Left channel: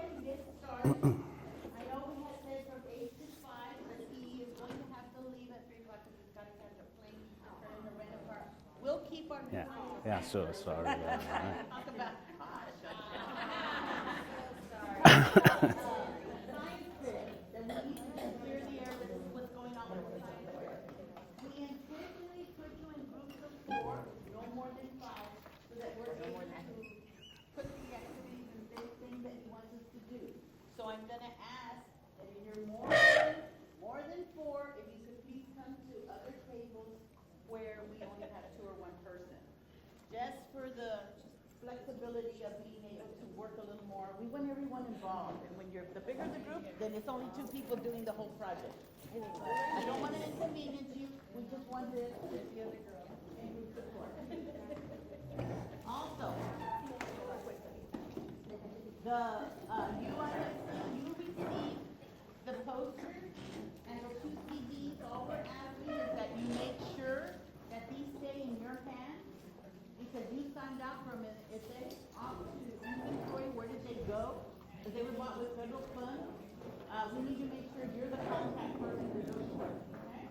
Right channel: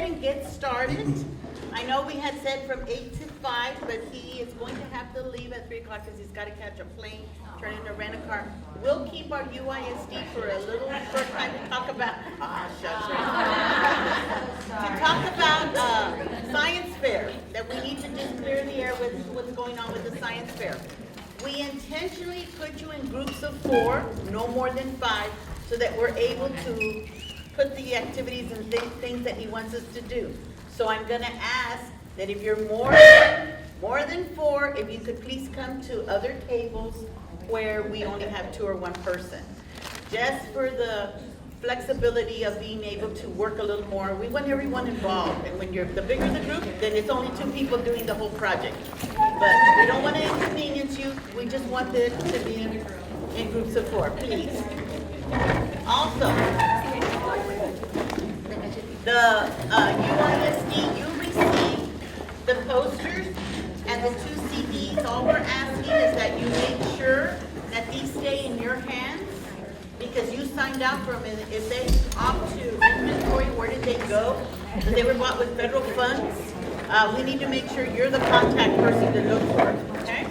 ahead and get started. I know we had said from 8 to 5, but he is going to have to leave at 3 o'clock because he's got to catch a plane, turn in a rent-a-car. We'll keep our UISD for a little short time to talk about, to talk about science fair, that we need to just clear the air with what's going on with the science fair. We intentionally put you in groups of 4, no more than 5, so that we're able to put the activities and things that he wants us to do. So I'm gonna ask that if you're more than 4, if you could please come to other tables where we only have 2 or 1 person. Just for the flexibility of being able to work a little more. We want everyone involved, and when the bigger the group, then it's only 2 people doing the whole project. But we don't want to inconvenience you, we just want it to be in groups of 4, please. Also, the UISD, you received the posters and the 2 CDs. All we're asking is that you make sure that these stay in your hands, because you signed out for them, and if they opt to inventory, where did they go? And they were bought with federal funds. We need to make sure you're the contact person to look for, okay?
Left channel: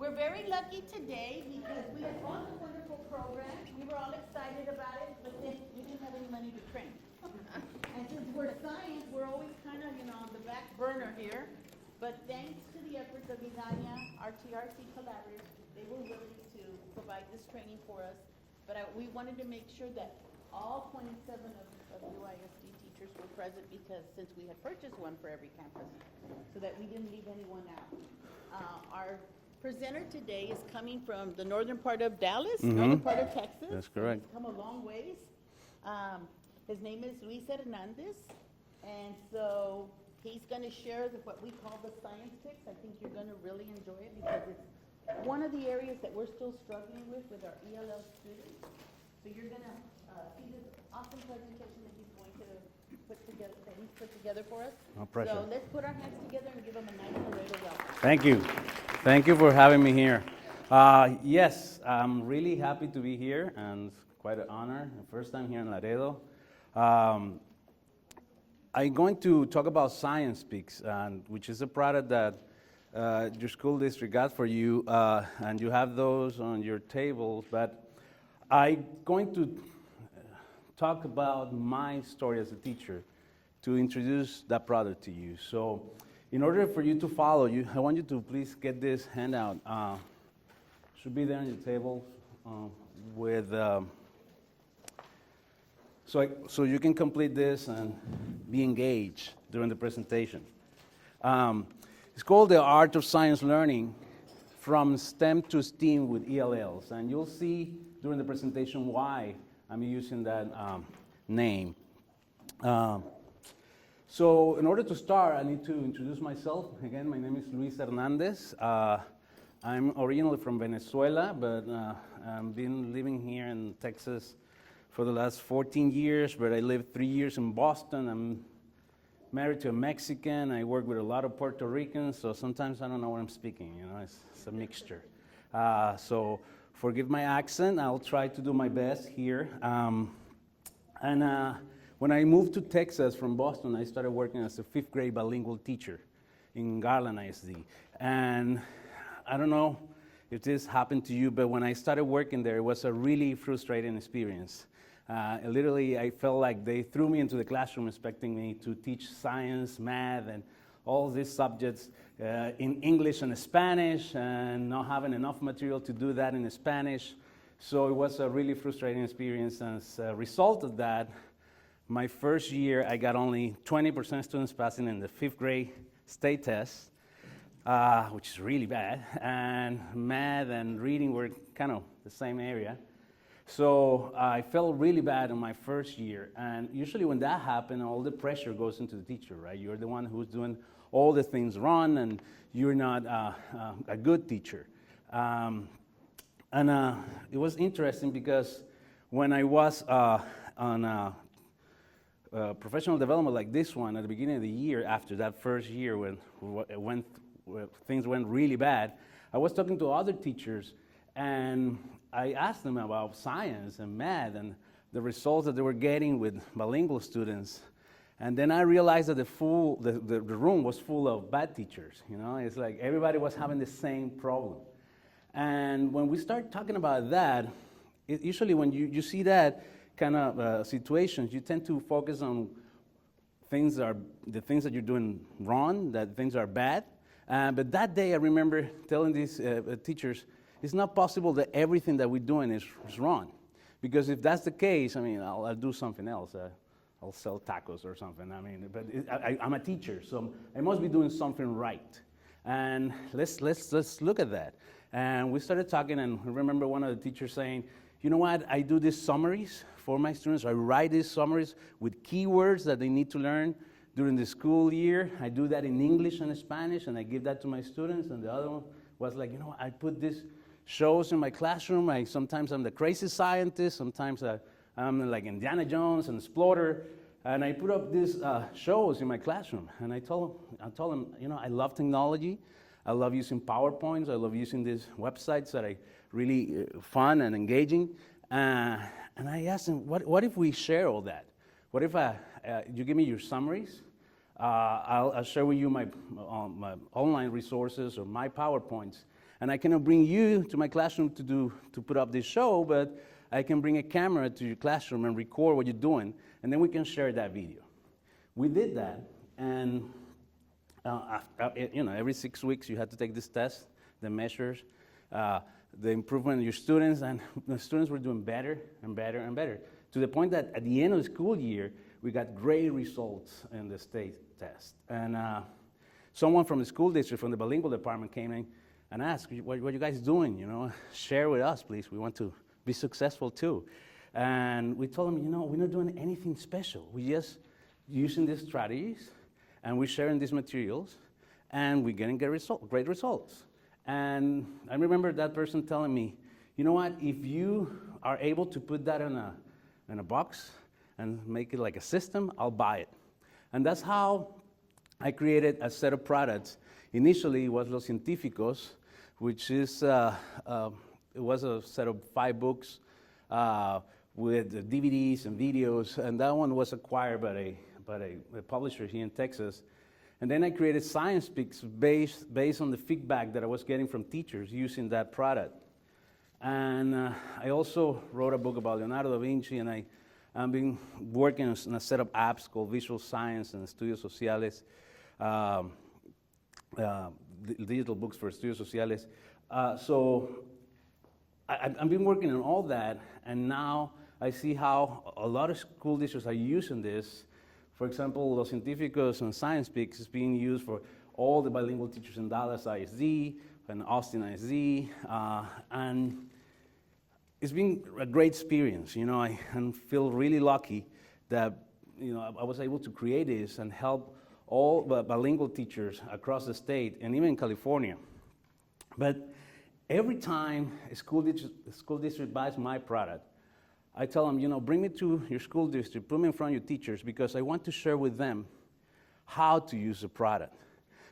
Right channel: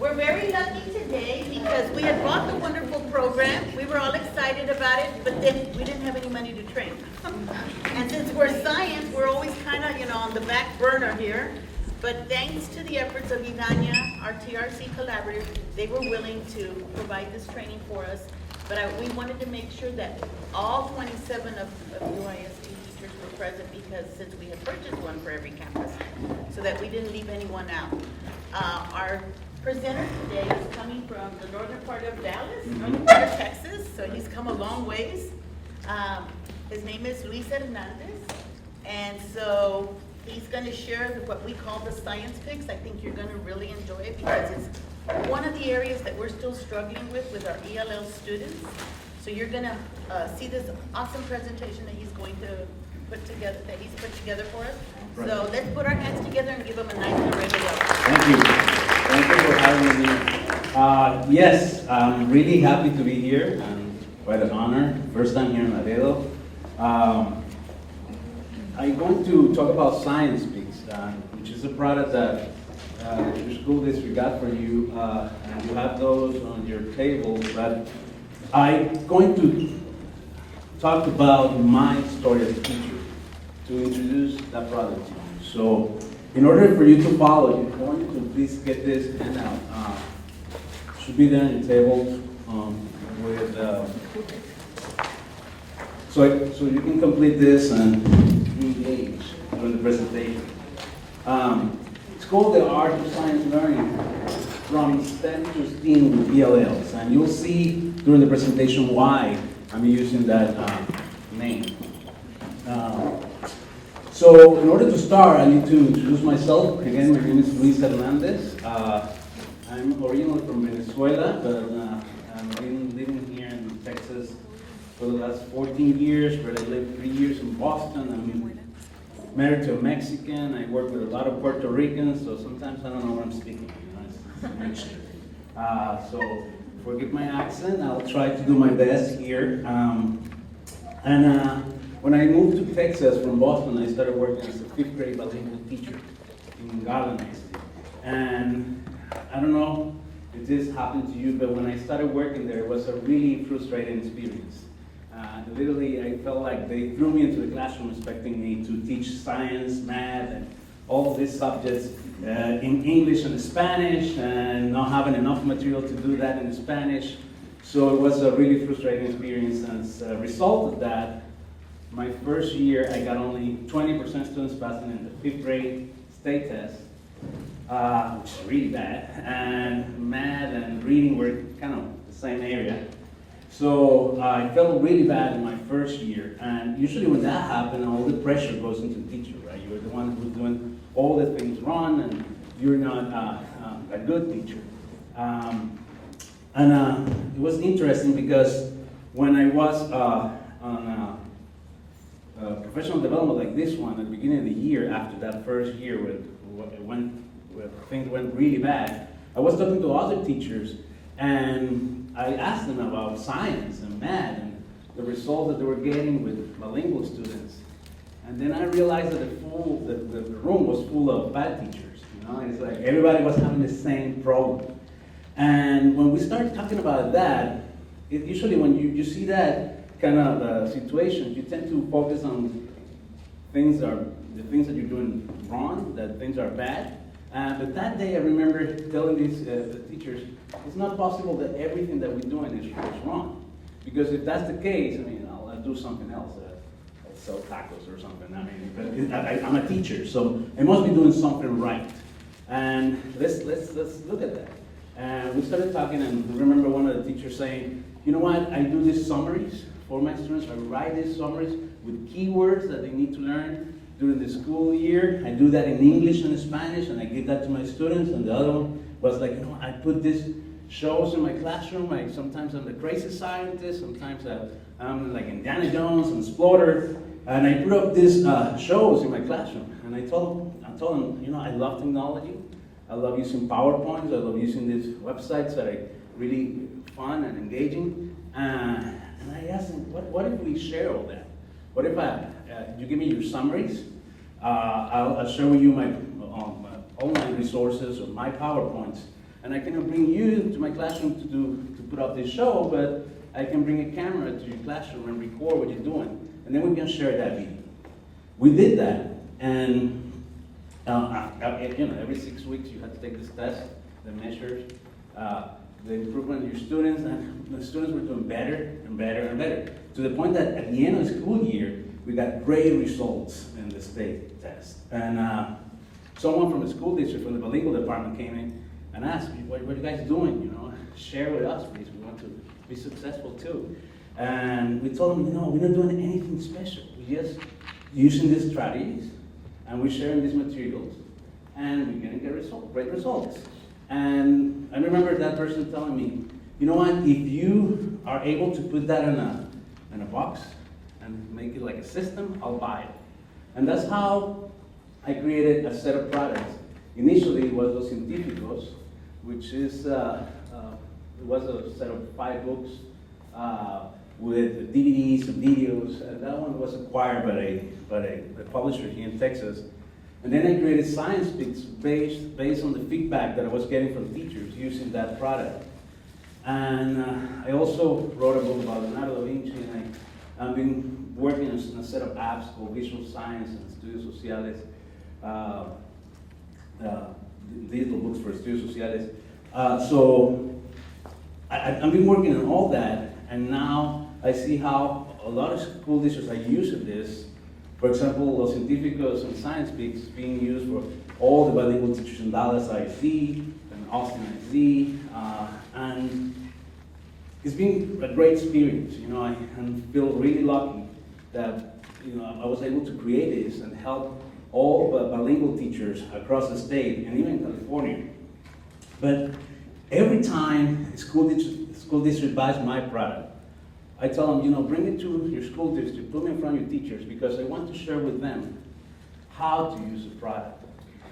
We're very lucky today because we had bought the wonderful program. We were all excited about it, but then we didn't have any money to train. And since we're science, we're always kind of, on the back burner here. But thanks to the efforts of Idania, our TRC collaborative, they were willing to provide this training for us. But we wanted to make sure that all 27 of UISD teachers were present, because since we had purchased one for every campus, so that we didn't leave anyone out. Our presenter today is coming from the northern part of Dallas, northern part of Texas, so he's come a long ways. His name is Luis Hernandez, and so he's going to share what we call the science picks. I think you're going to really enjoy it, because it's one of the areas that we're still struggling with our ELL students. So you're going to see this awesome presentation that he's going to put together, for us. So let's put our hands together and give him a nice round of applause. Thank you. Thank you for having me here. Yes, I'm really happy to be here, and quite an honor. First time here in Laredo. I'm going to talk about Science Peaks, which is a product that your school district got for you, and you have those on your table. But I'm going to talk about my story as a teacher, to introduce that product to you. So, in order for you to follow, I want you to please get this handout. Should be there on your table with. So you can complete this and be engaged during the presentation. It's called the Art of Science Learning from STEM to STEAM with ELLs, and you'll see during the presentation why I'm using that name. So in order to start, I need to introduce myself. Again, my name is Luis Hernandez. I'm originally from Venezuela, but I've been living here in Texas for the last 14 years, where I lived 3 years in Boston. I'm married to a Mexican. I work with a lot of Puerto Ricans, so sometimes I don't know what I'm speaking. It's a mixture. So forgive my accent. I'll try to do my best here. When I moved to Texas from Boston, I started working as a 5th grade bilingual teacher in Garland ISD. And I don't know if this happened to you, but when I started working there, it was a really frustrating experience. Literally, I felt like they threw me into the classroom expecting me to teach science, math, and all these subjects in English and Spanish, and not having enough material to do that in Spanish. So it was a really frustrating experience. And as a result of that, my first year, I got only 20% students passing in the 5th grade state test, which is really bad. And math and reading were kind of the same area. So I felt really bad in my first year. And usually when that happens, all the pressure goes into the teacher, right? You're the one who's doing all the things wrong, and you're not a good teacher. It was interesting because when I was on professional development like this one at the beginning of the year, after that first year when things went really bad, I was talking to other teachers, and I asked them about science and math and the results that they were getting with bilingual students. And then I realized that the room was full of bad teachers. You know, it's like everybody was having the same problem. And when we start talking about that, usually when you see that kind of situations, you tend to focus on the things that you're doing wrong, that things are bad. But that day I remember telling these the teachers, it's not possible that everything that we're doing is wrong. Because if that's the case, I mean, I'll do something else. I'll sell tacos or something. I mean, but I'm a teacher, so I must be doing something right. And let's look at that. And we started talking, and I remember one of the teachers saying, you know what, I do these summaries for my students. I write these summaries with keywords that they need to learn during the school year. I do that in English and Spanish, and I give that to my students. And the other one was like, you know, I put these shows in my classroom. Sometimes I'm the crazy scientist, sometimes I'm like Indiana Jones and Explorer. And I put up these shows in my classroom. And I told them, you know, I love technology. I love using PowerPoints. I love using these websites that are really fun and engaging. And I asked them, what if we share all that? What if you give me your summaries? I'll share with you my online resources or my PowerPoints. And I cannot bring you to my classroom to put up this show, but I can bring a camera to your classroom and record what you're doing. And then we can share that video. We did that. And you know, every 6 weeks you have to take this test that measures the improvement in your students, and the students were doing better and better and better, to the point that at the end of the school year, we got great results in the state test. And someone from the school district, from the bilingual department, came in and asked me, what are you guys doing? You know, share with us, please. We want to be successful too. And we told them, you know, we're not doing anything special. We're just using these strategies, and we're sharing these materials, and we're getting great results. And I remember that person telling me, you know what, if you are able to put that in a box and make it like a system, I'll buy it. And that's how I created a set of products. Initially, it was Los Científicos, which is, it was a set of 5 books with DVDs and videos, and that one was acquired by a publisher here in Texas. And then I created Science Picks based on the feedback that I was getting from teachers using that product. And I also wrote a book about Leonardo da Vinci, and I've been working on a set of apps called Visual Science and Estudios Sociales, digital books for Estudios Sociales. So I've been working on all that, and now I see how a lot of school districts are using this. For example, Los Científicos and Science Peaks being used for all the bilingual teachers in Dallas ISD and Austin ISD, and it's been a great experience. You know, I feel really lucky that, you know, I was able to create this and help all the bilingual teachers across the state and even California. But every time a school district buys my product, I tell them, you know, bring it to your school district, put me in front of your teachers, because I want to share with them how to use the product.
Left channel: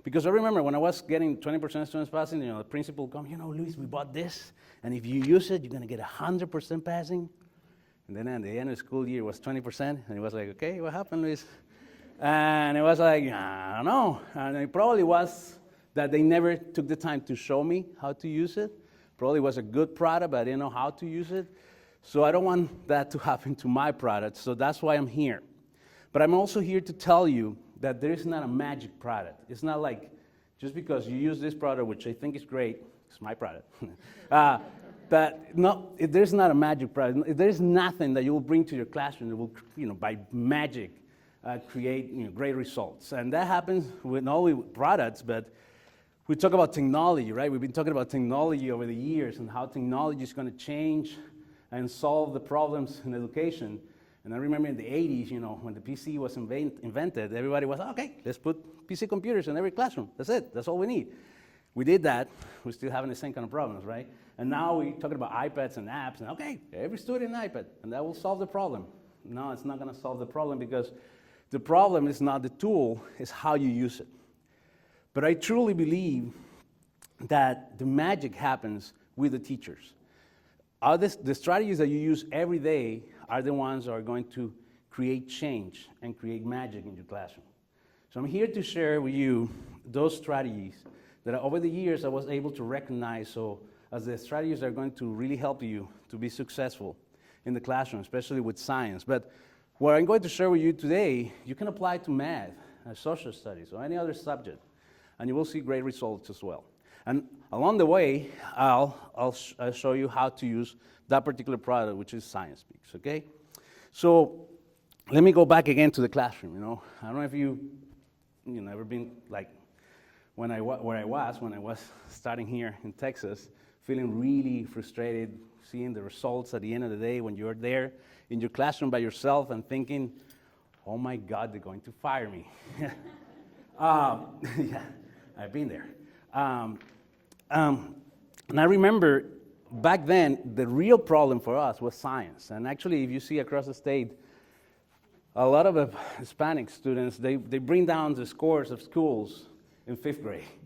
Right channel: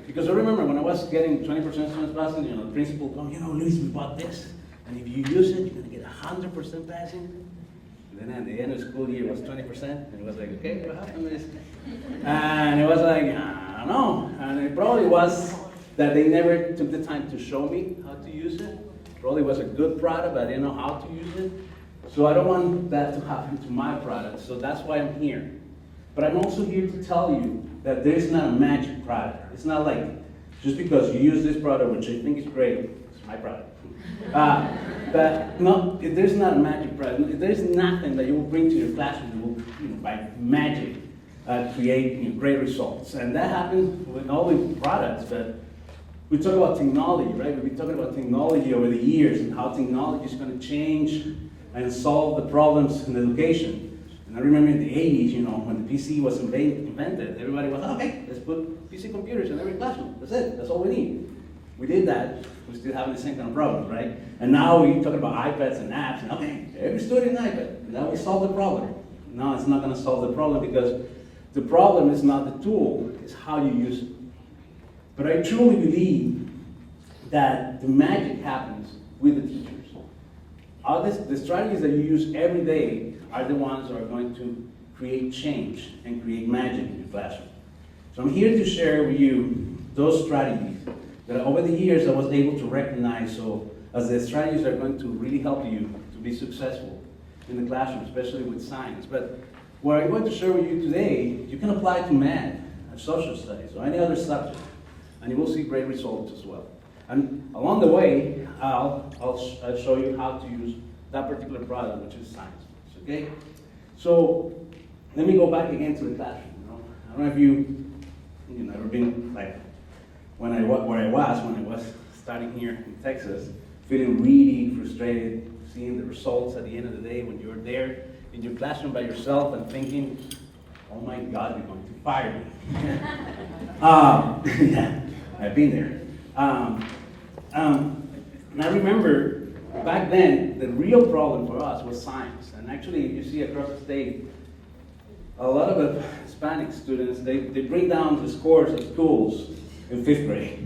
Because I remember when I was getting 20% students passing, you know, the principal come, you know, Luis, we bought this, and if you use it, you're gonna get 100% passing. And then at the end of the school year, it was 20%, and it was like, okay, what happened, Luis? And it was like, I don't know. And it probably was that they never took the time to show me how to use it. Probably was a good product, but I didn't know how to use it. So I don't want that to happen to my product, so that's why I'm here. But I'm also here to tell you that there is not a magic product. It's not like, just because you use this product, which I think is great, it's my product. But no, there's not a magic product. There's nothing that you will bring to your classroom that will, you know, by magic, create, you know, great results. And that happens with all the products, but we talk about technology, right? We've been talking about technology over the years and how technology is going to change and solve the problems in education. And I remember in the 80s, you know, when the PC was invented, everybody was, okay, let's put PC computers in every classroom. That's it, that's all we need. We did that, we're still having the same kind of problems, right? And now we're talking about iPads and apps, and okay, every student an iPad, and that will solve the problem. No, it's not gonna solve the problem, because the problem is not the tool, it's how you use it. But I truly believe that the magic happens with the teachers. The strategies that you use every day are the ones that are going to create change and create magic in your classroom. So I'm here to share with you those strategies that over the years I was able to recognize, so as the strategies are going to really help you to be successful in the classroom, especially with science. But what I'm going to share with you today, you can apply to math, social studies, or any other subject, and you will see great results as well. And along the way, I'll show you how to use that particular product, which is science books, okay? So let me go back again to the classroom, I don't know if you ever been like where I was starting here in Texas, feeling really frustrated, seeing the results at the end of the day when you're there in your classroom by yourself and thinking, oh my God, they're going to fire me. Yeah, I've been there. And I remember back then, the real problem for us was science. And actually, if you see across the state, a lot of the Hispanic students, they bring down the scores of schools in 5th grade.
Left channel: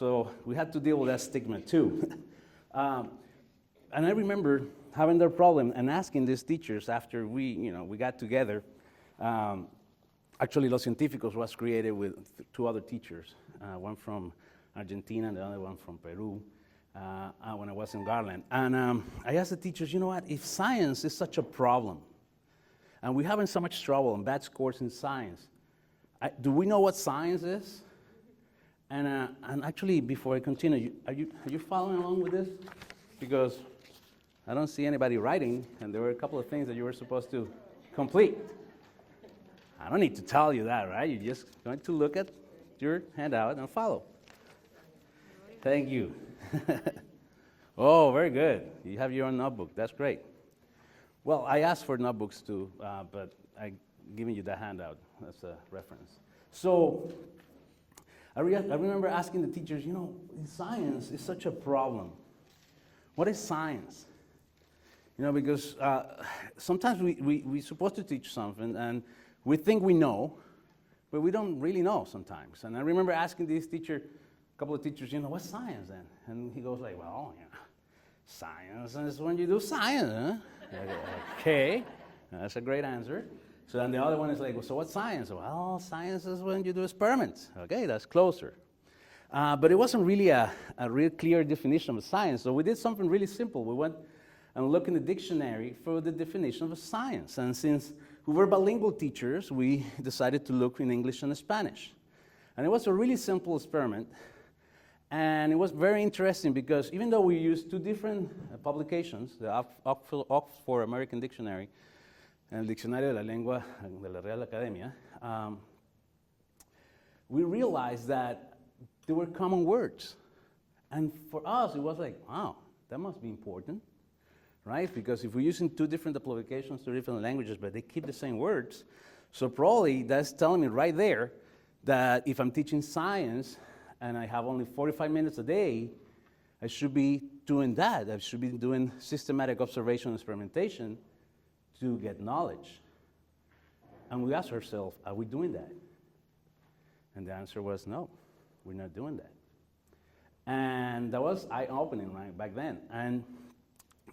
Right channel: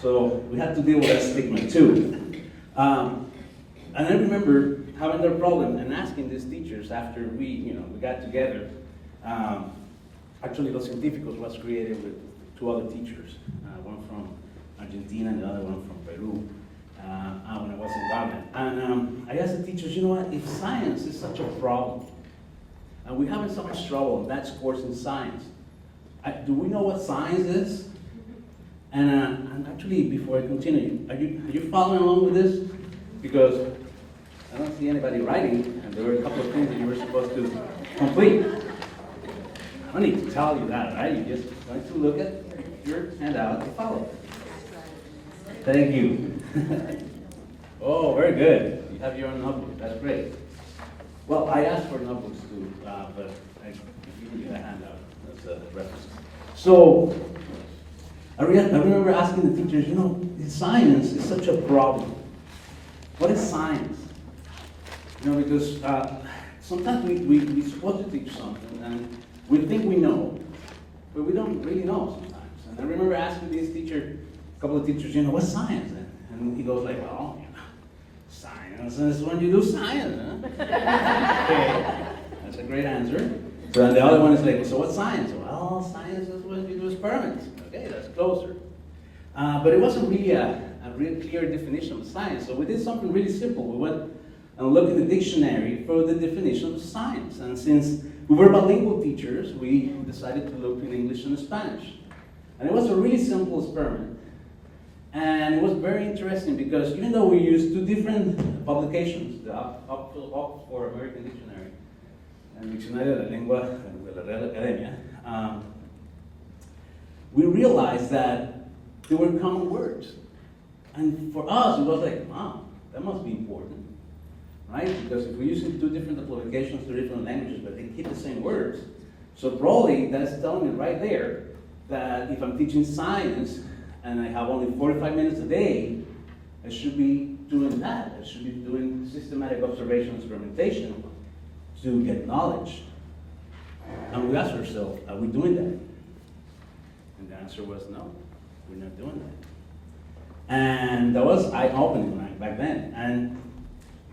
So we had to deal with that stigma too. And I remember having that problem and asking these teachers after we got together. Actually, Los Científicos was created with 2 other teachers, one from Argentina and the other one from Peru, when I was in Garland. And I asked the teachers, you know what, if science is such a problem, and we're having so much trouble and bad scores in science, do we know what science is? And actually, before I continue, are you following along with this? Because I don't see anybody writing, and there were a couple of things that you were supposed to complete. I don't need to tell you that, right? You're just going to look at your handout and follow. Thank you. Oh, very good. You have your own notebook. That's great. Well, I asked for notebooks too, but I'm giving you that handout as a reference. So, I remember asking the teachers, science is such a problem. What is science? Because sometimes we're supposed to teach something and we think we know, but we don't really know sometimes. And I remember asking this teacher, a couple of teachers, what's science? And he goes like, well, science is when you do science, huh? Okay, that's a great answer. So then the other one is like, so what's science? Well, science is when you do experiments. Okay, that's closer. But it wasn't really a real clear definition of science, so we did something really simple. We went and looked in the dictionary for the definition of science. And since we were bilingual teachers, we decided to look in English and Spanish. And it was a really simple experiment. And it was very interesting because even though we used 2 different publications, the Oxford American Dictionary and Diccionario de la Lengua de la Real Academia, we realized that there were common words. And for us, it was like, wow, that must be important, right? Because if we're using 2 different publications, 2 different languages, but they keep the same words, so probably that's telling me right there that if I'm teaching science and I have only 45 minutes a day, I should be doing that. I should be doing systematic observation and experimentation to get knowledge. And we asked ourselves, are we doing that? And the answer was no, we're not doing that. And that was eye-opening back then. And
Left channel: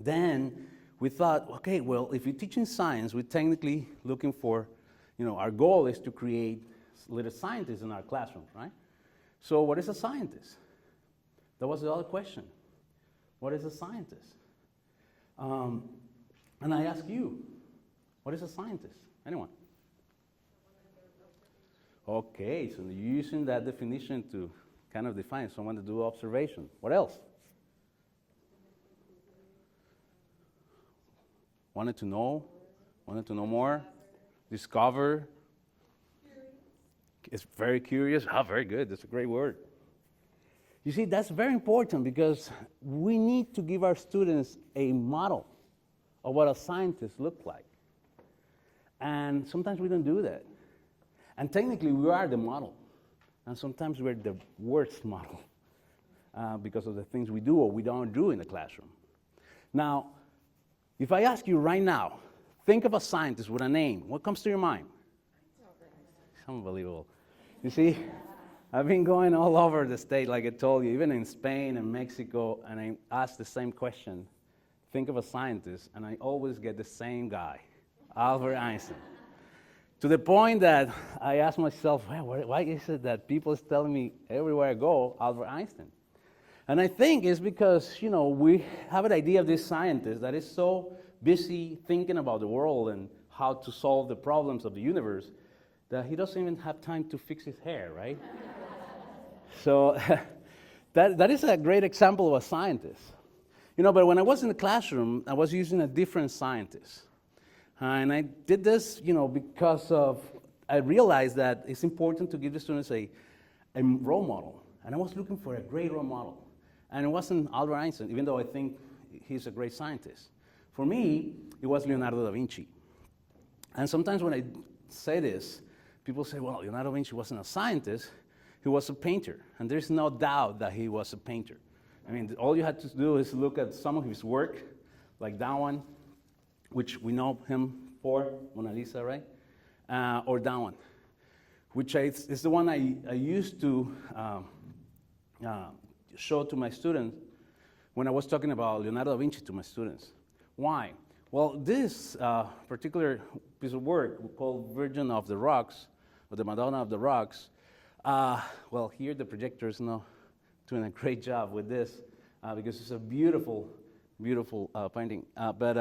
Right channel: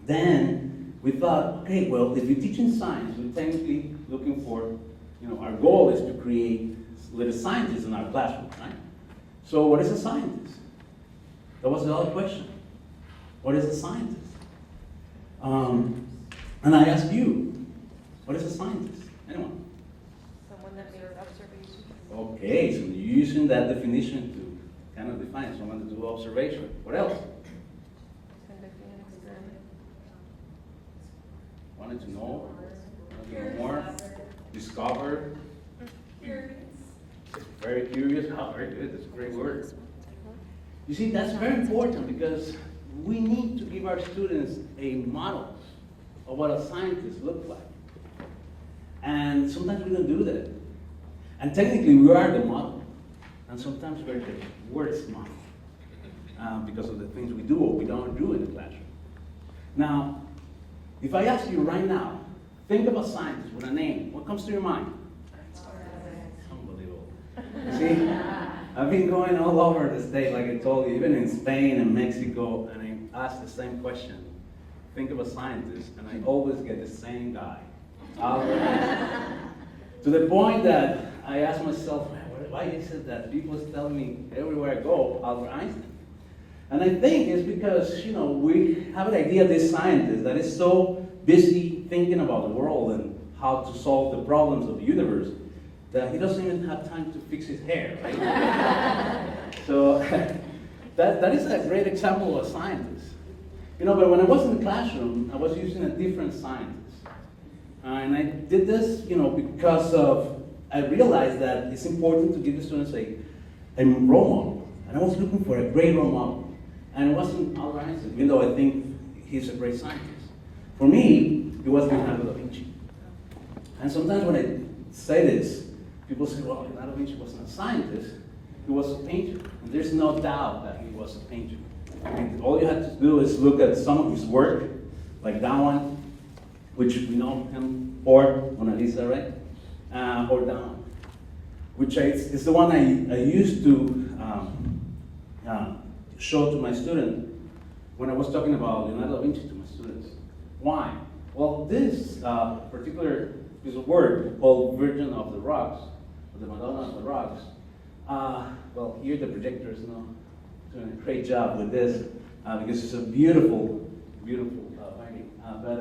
then we thought, okay, well, if you're teaching science, we're technically looking for, our goal is to create little scientists in our classroom, right? So what is a scientist? That was the other question. What is a scientist? And I ask you, what is a scientist? Anyone? Someone that makes observations. Okay, so you're using that definition to kind of define someone to do observation. What else? Conducting an experiment. Wanted to know more? Discover? It's very curious. Very good. That's a great word. You see, that's very important because we need to give our students a model of what a scientist looks like. And sometimes we don't do that. And technically, we are the model. And sometimes we're the worst model because of the things we do or we don't do in the classroom. Now, if I ask you right now, think of a scientist with a name. What comes to your mind? Unbelievable. You see, I've been going all over the state, like I told you, even in Spain and Mexico, and I ask the same question. Think of a scientist, and I always get the same guy. Albert Einstein. To the point that I asked myself, why is it that people tell me everywhere I go, Albert Einstein? And I think it's because, we have an idea of this scientist that is so busy thinking about the world and how to solve the problems of the universe that he doesn't even have time to fix his hair, right? So that is a great example of a scientist. But when I was in the classroom, I was using a different scientist. And I did this, because I realized that it's important to give the students a role model. And I was looking for a great role model. And it wasn't Albert Einstein, even though I think he's a great scientist. For me, it was Leonardo da Vinci. And sometimes when I say this, people say, well, Leonardo da Vinci wasn't a scientist, he was a painter. And there's no doubt that he was a painter. And all you have to do is look at some of his work, like that one, which we know him for, Mona Lisa, right? Or that one, which is the one I used to show to my student when I was talking about Leonardo da Vinci to my students. Why? Well, this particular piece of work called Virgin of the Rocks, or the Madonna of the Rocks, well, here the projector is not doing a great job with this because it's a beautiful, beautiful painting. But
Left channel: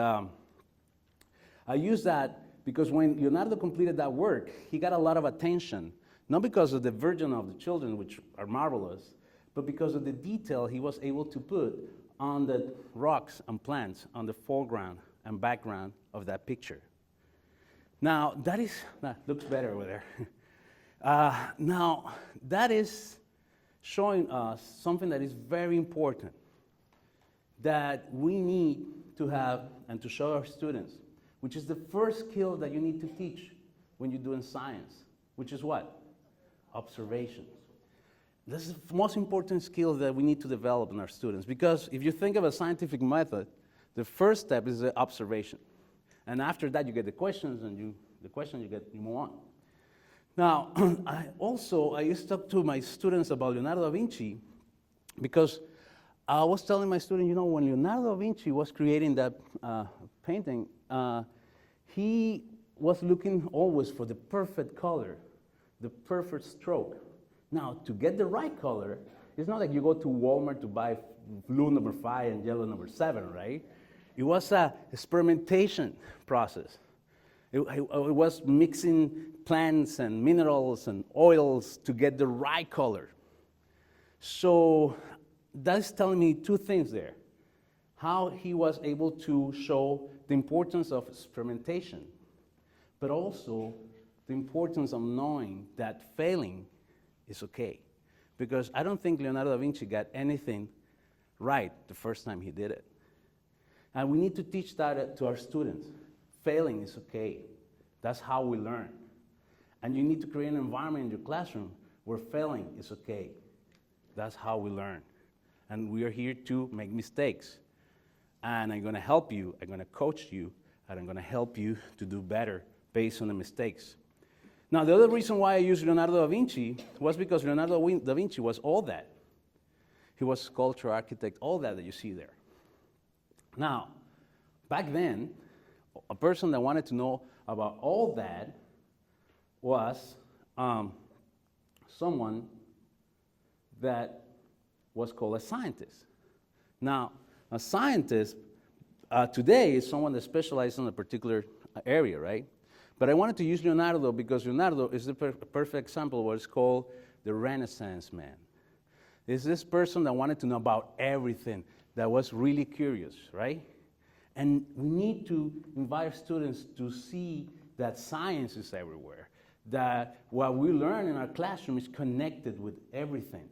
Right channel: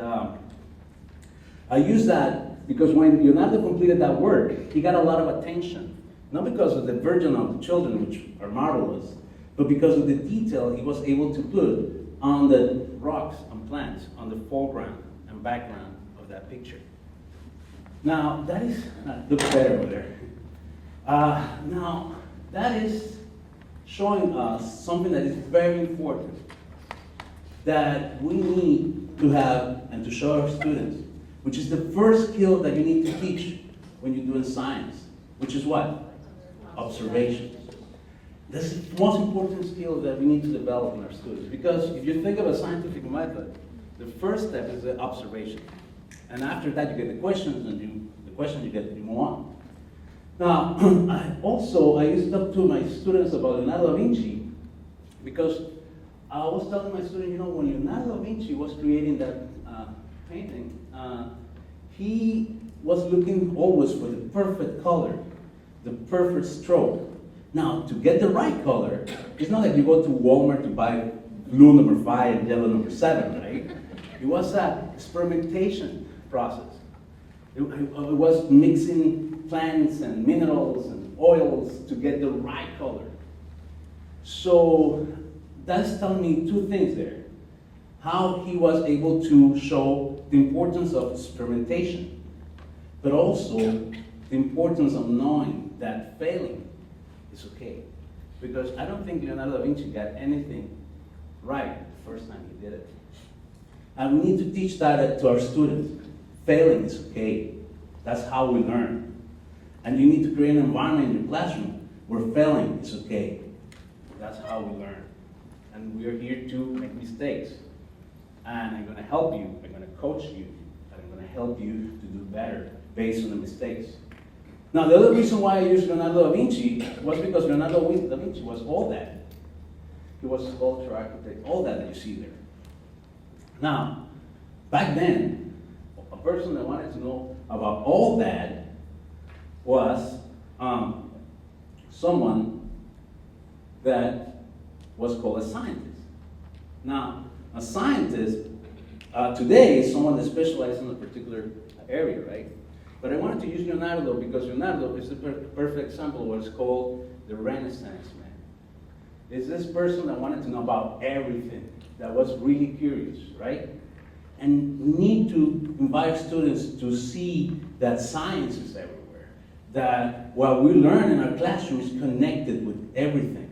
I use that because when Leonardo completed that work, he got a lot of attention, not because of the Virgin of the Children, which are marvelous, but because of the detail he was able to put on the rocks and plants, on the foreground and background of that picture. Now, that is, looks better over there. Now, that is showing us something that is very important that we need to have and to show our students, which is the first skill that you need to teach when you're doing science, which is what? Observation. This is the most important skill that we need to develop in our students, because if you think of a scientific method, the first step is the observation. And after that, you get the questions, and you move on. Now, I used to talk to my students about Leonardo da Vinci, because I was telling my students, when Leonardo da Vinci was creating that painting, he was looking always for the perfect color, the perfect stroke. Now, to get the right color, it's not like you go to Walmart to buy blue number 5 and yellow number 7, right? It was a experimentation process. It was mixing plants and minerals and oils to get the right color. So that's telling me two things there. How he was able to show the importance of experimentation, but also the importance of knowing that failing is okay. Because I don't think Leonardo da Vinci got anything right the first time he did it. And we need to teach that to our students. Failing is okay. That's how we learn. And you need to create an environment in your classroom where failing is okay. That's how we learn. And we are here to make mistakes. And I'm going to help you, I'm going to coach you, and I'm going to help you to do better based on the mistakes. Now, the other reason why I used Leonardo da Vinci was because Leonardo da Vinci was all that. He was a sculptor, architect, all that you see there. Now, back then, a person that wanted to know about all that was someone that was called a scientist. Now, a scientist today is someone that specializes in a particular area, right? But I wanted to use Leonardo because Leonardo is the perfect example of what's called the Renaissance man. It's this person that wanted to know about everything, that was really curious, right? And we need to invite students to see that science is everywhere, that what we learn in our classroom is connected with everything,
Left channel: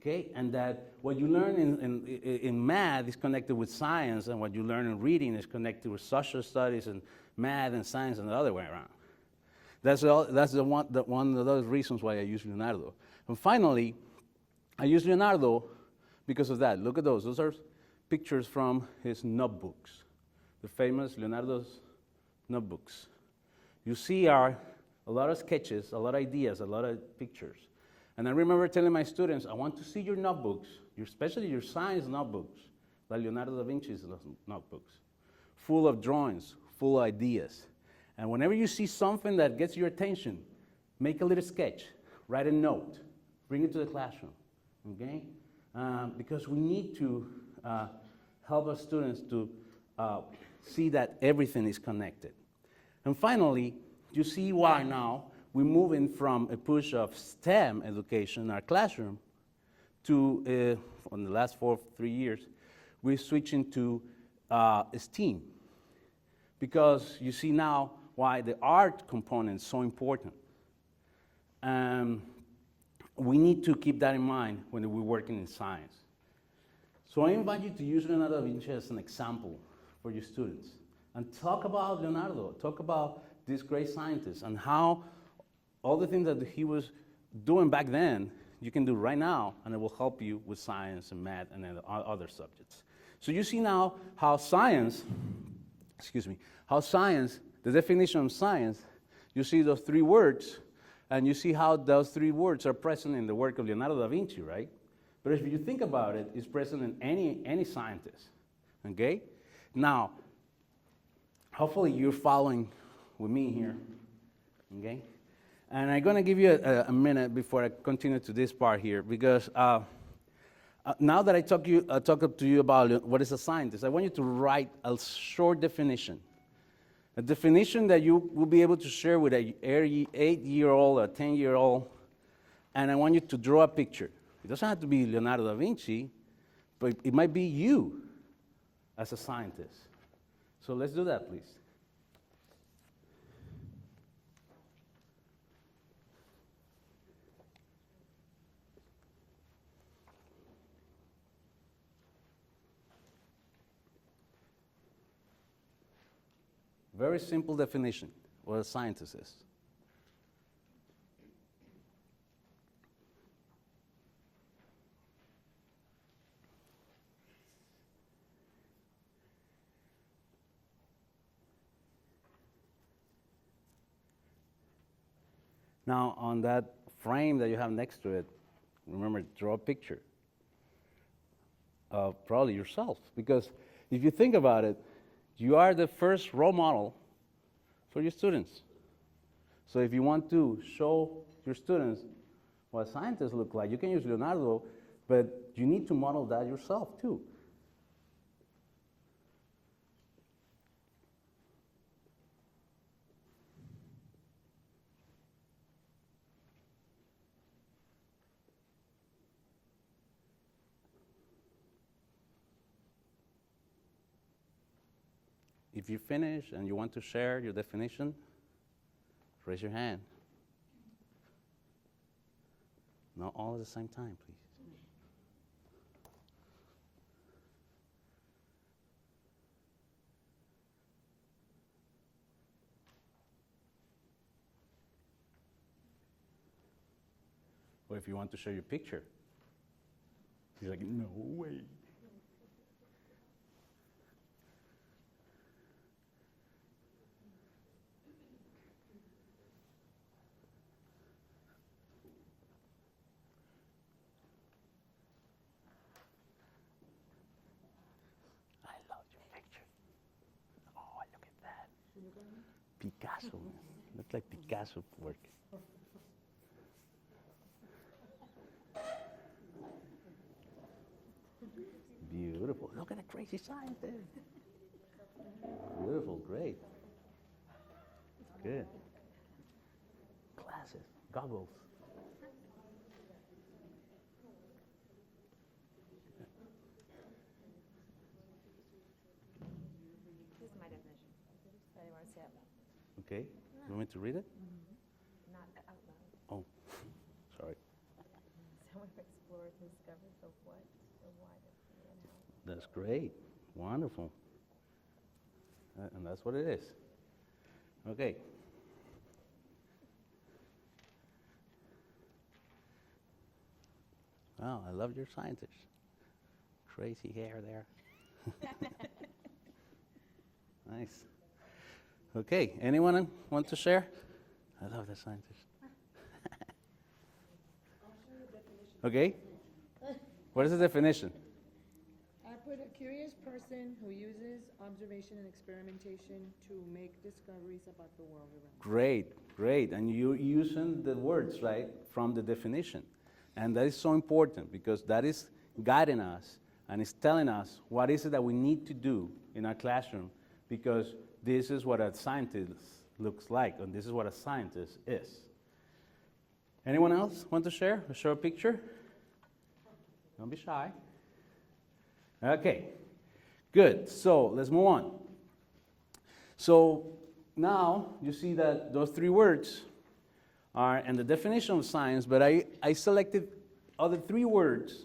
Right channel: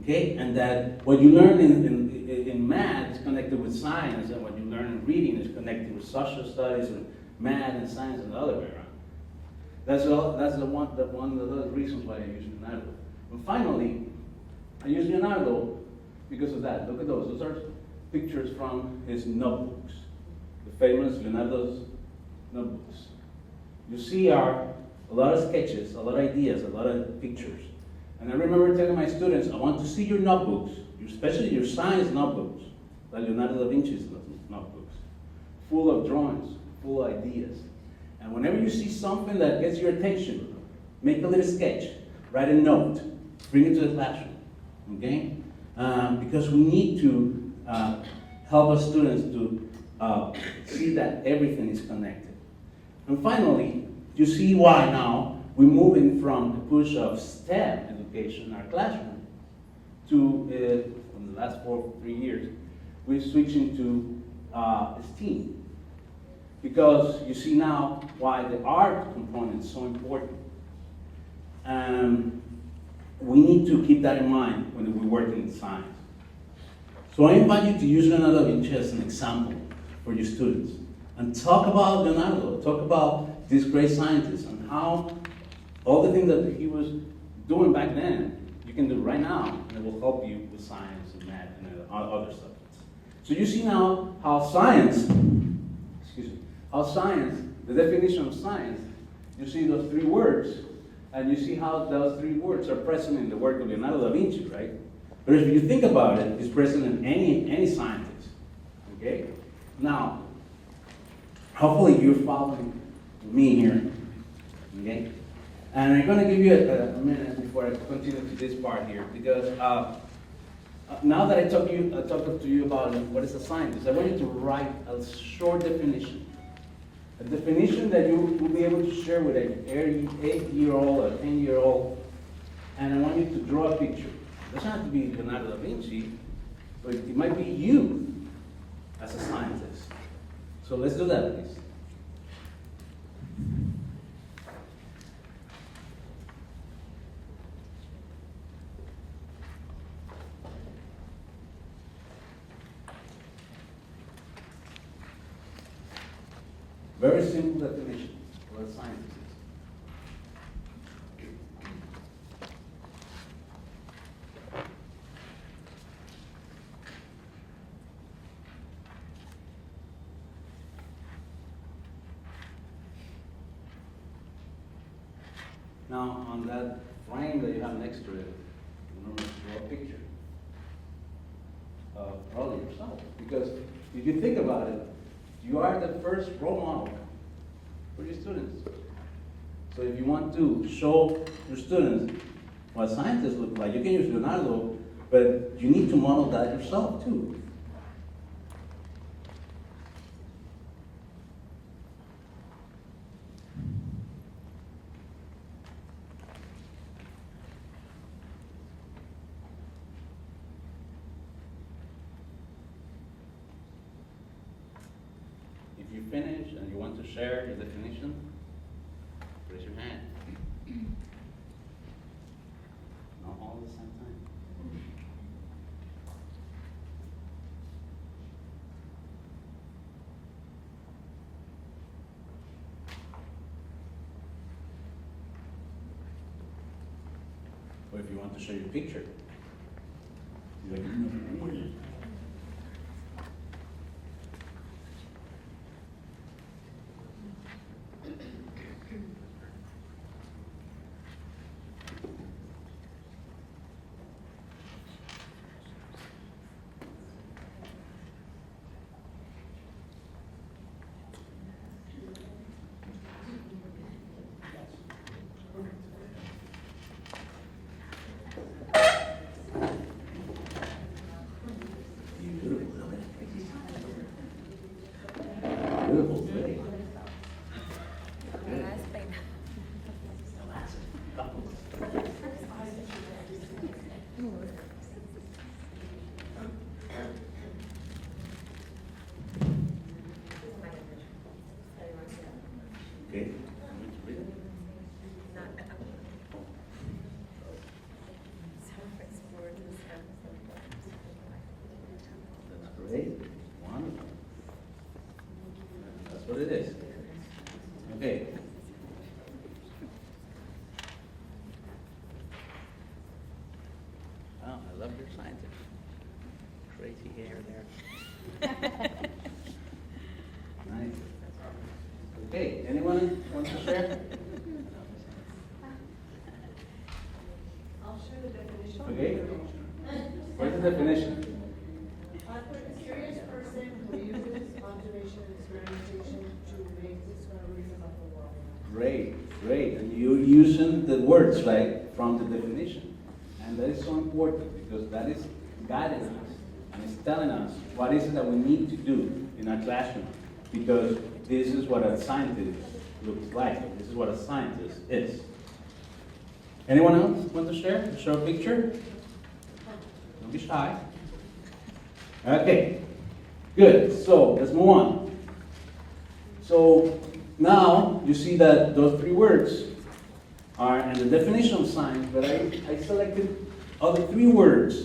okay? And that what you learn in math is connected with science, and what you learn in reading is connected with social studies and math and science, and the other way around. That's one of those reasons why I use Leonardo. And finally, I use Leonardo because of that. Look at those. Those are pictures from his notebooks, the famous Leonardo's notebooks. You see a lot of sketches, a lot of ideas, a lot of pictures. And I remember telling my students, I want to see your notebooks, especially your science notebooks, like Leonardo da Vinci's notebooks, full of drawings, full of ideas. And whenever you see something that gets your attention, make a little sketch, write a note, bring it to the classroom, okay? Because we need to help our students to see that everything is connected. And finally, you see why now we're moving from the push of STEM education in our classroom to, in the last 3 years, we're switching to STEAM. Because you see now why the art component is so important. We need to keep that in mind when we're working in science. So I invite you to use Leonardo da Vinci as an example for your students. And talk about Leonardo, talk about this great scientist and how all the things that he was doing back then, you can do right now, and it will help you with science and math and other subjects. So you see now how science, the definition of science, you see those 3 words, and you see how those 3 words are present in the work of Leonardo da Vinci, right? But if you think about it, it's present in any scientist, okay? Now, hopefully you're following with me here, okay? And I'm gonna give you a minute before I continue to this part here, because now that I talked to you about what is a scientist, I want you to write a short definition. A definition that you will be able to share with an 8-year-old, a 10-year-old, and I want you to draw a picture. It doesn't have to be Leonardo da Vinci, but it might be you as a scientist. So let's do that, please. Very simple definition of what a scientist is. Now, on that frame that you have next to it, remember to draw a picture of probably yourself. Because if you think about it, you are the first role model for your students. So if you want to show your students what scientists look like, you can use Leonardo, but you need to model that yourself too. If you finish and you want to share your definition, raise your hand. Not all at the same time. Or if you want to show your picture, you're like, okay, you want me to read it? Oh, sorry. That's great, wonderful. That's what it is. Okay. Wow, I love your scientist. Crazy hair there. Nice. Okay, anyone want to share? I love the science. I'll share the definition. Okay. What is the definition? A curious person who uses observation and experimentation to Great, great. And you're using the words, right, from the definition. And that is so important because that is guiding us and it's telling us what is it that we need to do in our classroom. Because this is what a scientist looks like. And this is what a scientist is. Anyone else want to share? Show a picture? Don't be shy. Okay, good. So let's move on. So now you see that those three words are in the definition of science, but I selected other three words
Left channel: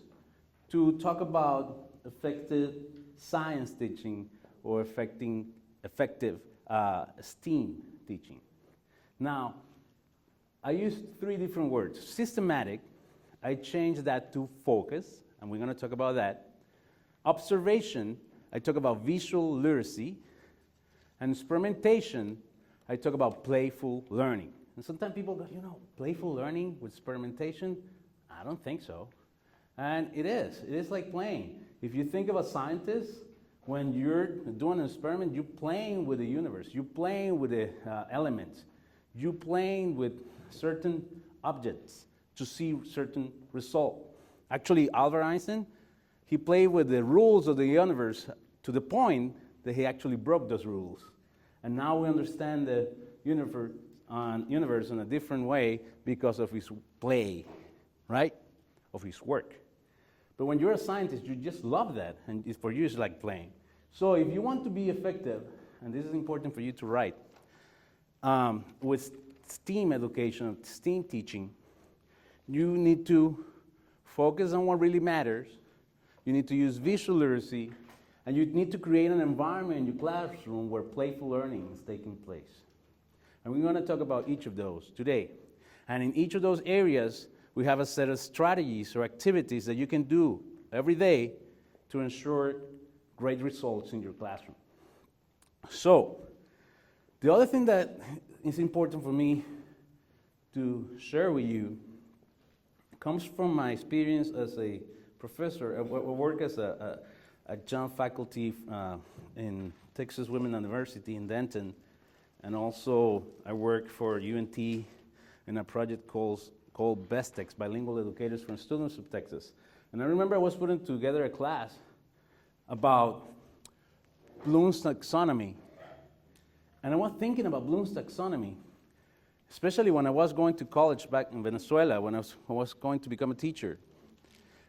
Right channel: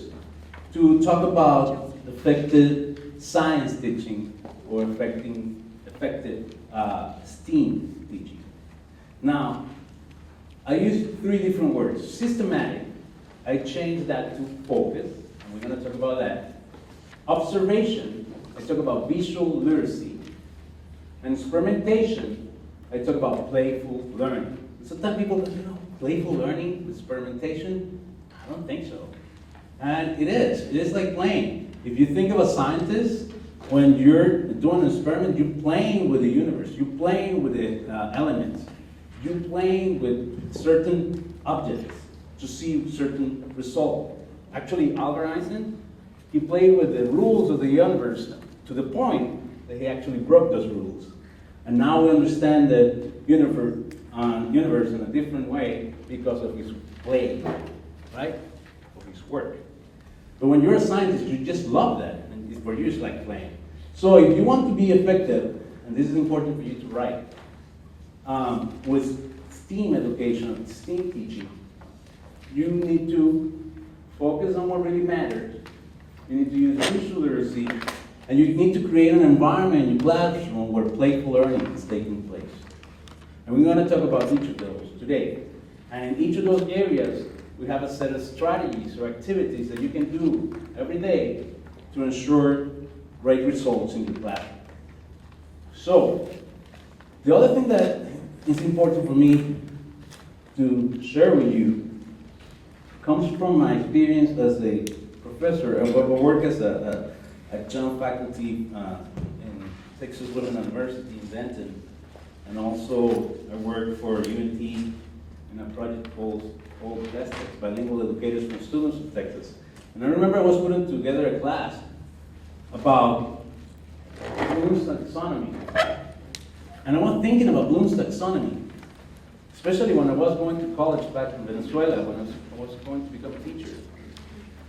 to talk about effective science teaching or effective STEAM teaching. Now, I used three different words. Systematic, I changed that to focus, and we're going to talk about that. Observation, I talk about visual literacy. And experimentation, I talk about playful learning. And sometimes people go, playful learning, experimentation? I don't think so. And it is like playing. If you think of a scientist, when you're doing an experiment, you're playing with the universe, you're playing with the elements, you're playing with certain objects to see certain result. Actually, Albert Einstein, he played with the rules of the universe to the point that he actually broke those rules. And now we understand the universe in a different way because of his play, right? Of his work. But when you're a scientist, you just love that. And for you, it's like playing. So if you want to be effective, and this is important for you to write, with STEAM education, STEAM teaching, you need to focus on what really matters. You need to use visual literacy, and you need to create an environment in your classroom where playful learning is taking place. And we're going to talk about each of those today. And in each of those areas, we have a set of strategies or activities that you can do every day to ensure great results in your classroom. So, the other thing that is important for me to share with you comes from my experience as a professor. I work as a adjunct faculty in Texas Women's University in Denton, and also I work for UNT in a project called BESTEX, Bilingual Educators for Students of Texas. And I remember I was putting together a class about Bloom's taxonomy. And I was thinking about Bloom's taxonomy, especially when I was going to college back in Venezuela, when I was going to become a teacher.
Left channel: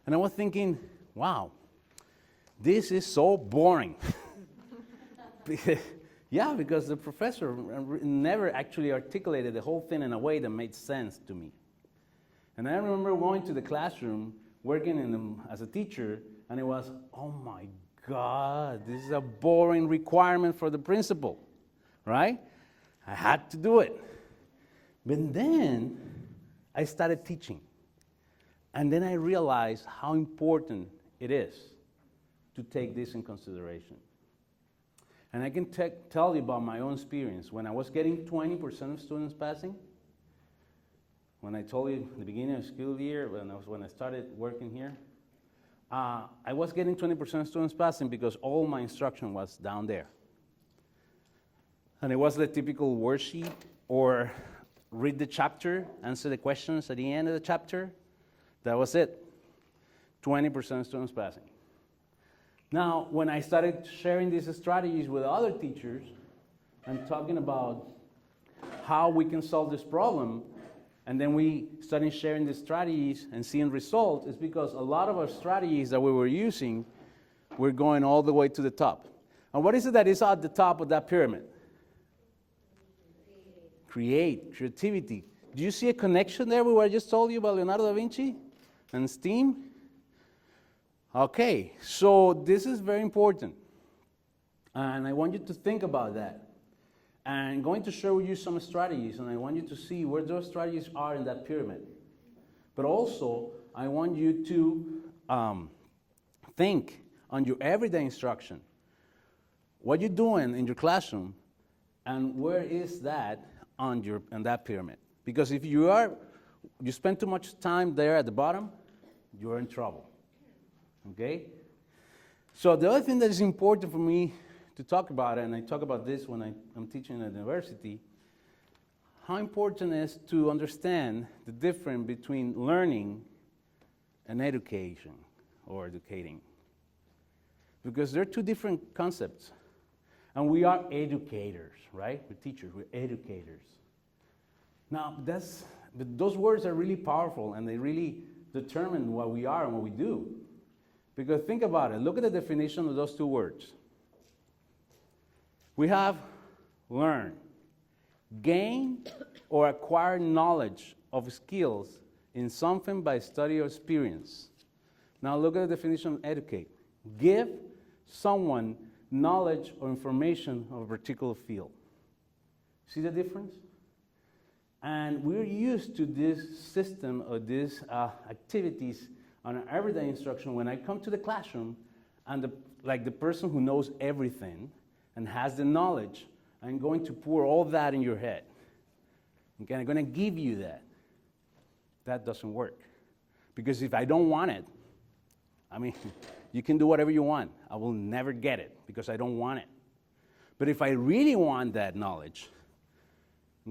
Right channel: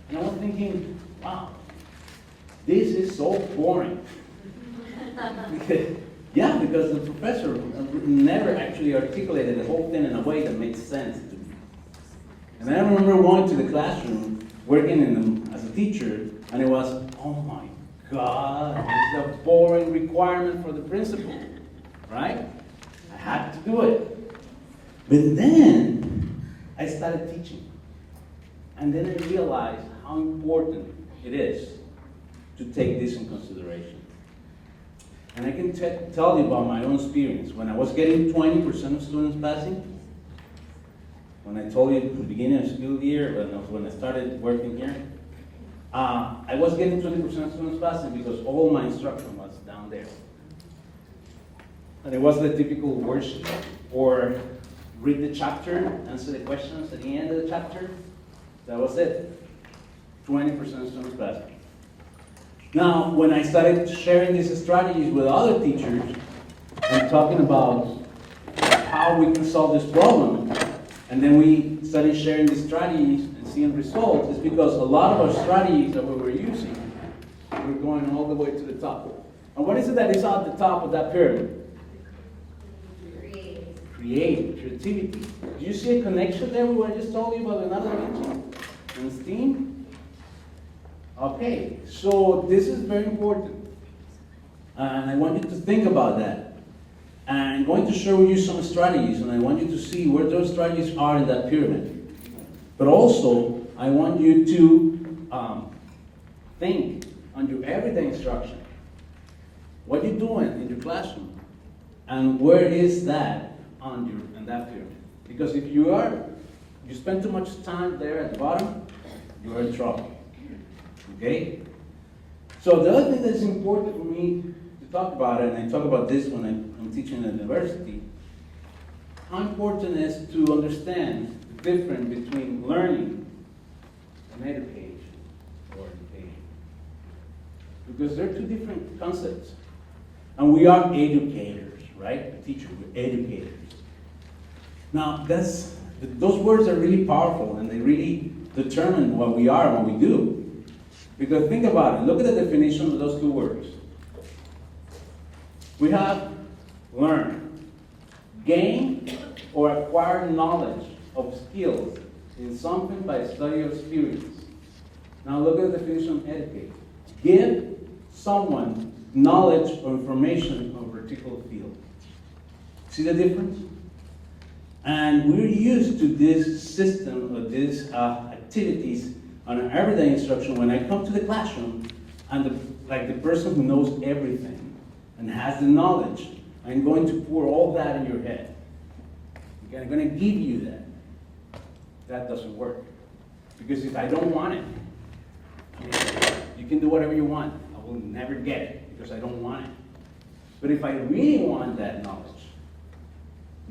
And I was thinking, wow, this is so boring. Yeah, because the professor never actually articulated the whole thing in a way that made sense to me. And I remember going to the classroom, working as a teacher, and it was, oh my God, this is a boring requirement for the principal, right? I had to do it. But then I started teaching. And then I realized how important it is to take this in consideration. And I can tell you about my own experience. When I was getting 20% of students passing, when I told you at the beginning of the school year, when I started working here, I was getting 20% of students passing because all my instruction was down there. And it was the typical worksheet, or read the chapter, answer the questions at the end of the chapter. That was it. 20% of students passing. Now, when I started sharing these strategies with other teachers and talking about how we can solve this problem, and then we started sharing these strategies and seeing results, is because a lot of our strategies that we were using were going all the way to the top. And what is it that is at the top of that pyramid? Creativity. Do you see a connection there with what I just told you about Leonardo da Vinci and STEAM? Okay, so this is very important. And I want you to think about that. And I'm going to show you some strategies, and I want you to see where those strategies are in that pyramid. But also, I want you to think on your everyday instruction. What you're doing in your classroom, and where is that on that pyramid? Because if you spend too much time there at the bottom, you're in trouble. Okay? So the other thing that is important for me to talk about, and I talk about this when I'm teaching at university, how important it is to understand the difference between learning and education or educating. Because they're two different concepts. And we are educators, right? Teachers, we're educators. Now, those words are really powerful and they really determine what we are and what we do. Because think about it, look at the definition of those two words. We have learn, gain or acquire knowledge of skills in something by study or experience. Now look at the definition of educate. Give someone knowledge or information of a particular field. See the difference? And we're used to this system or these activities on an everyday instruction when I come to the classroom and the person who knows everything and has the knowledge, I'm going to pour all that in your head. Okay, I'm going to give you that. That doesn't work. Because if I don't want it, I mean, you can do whatever you want. I will never get it because I don't want it. But if I really want that knowledge,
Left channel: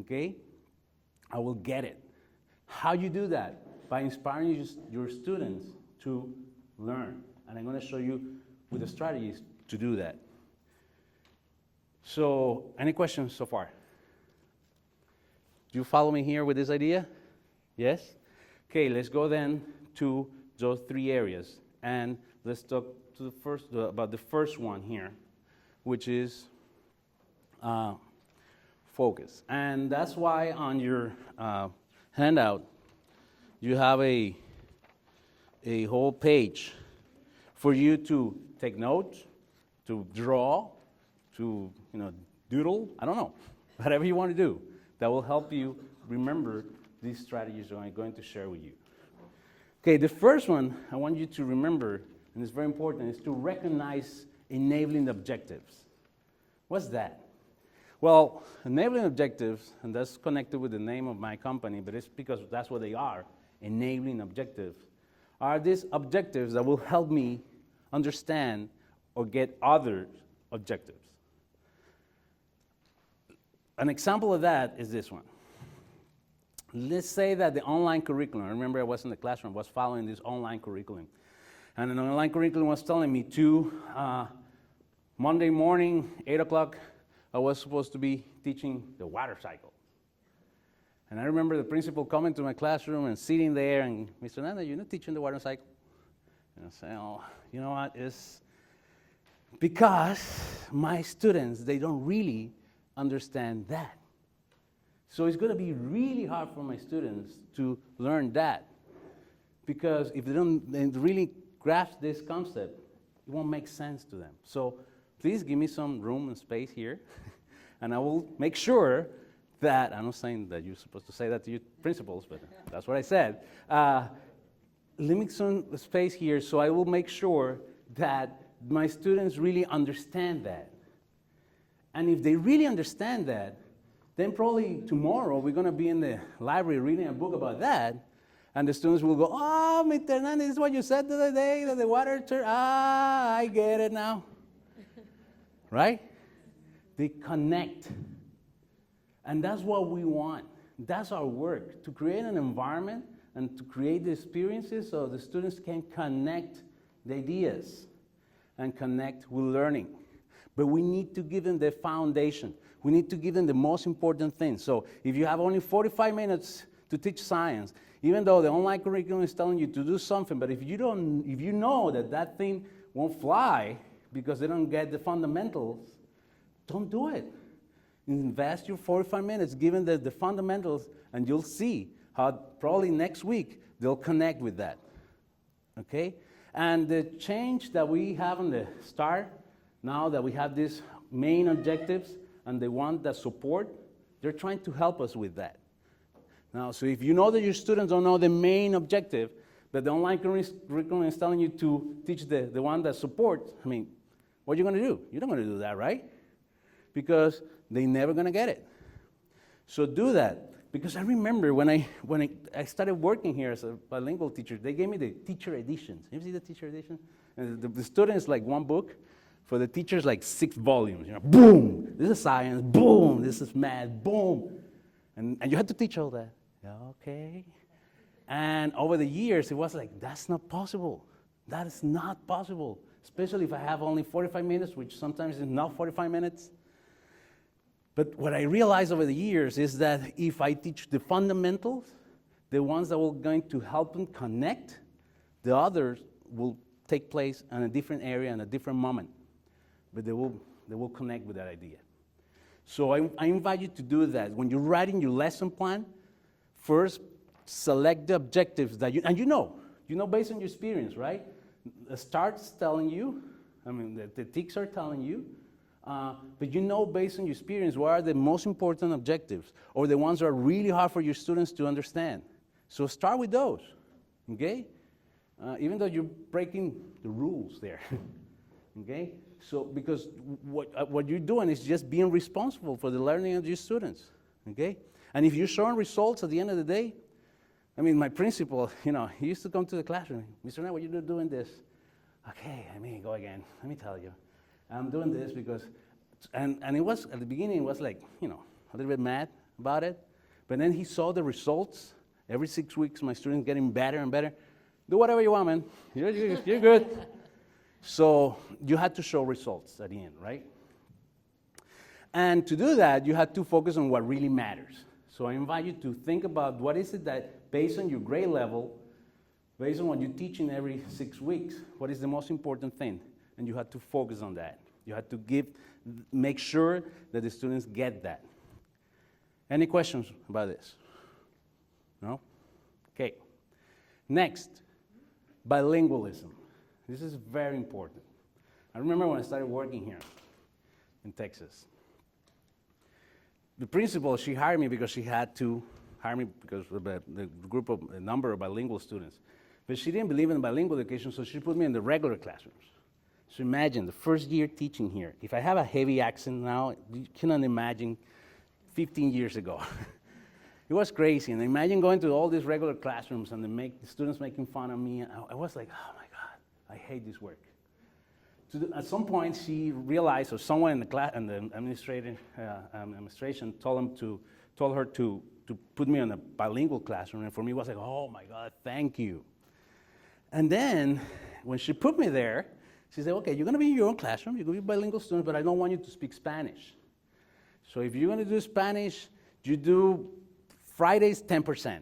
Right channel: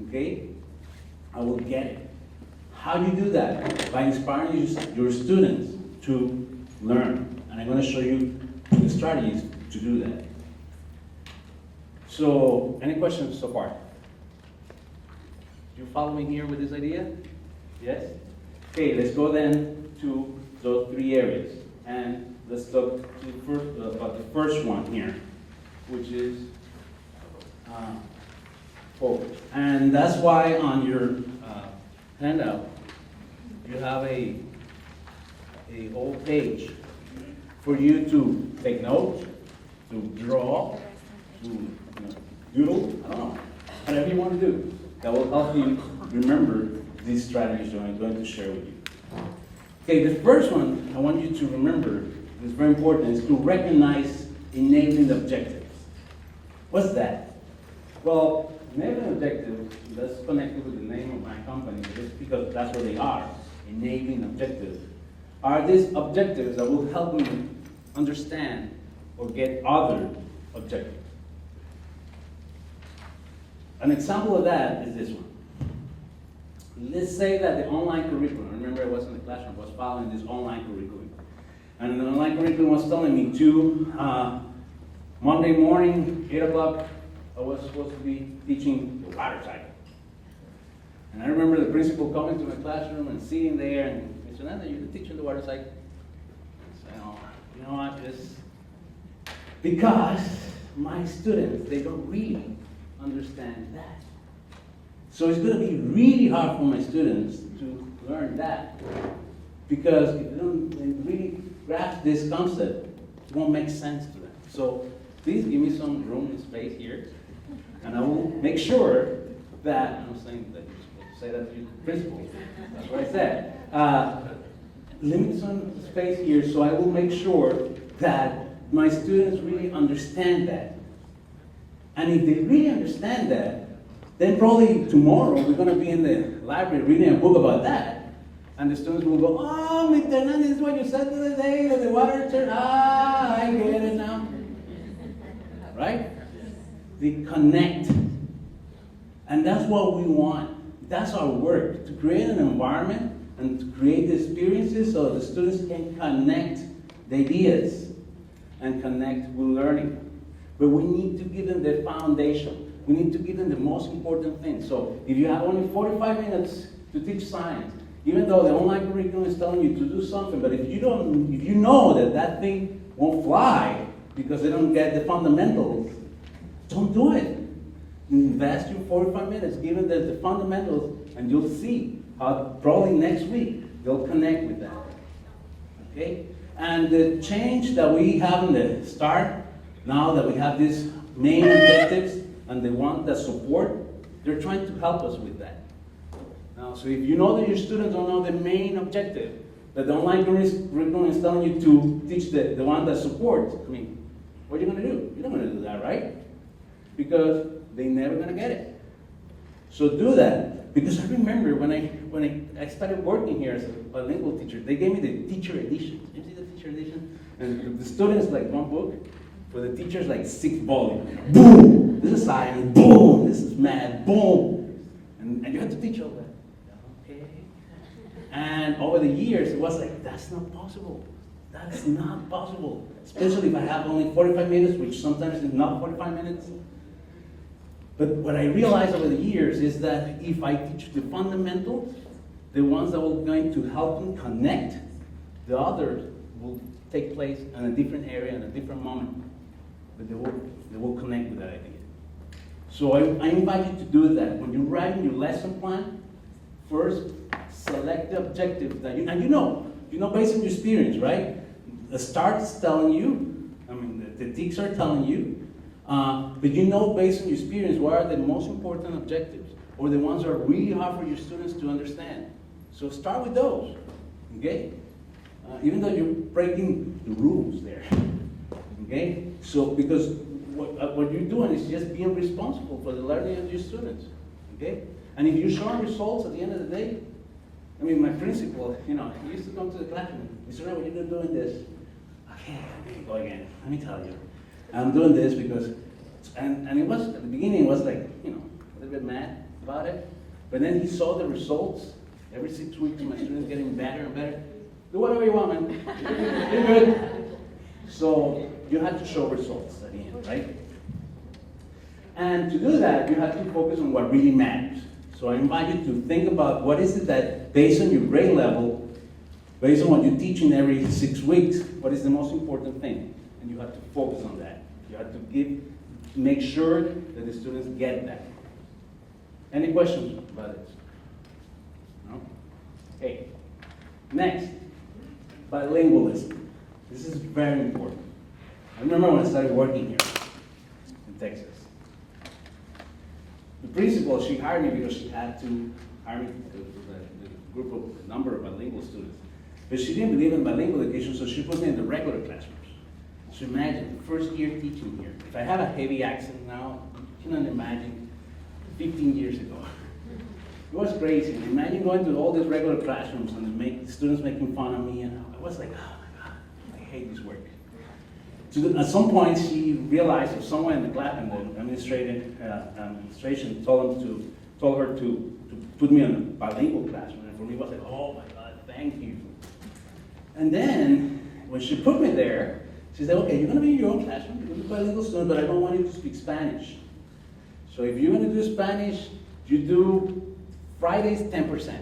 okay, I will get it. How do you do that? By inspiring your students to learn. And I'm going to show you the strategies to do that. So, any questions so far? Do you follow me here with this idea? Yes? Okay, let's go then to those three areas. And let's talk about the first one here, which is focus. And that's why on your handout, you have a whole page for you to take notes, to draw, to doodle, I don't know, whatever you want to do. That will help you remember these strategies that I'm going to share with you. Okay, the first one I want you to remember, is very important, is to recognize enabling objectives. What's that? Well, enabling objectives, and that's connected with the name of my company, but it's because that's what they are, enabling objectives, are these objectives that will help me understand or get other objectives. An example of that is this one. Let's say that the online curriculum, remember I was in the classroom, I was following this online curriculum. And the online curriculum was telling me Monday morning, 8 o'clock, I was supposed to be teaching the water cycle. And I remember the principal coming to my classroom and sitting there and, Mr. Nanda, you're not teaching the water cycle? And I say, oh, you know what, it's because my students, they don't really understand that. So it's going to be really hard for my students to learn that. Because if they don't really grasp this concept, it won't make sense to them. So please give me some room and space here. And I will make sure that, I'm not saying that you're supposed to say that to your principals, but that's what I said. Limit some space here so I will make sure that my students really understand that. And if they really understand that, then probably tomorrow we're going to be in the library reading a book about that. And the students will go, oh, Mr. Hernandez, this is what you said the other day, that the water turned, I get it now. Right? They connect. And that's what we want. That's our work, to create an environment and to create experiences so the students can connect the ideas and connect with learning. But we need to give them the foundation. We need to give them the most important thing. So if you have only 45 minutes to teach science, even though the online curriculum is telling you to do something, but if you know that that thing won't fly because they don't get the fundamentals, don't do it. Invest your 45 minutes, give them the fundamentals, and you'll see how probably next week they'll connect with that. Okay? And the change that we have in the start, now that we have these main objectives and the one that support, they're trying to help us with that. Now, so if you know that your students don't know the main objective, but the online curriculum is telling you to teach the one that supports, I mean, what are you going to do? You're not going to do that, right? Because they're never going to get it. So do that. Because I remember when I started working here as a bilingual teacher, they gave me the teacher edition. You see the teacher edition? And the students like one book. For the teachers, like 6 volumes. You know, boom! This is science. Boom! This is math. Boom! And you had to teach all that. Okay. And over the years, it was like, that's not possible. That's not possible. Especially if I have only 45 minutes, which sometimes is not 45 minutes. But what I realized over the years is that if I teach the fundamentals, the ones that are going to help them connect, the others will take place in a different area, in a different moment. But they will connect with that idea. So I invite you to do that. When you're writing your lesson plan, first select the objectives that you know based on your experience, right? The start is telling you, the TICs are telling you, but you know based on your experience what are the most important objectives, or the ones that are really hard for your students to understand. So start with those, okay? Even though you're breaking the rules there, okay? So because what you're doing is just being responsible for the learning of your students, okay? And if you're showing results at the end of the day, my principal, he used to come to the classroom. Mr. What you're doing this? Okay, let me go again. Let me tell you. I'm doing this because, and it was, at the beginning, it was like, a little bit mad about it. But then he saw the results. Every 6 weeks, my students getting better and better. Do whatever you want, man. You're good. So you had to show results at the end, right? And to do that, you had to focus on what really matters. So I invite you to think about what is it that, based on your grade level, based on what you're teaching every 6 weeks, what is the most important thing? And you have to focus on that. You have to make sure that the students get that. Any questions about this? No? Okay. Next, bilingualism. This is very important. I remember when I started working here in Texas. The principal, she hired me because she had to hire me because of the number of bilingual students. But she didn't believe in bilingual education, so she put me in the regular classrooms. So imagine, the first year teaching here. If I have a heavy accent now, you cannot imagine 15 years ago. It was crazy. And imagine going to all these regular classrooms and the students making fun of me. And I was like, oh my God, I hate this work. So at some point, she realized, or someone in the class, and the administration told her to put me in a bilingual classroom. And for me, it was like, oh my God, thank you. And then, when she put me there, she said, okay, you're going to be in your own classroom. You're going to be a bilingual student, but I don't want you to speak Spanish. So if you're going to do Spanish, you do Fridays 10%.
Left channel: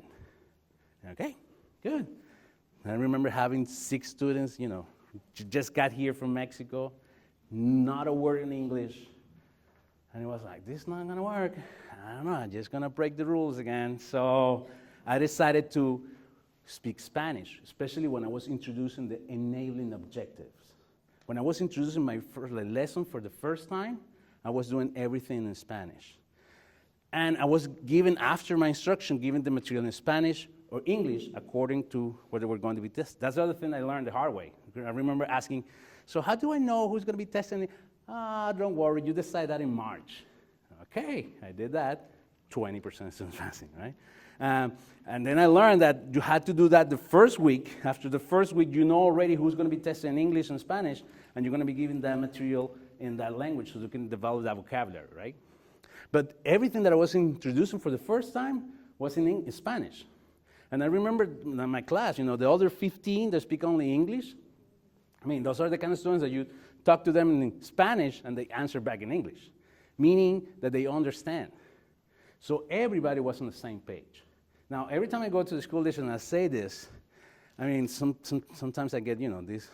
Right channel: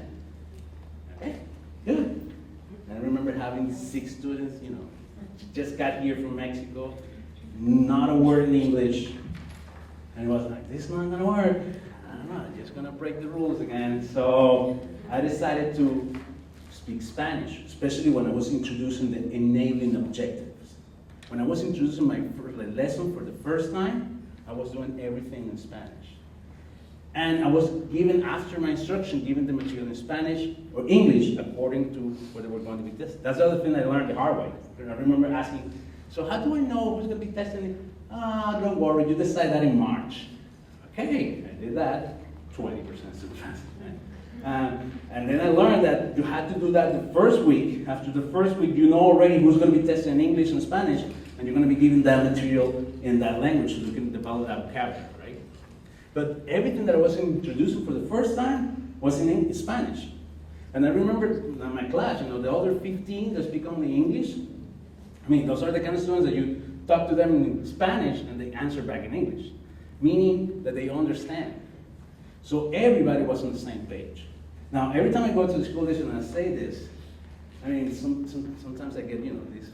Okay, good. And I remember having 6 students, just got here from Mexico, not a word in English. And it was like, this is not going to work. I don't know, I'm just going to break the rules again. So I decided to speak Spanish, especially when I was introducing the enabling objectives. When I was introducing my lesson for the first time, I was doing everything in Spanish. And I was given, after my instruction, given the material in Spanish or English according to what they were going to be tested. That's the other thing I learned the hard way. I remember asking, so how do I know who's going to be testing it? Don't worry, you decide that in March. Okay, I did that, 20% sometimes, right? And then I learned that you had to do that the first week. After the first week, you know already who's going to be testing in English and Spanish, and you're going to be given that material in that language so you can develop that vocabulary, right? But everything that I was introducing for the first time was in Spanish. And I remember in my class, the other 15 that speak only English, those are the kind of students that you talk to them in Spanish and they answer back in English, meaning that they understand. So everybody was on the same page. Now, every time I go to the school district and I say this, sometimes I get, these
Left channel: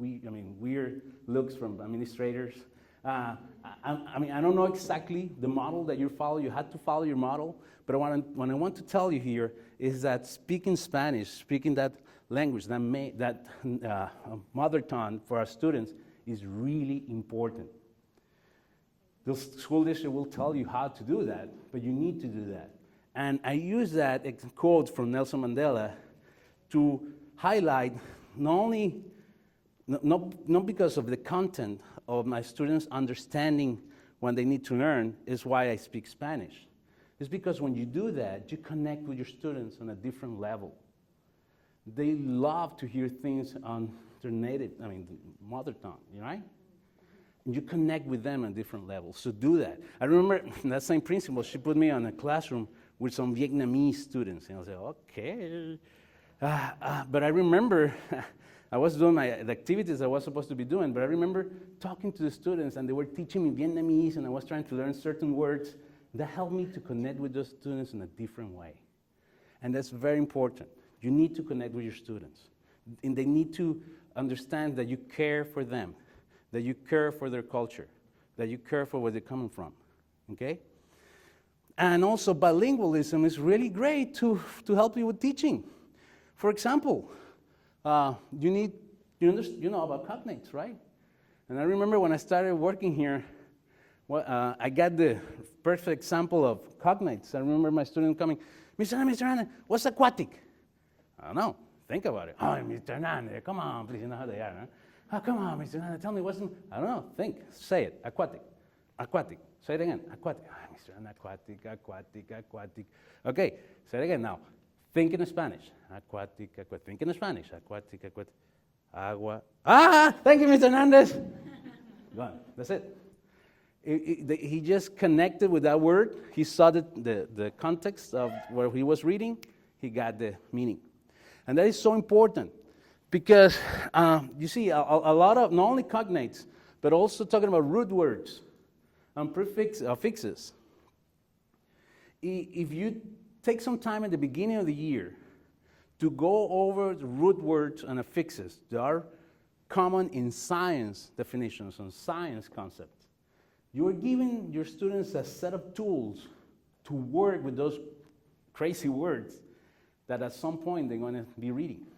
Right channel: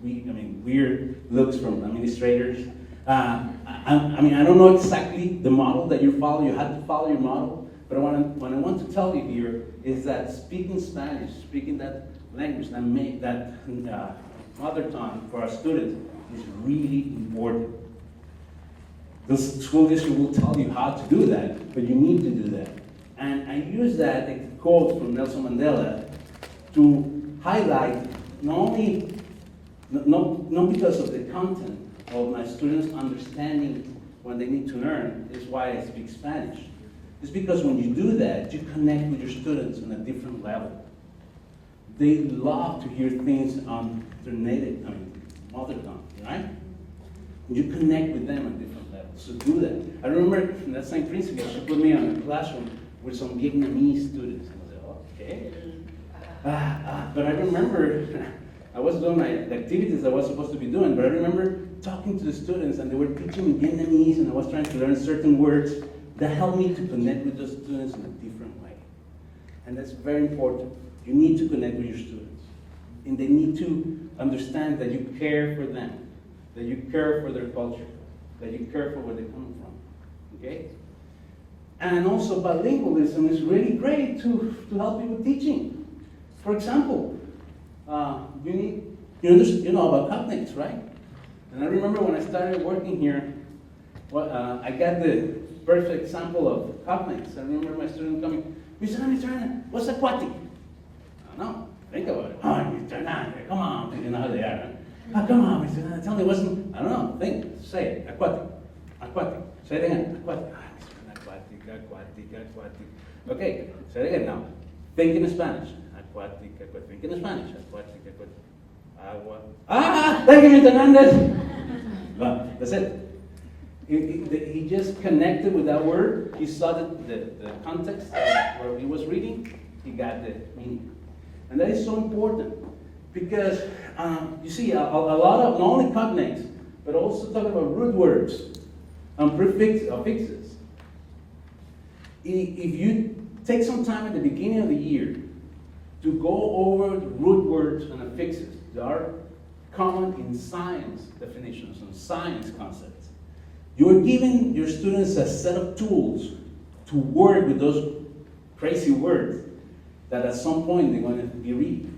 weird looks from administrators. I don't know exactly the model that you follow. You have to follow your model. But what I want to tell you here is that speaking Spanish, speaking that language, that mother tongue for our students is really important. The school district will tell you how to do that, but you need to do that. And I use that quote from Nelson Mandela to highlight not because of the content of my students understanding when they need to learn is why I speak Spanish. It's because when you do that, you connect with your students on a different level. They love to hear things on their mother tongue, right? You connect with them on different levels. So do that. I remember in that same principle, she put me on a classroom with some Vietnamese students. And I was like, okay. But I remember I was doing the activities I was supposed to be doing, but I remember talking to the students and they were teaching me Vietnamese and I was trying to learn certain words. That helped me to connect with those students in a different way. And that's very important. You need to connect with your students. And they need to understand that you care for them, that you care for their culture, that you care for where they're coming from. Okay? And also bilingualism is really great to help you with teaching. For example, you know about cognates, right? And I remember when I started working here, I got the perfect example of cognates. I remember my student coming, Mr. Ana, what's aquatic? I don't know. Think about it. Oh, Mr. Ana, come on. You know how they are. Huh? Oh, come on, Mr. Ana, tell me what's, I don't know. Think, say it. Aquatic. Aquatic. Say it again. Aquatic. Mr. Ana, aquatic. Okay, say it again now. Think in Spanish. Aquatic. Think in Spanish. Aquatic. Agua. Thank you, Mr. Hernandez. Well, that's it. He just connected with that word. He saw the context of where he was reading. He got the meaning. And that is so important because you see, a lot of not only cognates, but also talking about root words and affixes. If you take some time at the beginning of the year to go over the root words and affixes, there are common in science definitions and science concepts. You're giving your students a set of tools to work with those crazy words that at some point they're going to be reading.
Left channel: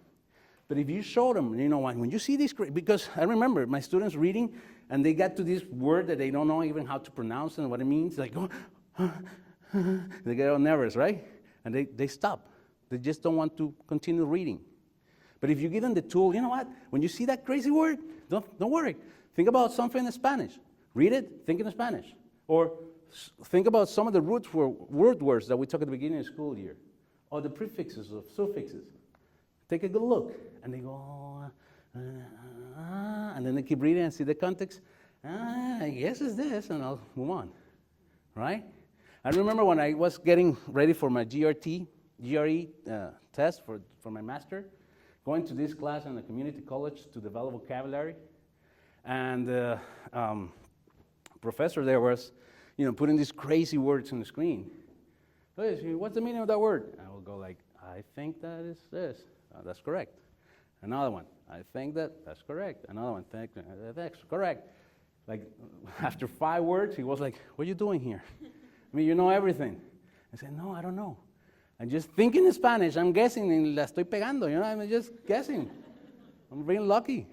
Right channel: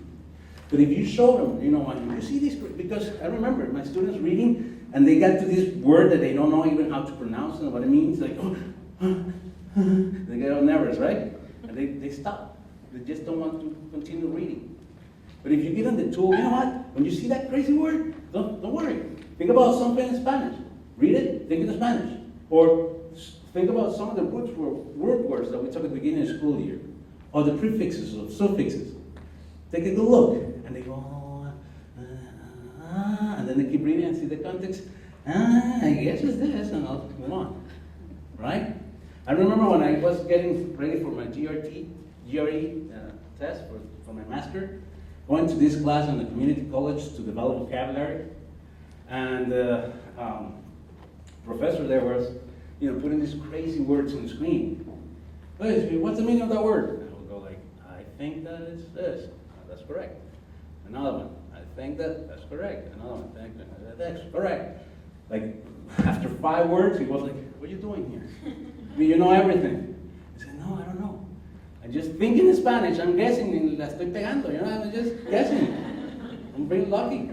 But if you show them, when you see these, because I remember my students reading and they got to this word that they don't know even how to pronounce and what it means, like, they get all nervous, right? And they stop. They just don't want to continue reading. But if you give them the tool, you know what? When you see that crazy word, don't worry. Think about something in Spanish. Read it, think in Spanish. Or think about some of the root words that we took at the beginning of the school year. Or the prefixes or suffixes. Take a good look. And they go, and then they keep reading and see the context. I guess it's this, and I'll move on. Right? I remember when I was getting ready for my GRE test for my master, going to this class in the community college to develop vocabulary. And professor there was, putting these crazy words on the screen. Hey, what's the meaning of that word? And I will go like, I think that is this. That's correct. Another one, I think that's correct. Another one, think that's correct. Like, after 5 words, he was like, what are you doing here? I mean, you know everything. I said, no, I don't know. I just think in Spanish. I'm guessing, and la estoy pegando. I'm just guessing. I'm really lucky.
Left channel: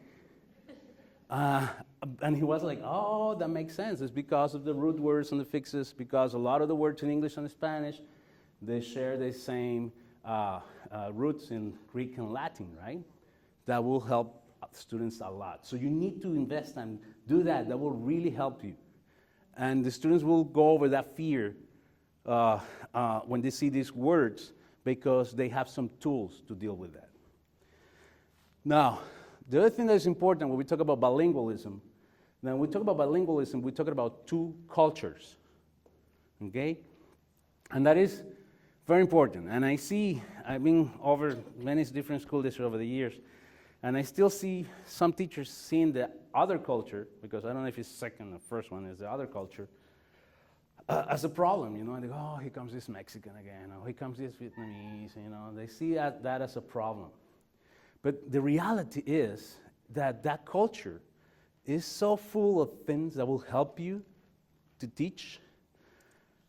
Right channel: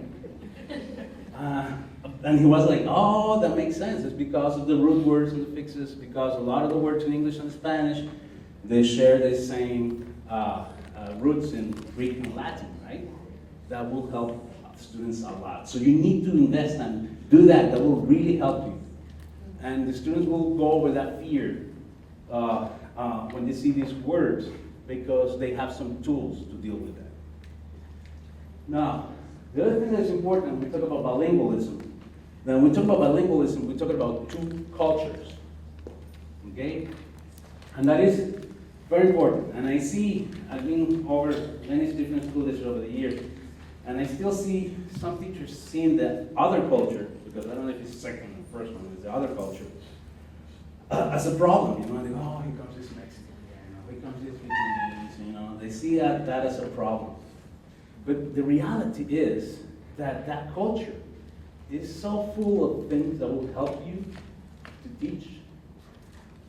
And he was like, oh, that makes sense. It's because of the root words and the fixes, because a lot of the words in English and Spanish, they share the same roots in Greek and Latin, right? That will help students a lot. So you need to invest and do that. That will really help you. And the students will go over that fear when they see these words because they have some tools to deal with that. Now, the other thing that's important when we talk about bilingualism, when we talk about bilingualism, we talk about 2 cultures, okay? And that is very important. And I've been over many different school districts over the years, and I still see some teachers seeing the other culture, because I don't know if it's second or first one, is the other culture, as a problem. And they go, oh, here comes this Mexican again, or here comes this Vietnamese, They see that as a problem. But the reality is that culture is so full of things that will help you to teach.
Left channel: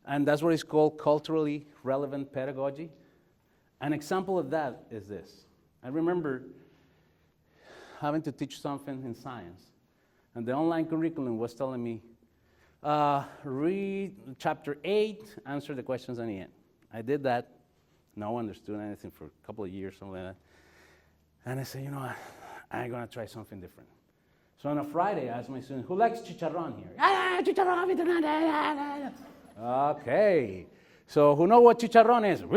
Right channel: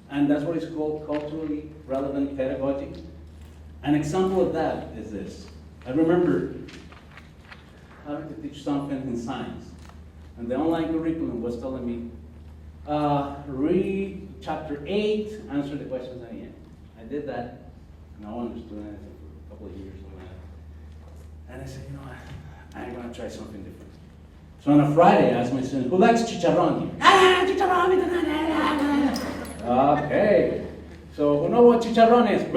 And that's what is called culturally relevant pedagogy. An example of that is this. I remember having to teach something in science. And the online curriculum was telling me, read chapter 8, answer the questions at the end. I did that. No one understood anything for a couple of years, something like that. And I said, I'm going to try something different. So on a Friday, I asked my students, who likes chicharrón here? Chicharrón! Okay. So who know what chicharrón is? I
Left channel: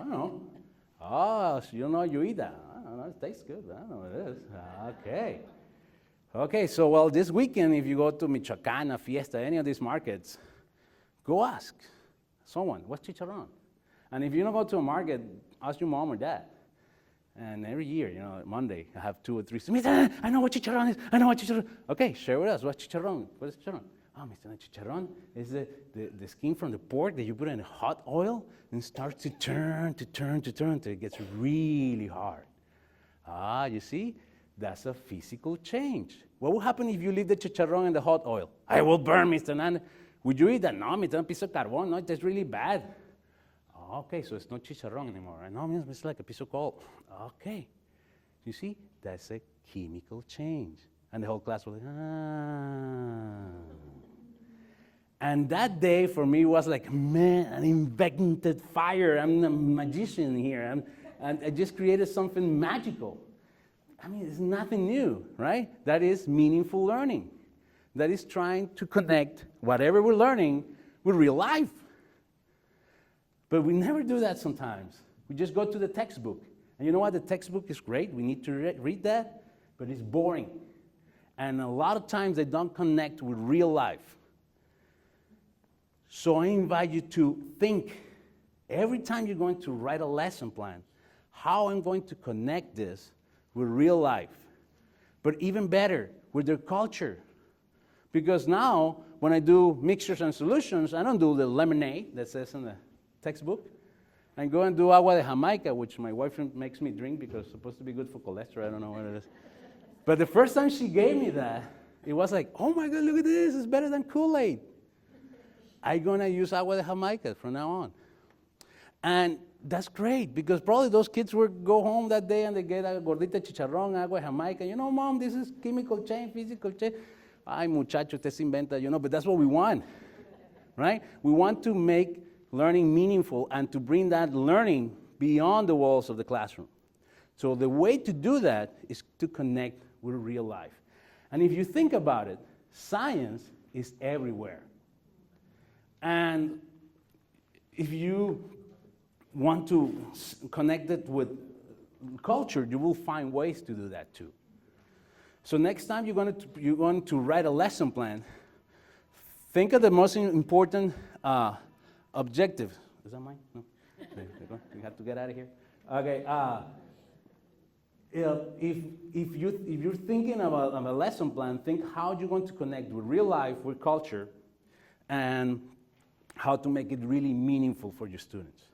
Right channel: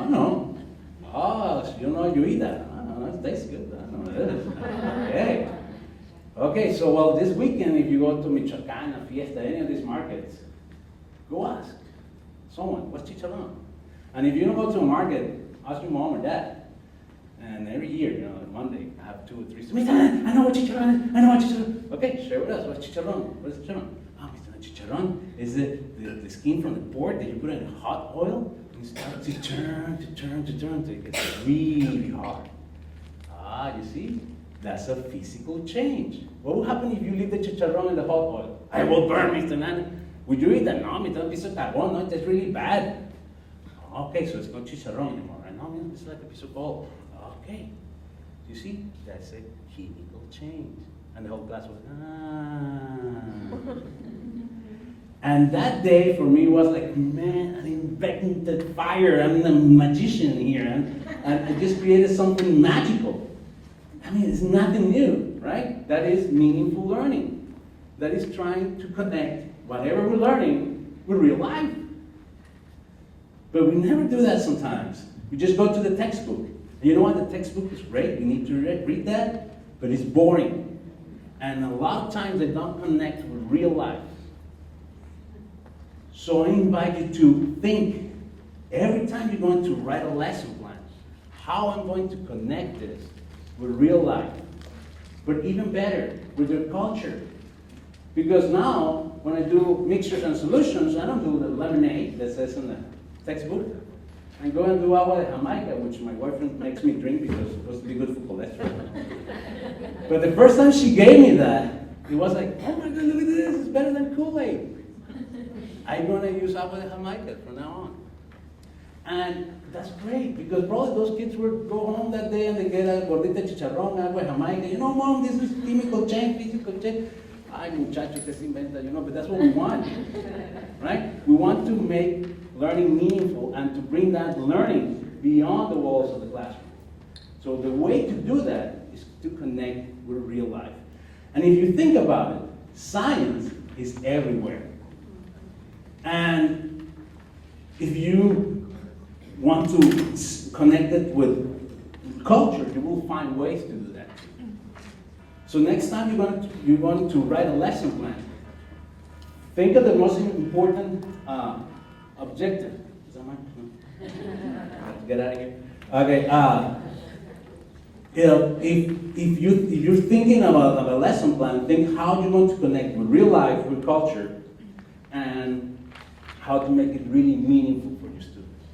don't know. Oh, so you know you eat that. I don't know, it tastes good. I don't know what it is. Okay. Okay, so well, this weekend, if you go to Michoacán, a fiesta, any of these markets, go ask someone, what's chicharrón? And if you don't go to a market, ask your mom or dad. And every year, like Monday, I have 2 or 3 students. I know what chicharrón is. I know what chicharrón. Okay, share with us. What's chicharrón? What is chicharrón? Oh, chicharrón is the skin from the pork that you put in hot oil and start to turn till it gets really hard. Ah, you see? That's a physical change. What will happen if you leave the chicharrón in the hot oil? I will burn, Mr. Nan. Would you eat that? No, Mr. Piece of carbon. No, that's really bad. Okay, so it's not chicharrón anymore. I know, it's like a piece of ball. Okay. You see? That's a chemical change. And the whole class was, ah. And that day for me was like, man, I invented fire. I'm the magician here. And I just created something magical. I mean, it's nothing new, right? That is meaningful learning. That is trying to connect whatever we're learning with real life. But we never do that sometimes. We just go to the textbook. And you know what? The textbook is great. We need to read that. But it's boring. And a lot of times they don't connect with real life. So I invite you to think, every time you're going to write a lesson plan, how I'm going to connect this with real life. But even better, with their culture. Because now, when I do mixtures and solutions, I don't do the lemonade that says in the textbook. I go and do agua de Jamaica, which my boyfriend makes me drink because it's supposed to be good for cholesterol. But the first time she gave me that, it was like, oh my God, look at this, it's better than Kool-Aid. I'm going to use agua de Jamaica from now on. And that's great, because probably those kids will go home that day and they get a gordita chicharrón, agua de Jamaica. You know, Mom, this is chemical change, physical change. Ay, muchacho, usted se inventa, but that's what we want, right? We want to make learning meaningful and to bring that learning beyond the walls of the classroom. So the way to do that is to connect with real life. And if you think about it, science is everywhere. And if you want to connect it with culture, you will find ways to do that too. So next time you're going to write a lesson plan, think of the most important objective. Is that mine? Get out of here. Okay. If you're thinking of a lesson plan, think how you're going to connect with real life, with culture, and how to make it really meaningful for your students.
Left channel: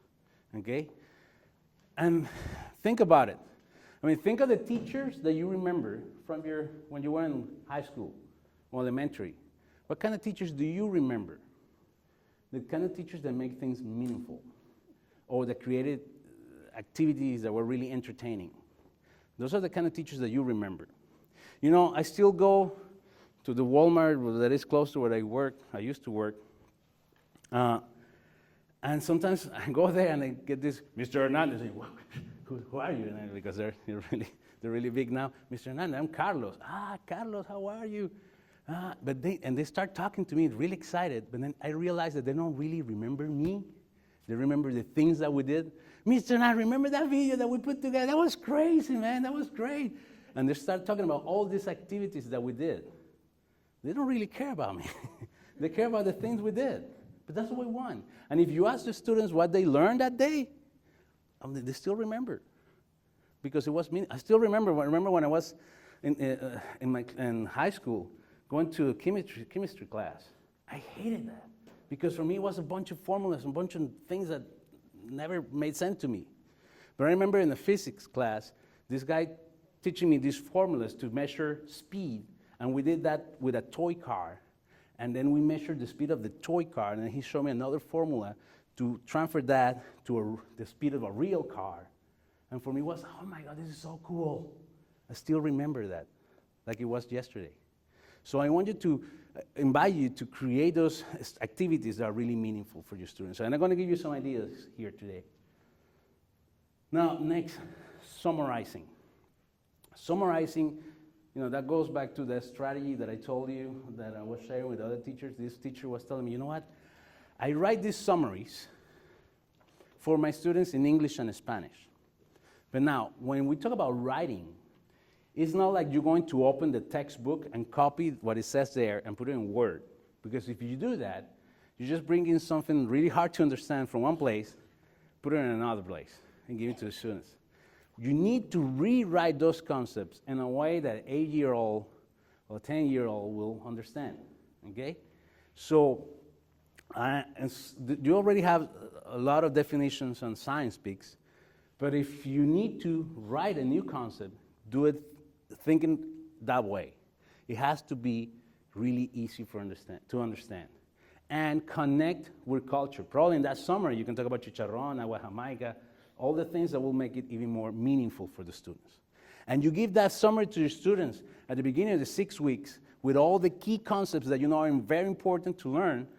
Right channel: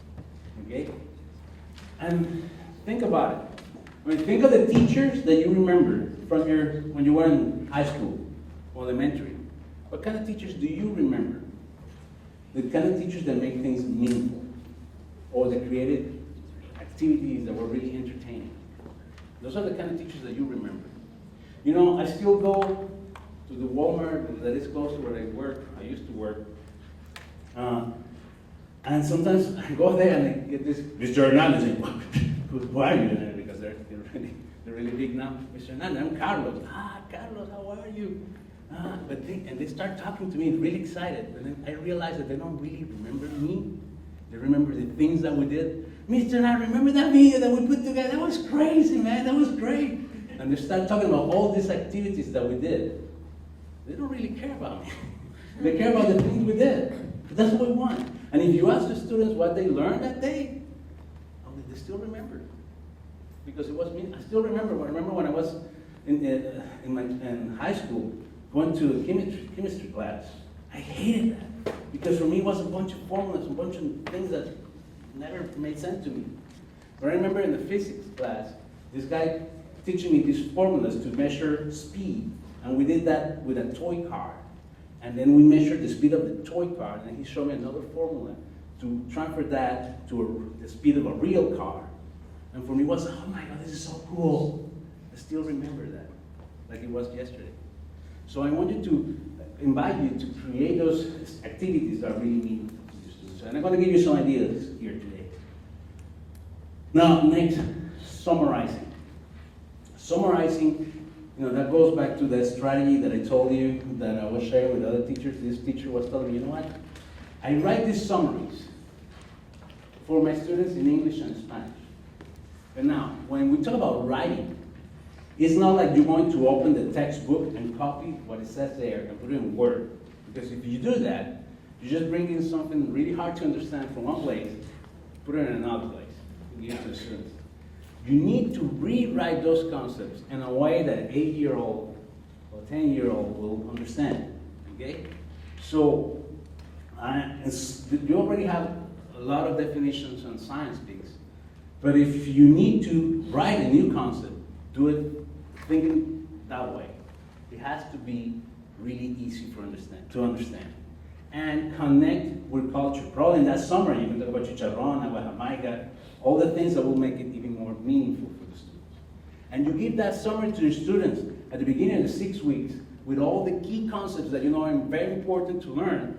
Okay? And think about it. I mean, think of the teachers that you remember from when you were in high school or elementary. What kind of teachers do you remember? The kind of teachers that make things meaningful, or that created activities that were really entertaining. Those are the kind of teachers that you remember. You know, I still go to the Walmart that is close to where I used to work. And sometimes I go there and I get this, Mr. Hernandez, who are you? Because they're really big now. Mr. Hernandez, I'm Carlos. Carlos, how are you? But they start talking to me, really excited. But then I realize that they don't really remember me. They remember the things that we did. Mr. and I remember that video that we put together. That was crazy, man. That was great. And they start talking about all these activities that we did. They don't really care about me. They care about the things we did. But that's what we want. And if you ask the students what they learned that day, they still remember. Because it was me. I still remember. I remember when I was in high school, going to chemistry class. I hated that. Because for me it was a bunch of formulas, a bunch of things that never made sense to me. But I remember in the physics class, this guy teaching me these formulas to measure speed. And we did that with a toy car. And then we measured the speed of the toy car, and then he showed me another formula to transfer that to the speed of a real car. And for me it was, oh my God, this is so cool. I still remember that, like it was yesterday. So I want you to invite you to create those activities that are really meaningful for your students. And I'm going to give you some ideas here today. Now, next, summarizing. Summarizing, that goes back to the strategy that I told you that I was sharing with other teachers. This teacher was telling me, you know what? I write these summaries for my students in English and Spanish. But now, when we talk about writing, It's not like you're going to open the textbook and copy what it says there and put it in Word. Because if you do that, you just bring in something really hard to understand from one place, put it in another place, and give it to the students. You need to rewrite those concepts in a way that an 8-year-old or 10-year-old will understand, okay? So, you already have a lot of definitions on science speaks, but if you need to write a new concept, do it thinking that way. It has to be really easy to understand. And connect with culture. Probably in that summary, you can talk about chicharrón, agua jamaica, all the things that will make it even more meaningful for the students. And you give that summary to your students at the beginning of the 6 weeks with all the key concepts that you know are very important to learn.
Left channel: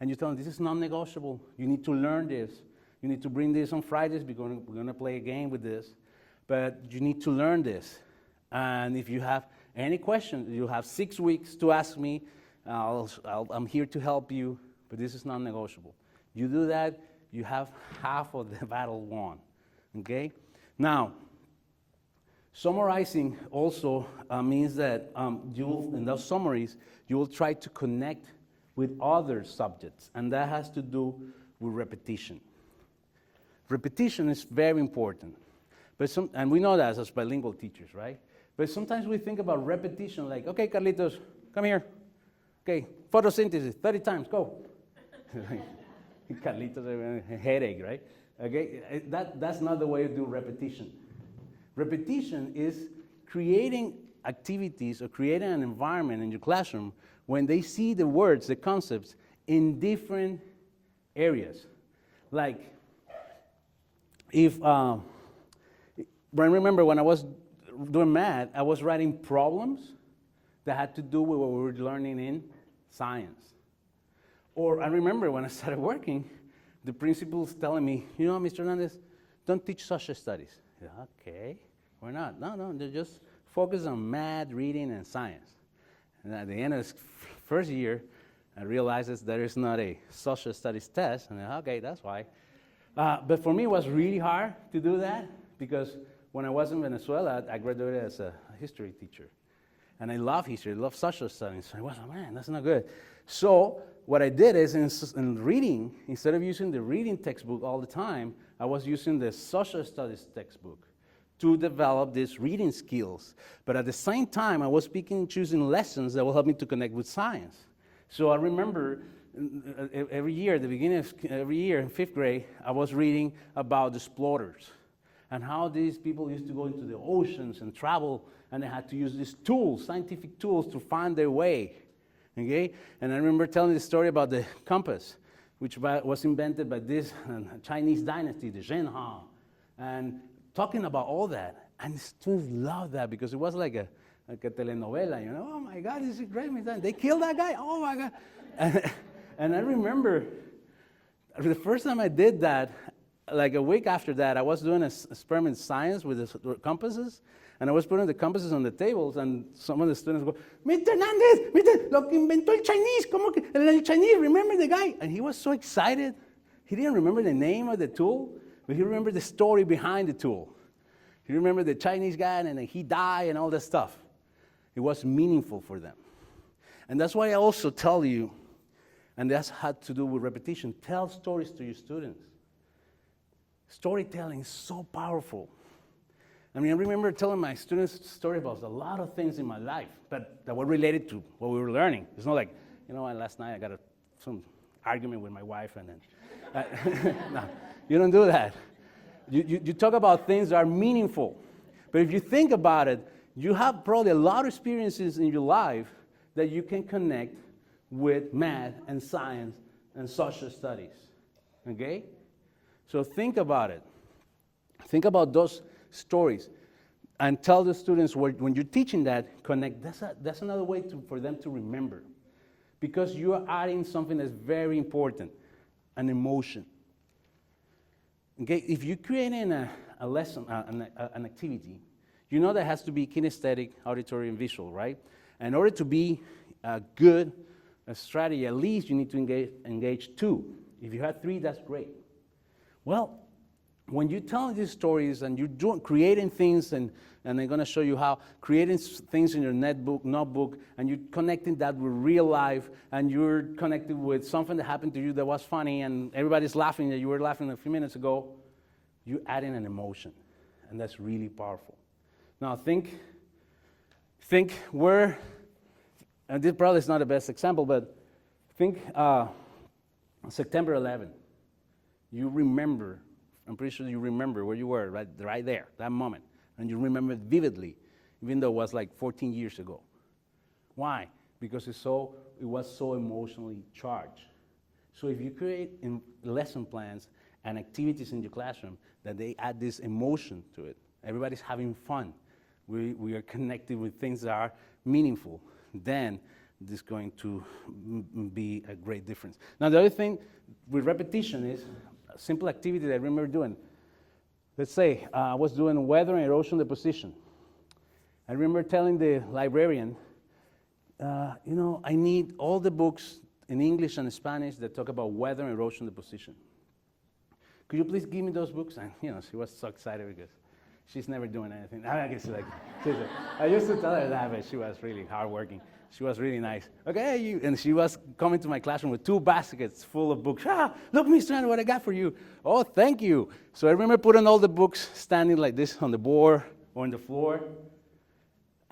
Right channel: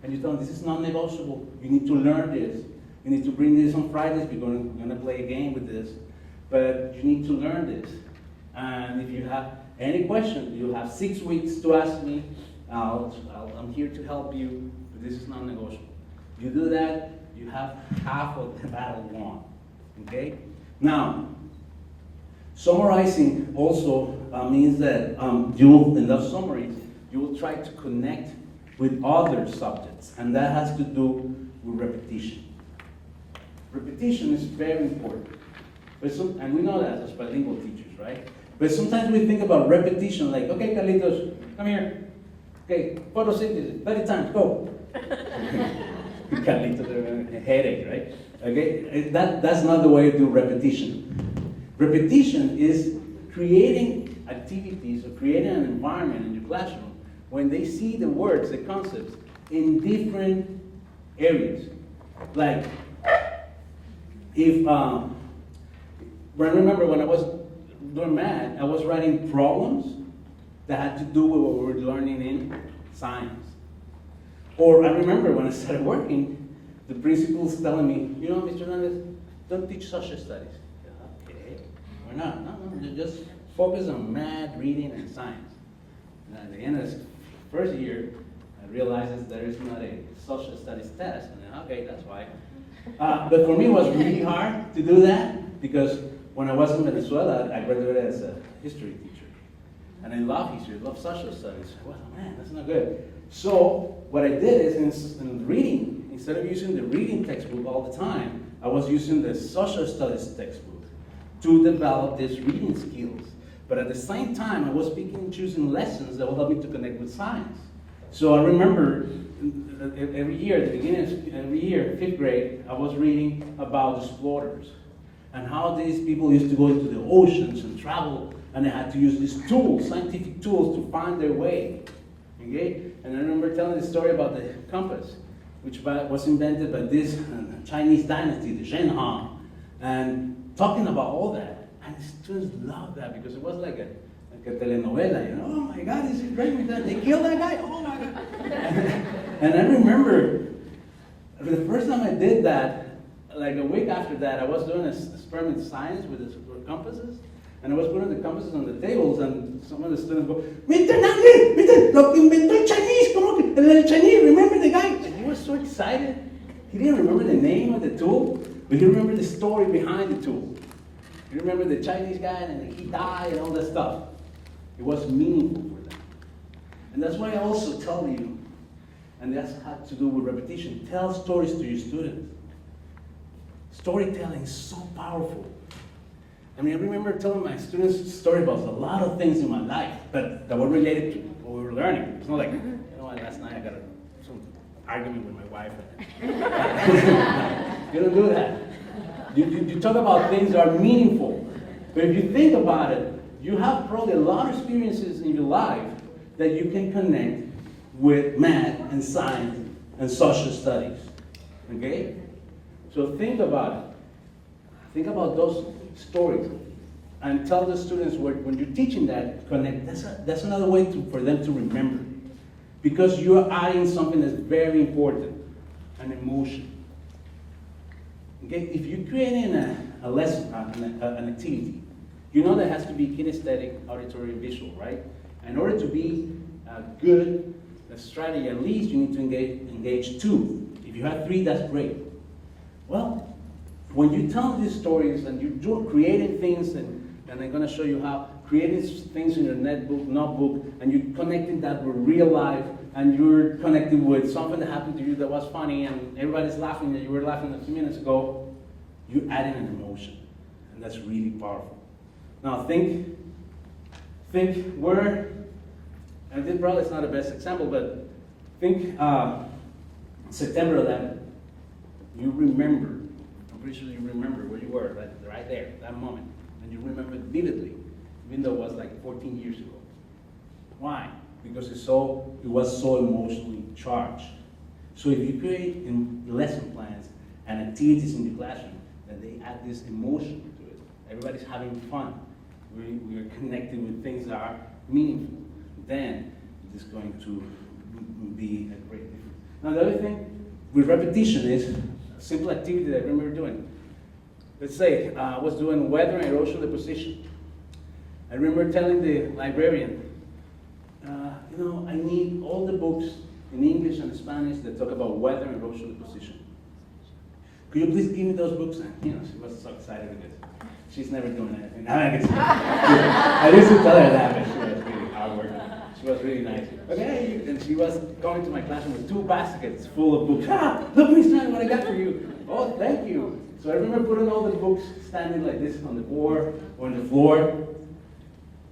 And you tell them, this is non-negotiable. You need to learn this. You need to bring this on Fridays. We're going to play a game with this. But you need to learn this. And if you have any questions, you have 6 weeks to ask me. I'm here to help you, but this is non-negotiable. You do that, you have half of the battle won. Okay? Now, summarizing also means that in those summaries, you will try to connect with other subjects, and that has to do with repetition. Repetition is very important, and we know that as bilingual teachers, right? But sometimes we think about repetition like, okay, Carlitos, come here. Okay, photosynthesis, 30 times, go. Carlitos, a headache, right? Okay, that's not the way to do repetition. Repetition is creating activities or creating an environment in your classroom when they see the words, the concepts, in different areas. Like, I remember when I was doing math, I was writing problems that had to do with what we were learning in science. Or I remember when I started working, the principal's telling me, you know, Mr. Hernandez, don't teach social studies. Okay, why not? No, just focus on math, reading, and science. And at the end of the first year, I realized that there is not a social studies test, and okay, that's fine. But for me, it was really hard to do that because when I was in Venezuela, I graduated as a history teacher. And I love history, I love social studies. I was like, man, that's not good. So what I did is in reading, instead of using the reading textbook all the time, I was using the social studies textbook to develop these reading skills. But at the same time, I was choosing lessons that will help me to connect with science. So I remember every year, at the beginning of every year, in 5th grade, I was reading about explorers and how these people used to go into the oceans and travel, and they had to use these tools, scientific tools, to find their way. Okay? And I remember telling the story about the compass, which was invented by this Chinese dynasty, the Zheng Han, and talking about all that. And the students loved that because it was like a telenovela, you know? Oh my God, this is great. They killed that guy? Oh my God. And I remember the first time I did that, like a week after that, I was doing an experiment in science with the compasses, and I was putting the compasses on the tables, and some of the students go, Mr. Nangel, Mr. Lo que inventó el Chinese, como que el Chinese, remember the guy? And he was so excited. He didn't remember the name of the tool, but he remembered the story behind the tool. He remembered the Chinese guy, and then he died, and all that stuff. It was meaningful for them. And that's why I also tell you, and that's had to do with repetition, tell stories to your students. Storytelling is so powerful. I mean, I remember telling my students stories about a lot of things in my life that were related to what we were learning. It's not like, you know what, last night I had some argument with my wife. You don't do that. You talk about things that are meaningful. But if you think about it, you have probably a lot of experiences in your life that you can connect with math and science and social studies. Okay? So think about it. Think about those stories and tell the students when you're teaching that, connect. That's another way for them to remember. Because you're adding something that's very important, an emotion. Okay? If you're creating a lesson, an activity, you know that has to be kinesthetic, auditory, and visual, right? In order to be a good strategy, at least you need to engage 2. If you have 3, that's great. Well, when you tell these stories and you're creating things, and they're going to show you how creating things in your notebook, and you're connecting that with real life, and you're connecting with something that happened to you that was funny, and everybody's laughing that you were laughing a few minutes ago, you're adding an emotion, and that's really powerful. Now think where, and this probably is not the best example, but think September 11th. You remember, I'm pretty sure you remember where you were, right there, that moment. And you remember it vividly, even though it was like 14 years ago. Why? Because it was so emotionally charged. So if you create in lesson plans and activities in your classroom that they add this emotion to it, everybody's having fun, we are connected with things that are meaningful, then this is going to be a great difference. Now the other thing with repetition is a simple activity that I remember doing. Let's say I was doing weather and erosion deposition. I remember telling the librarian, I need all the books in English and Spanish that talk about weather and erosion deposition. Could you please give me those books? And she was so excited because she's never doing anything. I used to tell her that, but she was really hardworking. She was really nice. Okay, and she was coming to my classroom with 2 baskets full of books. Look, Miss Tran, what I got for you. Oh, thank you. So I remember putting all the books standing like this on the board or on the floor.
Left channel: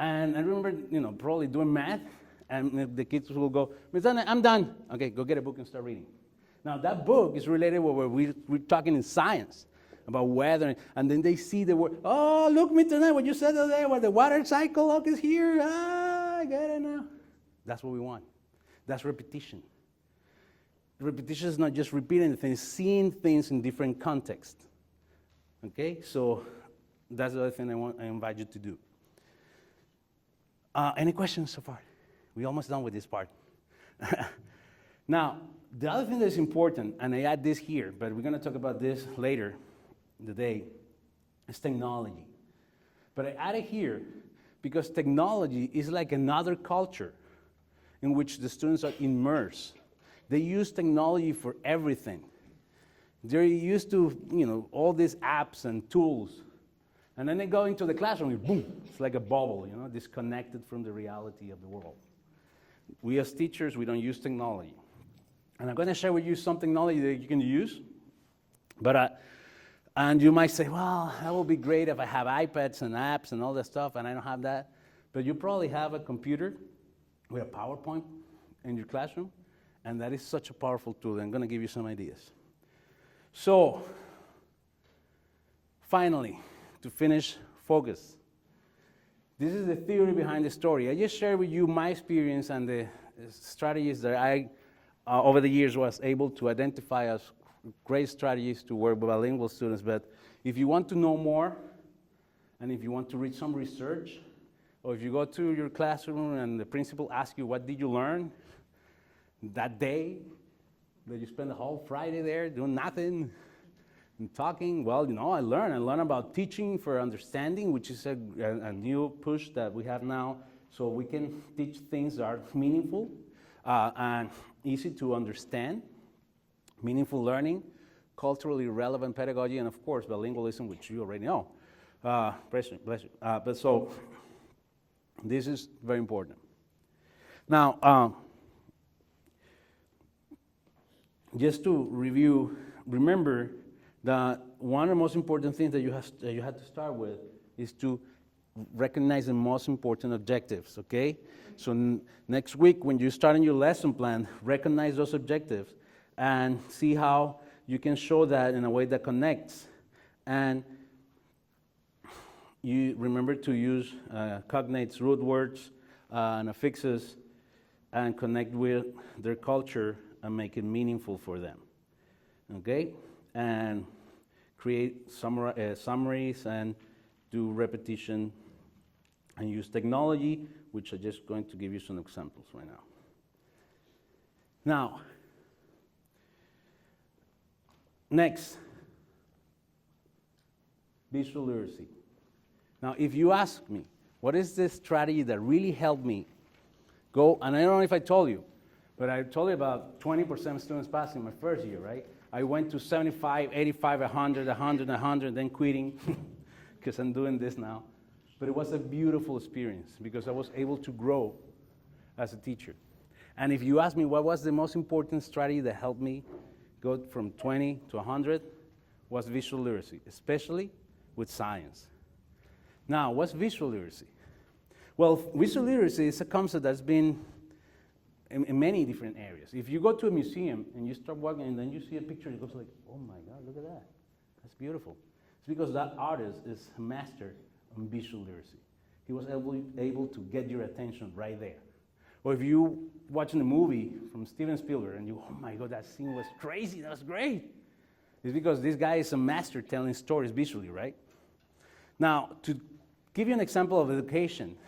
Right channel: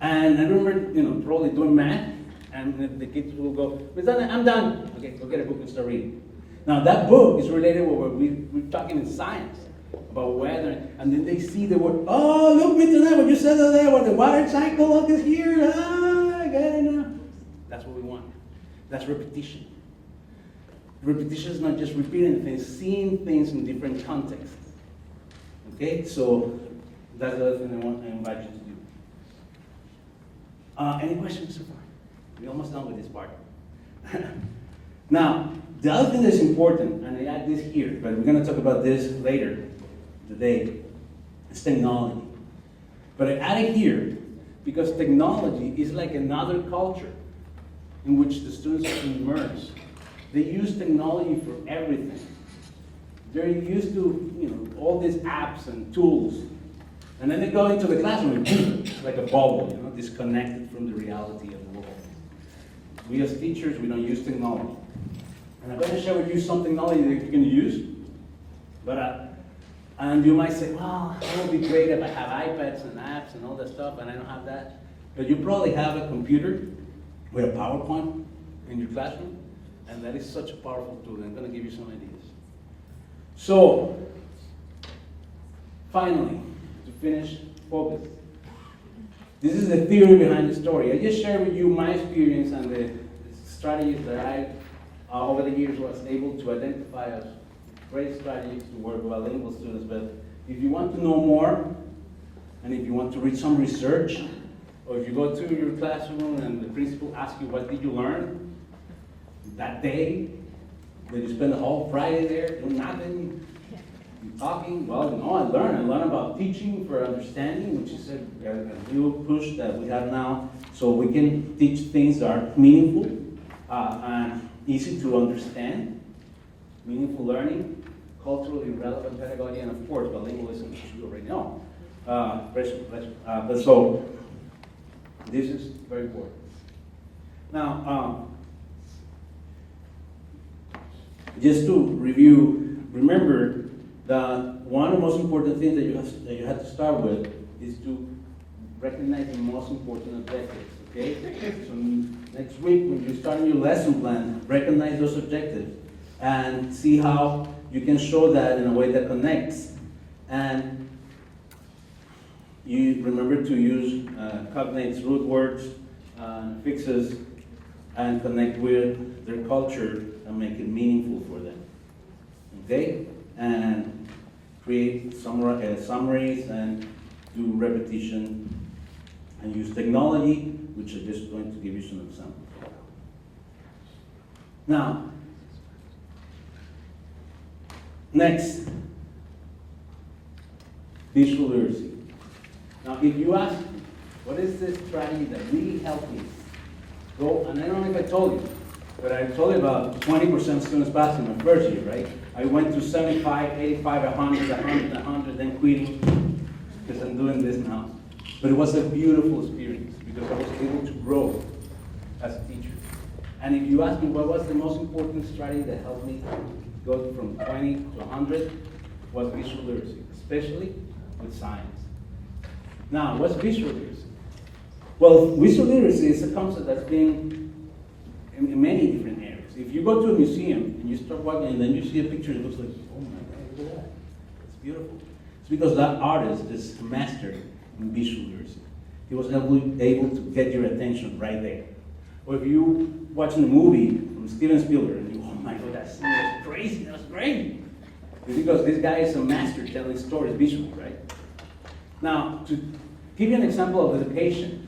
And I remember, probably doing math, and the kids will go, Miss Tran, I'm done. Okay, go get a book and start reading. Now that book is related with what we're talking in science about weather, and then they see the word, oh, look, Miss Tran, what you said there, what the water cycle up is here. I get it now. That's what we want. That's repetition. Repetition is not just repeating things, seeing things in different contexts. Okay, so that's the other thing I invite you to do. Any questions so far? We're almost done with this part. Now, the other thing that's important, and I add this here, but we're going to talk about this later today, is technology. But I add it here because technology is like another culture in which the students are immersed. They use technology for everything. They're used to, all these apps and tools. And then they go into the classroom and boom, it's like a bubble, disconnected from the reality of the world. We as teachers, we don't use technology. And I'm going to share with you some technology that you can use. And you might say, well, it would be great if I have iPads and apps and all that stuff, and I don't have that. But you probably have a computer with a PowerPoint in your classroom, and that is such a powerful tool. I'm going to give you some ideas. So, finally, to finish, focus. This is the theory behind the story. I just shared with you my experience and the strategies that I, over the years, was able to identify as great strategies to work with bilingual students. But if you want to know more, and if you want to read some research, or if you go to your classroom and the principal asks you, what did you learn that day? Did you spend the whole Friday there doing nothing? Talking? Well, I learned about teaching for understanding, which is a new push that we have now, so we can teach things that are meaningful and easy to understand, meaningful learning, culturally relevant pedagogy, and of course, bilingualism, which you already know. But so, this is very important. Now, just to review, remember that one of the most important things that you have to start with is to recognize the most important objectives, okay? So next week, when you start your lesson plan, recognize those objectives and see how you can show that in a way that connects. And you remember to use cognates, root words, and affixes, and connect with their culture and make it meaningful for them, okay? And create summaries and do repetition and use technology, which I'm just going to give you some examples right now. Now, next, visual literacy. Now, if you ask me, what is this strategy that really helped me go, and I don't know if I told you, but I told you about 20% students passing my first year, right? I went to 75, 85, 100, 100, 100, then quitting, because I'm doing this now. But it was a beautiful experience because I was able to grow as a teacher. And if you ask me what was the most important strategy that helped me go from 20 to 100, was visual literacy, especially with science. Now, what's visual literacy? Well, visual literacy is a concept that's been in many different areas. If you go to a museum and you start walking and then you see a picture, it looks like, oh my God, look at that. It's beautiful. It's because that artist is a master in visual literacy. He was able to get your attention right there. Or if you watching a movie from Steven Spielberg and you, oh my God, that scene was crazy, that's great. It's because this guy is a master telling stories visually, right? Now, to give you an example of education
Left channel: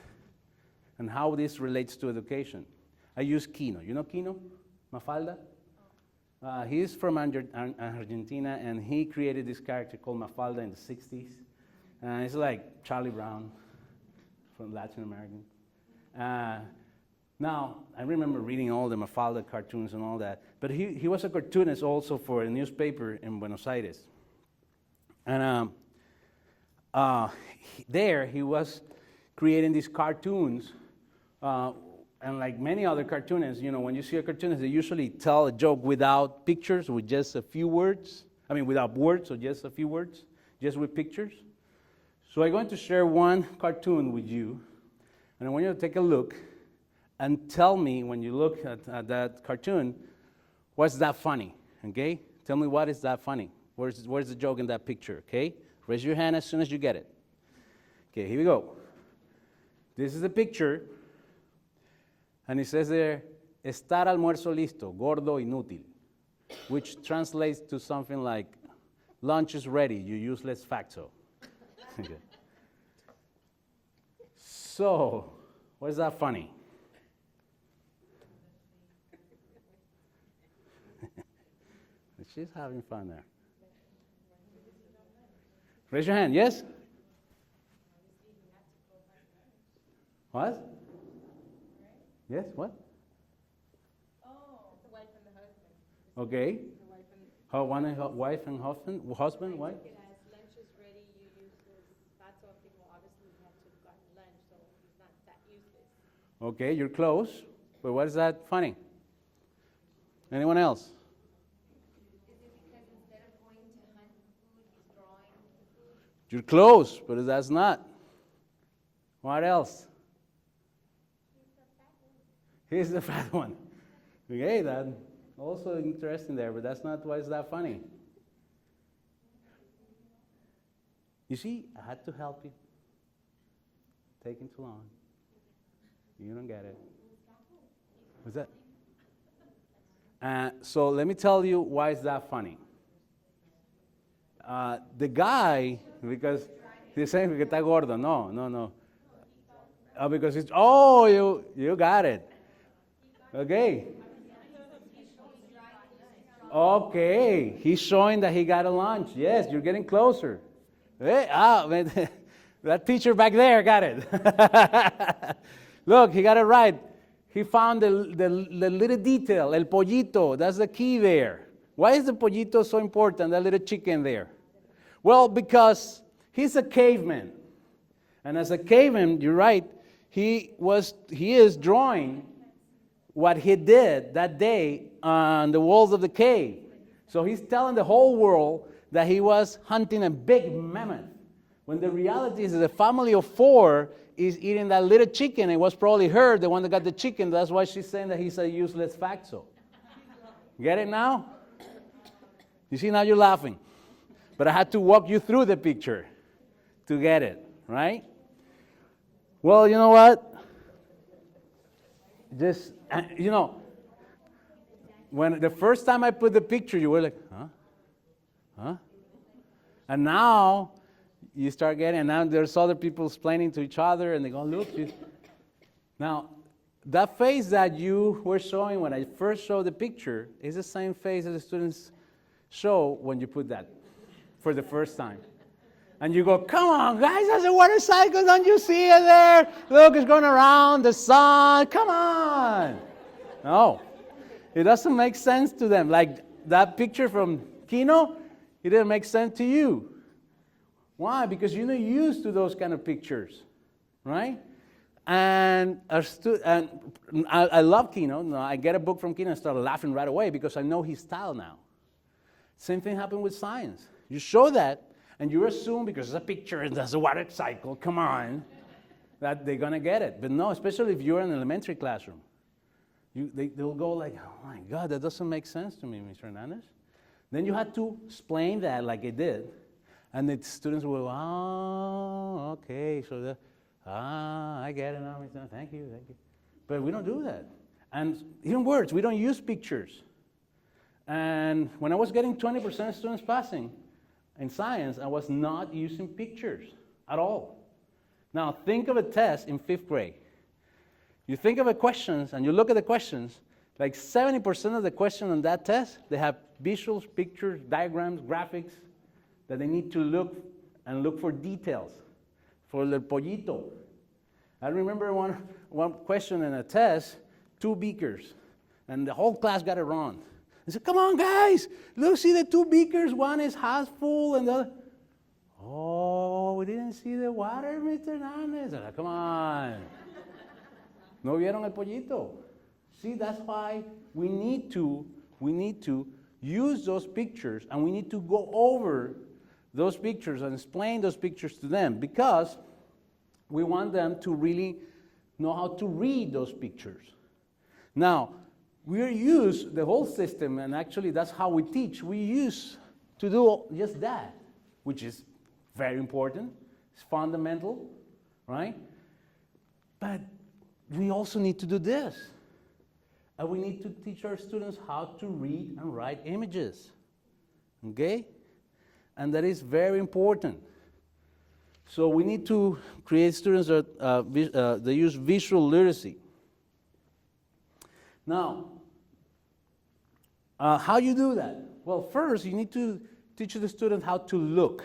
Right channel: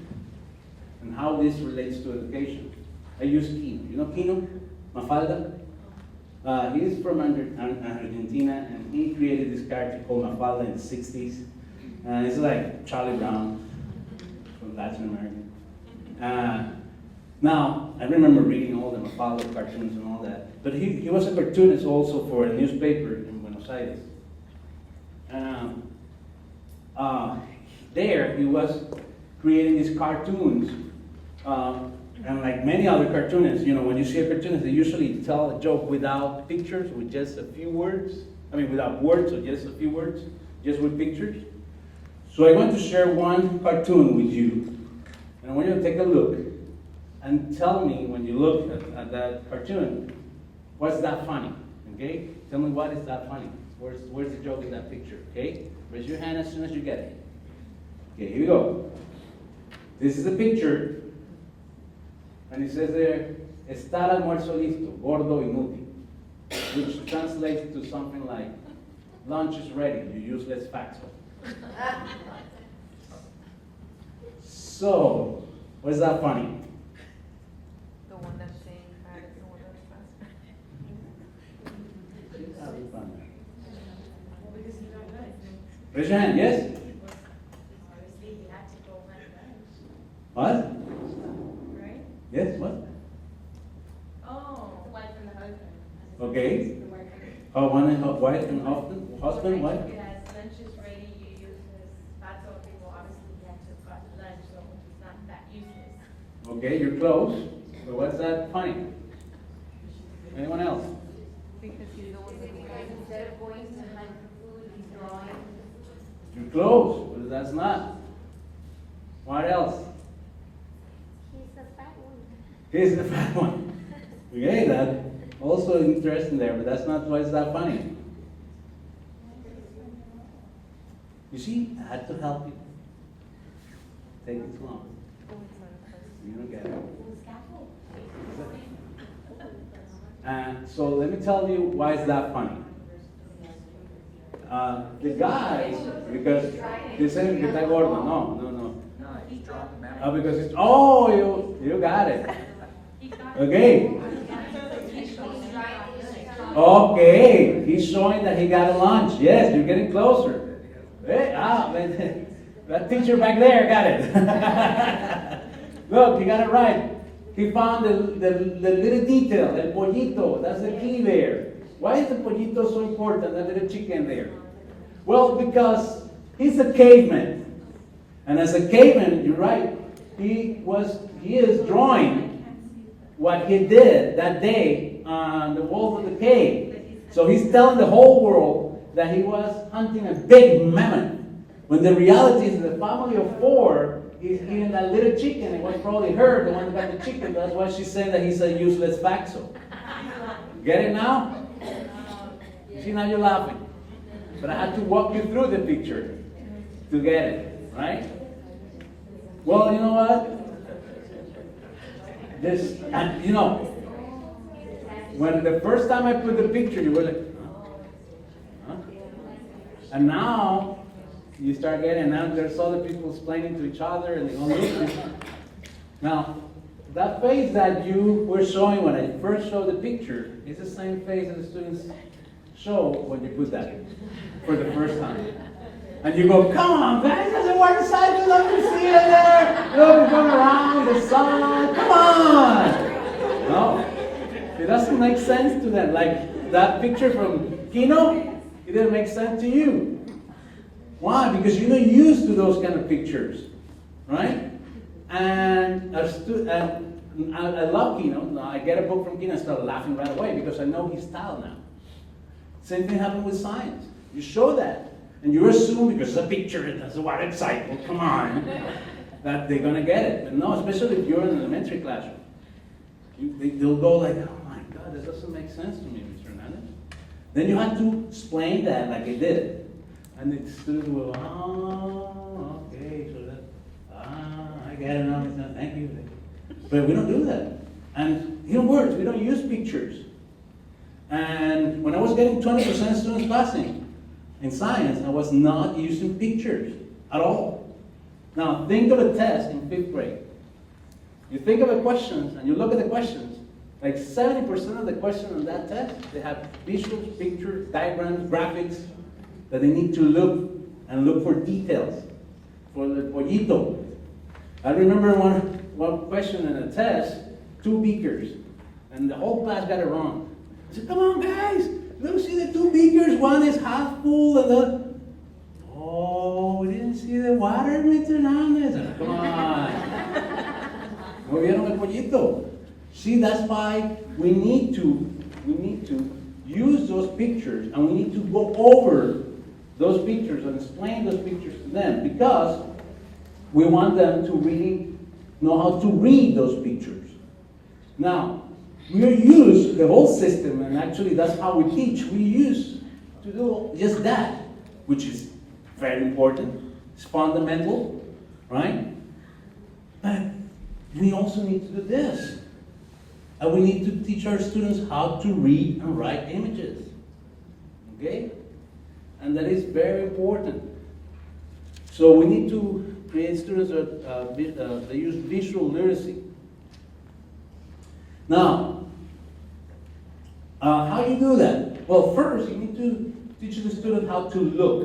and how this relates to education, I use Kino. You know Kino? Mafalda? He is from Argentina, and he created this character called Mafalda in the 60s. And it's like Charlie Brown from Latin America. Now, I remember reading all the Mafalda cartoons and all that, but he was a cartoonist also for a newspaper in Buenos Aires. And there he was creating these cartoons, and like many other cartoonists, you know, when you see a cartoonist, they usually tell a joke without pictures, with just a few words. I mean, without words, so just a few words, just with pictures. So I want to share one cartoon with you, and I want you to take a look and tell me when you look at that cartoon, what's that funny, okay? Tell me what is that funny. Where's the joke in that picture, okay? Raise your hand as soon as you get it. Okay, here we go. This is a picture, and it says there, estar almuerzo listo, gordo inútil, which translates to something like, lunch is ready, you useless faxo. So, what is that funny? The one that's saying that is the one that's faster. She's having fun there. Raise your hand, yes? What? Right? Yes, what? Oh. The wife and the husband. Okay. The wife and Oh, one and wife and husband, wife? Yes, lunch is ready, you use this, that's all people, obviously, he had to got lunch, so it's not that useless. Okay, you're close. So what's that funny? Anyone else? Because he's the one that Instead of going to hunt for food, he's drawing. You're close, but that's not. What else? He's the fat one. Here's the fat one. Okay, that also interesting there, but that's not why it's that funny. You see, I had to help you. Take it too long. You don't get it. So let me tell you why is that funny. The guy, because they say que está gordo. No. No, he's dramatic. Oh, because it's, you got it. Okay. Okay, he's showing that he got a lunch. Yes, you're getting closer. Hey, that teacher back there got it. Look, he got it right. He found the little detail, el pollito. That's the key there. Why is the pollito so important, that little chicken there? Well, because he's a caveman. And as a caveman, you're right, he is drawing what he did that day on the walls of the cave. So he's telling the whole world that he was hunting a big mammoth. When the reality is that the family of 4 is eating that little chicken. It was probably her, the one that got the chicken. That's why she's saying that he's a useless faxo. Get it now? You see, now you're laughing. But I had to walk you through the picture to get it, right? Well, you know what? When the first time I put the picture, you were like, huh? And now, you start getting, now there's other people explaining to each other, and they go, look. Now, that face that you were showing when I first showed the picture is the same face that the students show when you put that for the first time. And you go, come on, guys, that's a watercycle, don't you see it there? Look, it's going around the sun, come on. No, it doesn't make sense to them. Like that picture from Kino, it didn't make sense to you. Why? Because you're not used to those kind of pictures, right? And I love Kino. I get a book from Kino and start laughing right away because I know his style now. Same thing happened with science. You show that, and you assume because it's a picture and that's a water cycle, come on, that they're gonna get it. But no, especially if you're in an elementary classroom, they'll go like, oh my God, that doesn't make sense to me, Mr. Hernandez. Then you have to explain that like it did. And the students will go, oh, okay, so that, I get it, now, thank you. But we don't do that. And even worse, we don't use pictures. And when I was getting 20% students passing in science, I was not using pictures at all. Now, think of a test in 5th grade. You think of the questions, and you look at the questions, like 70% of the questions on that test, they have visuals, pictures, diagrams, graphics, that they need to look for details, for the pollito. I remember one question in a test, 2 beakers, and the whole class got it wrong. I said, come on guys, look, see the 2 beakers, one is half full and the, oh, we didn't see the water, Mr. Hernandez. Come on. No vieron el pollito. See, that's why we need to use those pictures, and we need to go over those pictures and explain those pictures to them, because we want them to really know how to read those pictures. Now, we use the whole system, and actually that's how we teach. We use to do just that, which is very important. It's fundamental, right? But we also need to do this. And we need to teach our students how to read and write images. Okay? And that is very important. So we need to create students that use visual literacy. Now, how do you do that? Well, first, you need to teach the student how to look.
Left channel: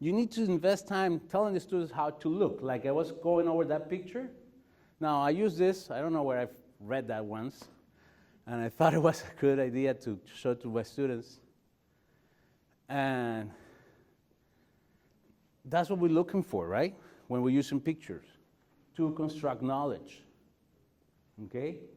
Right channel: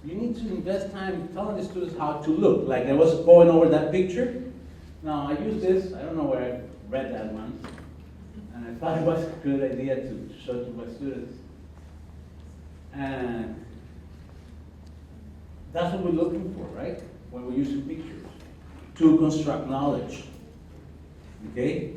You need to invest time telling the students how to look. Like I was going over that picture. Now, I use this, I don't know where I read that once, and I thought it was a good idea to show to my students. And that's what we're looking for, right? When we're using pictures, to construct knowledge. Okay?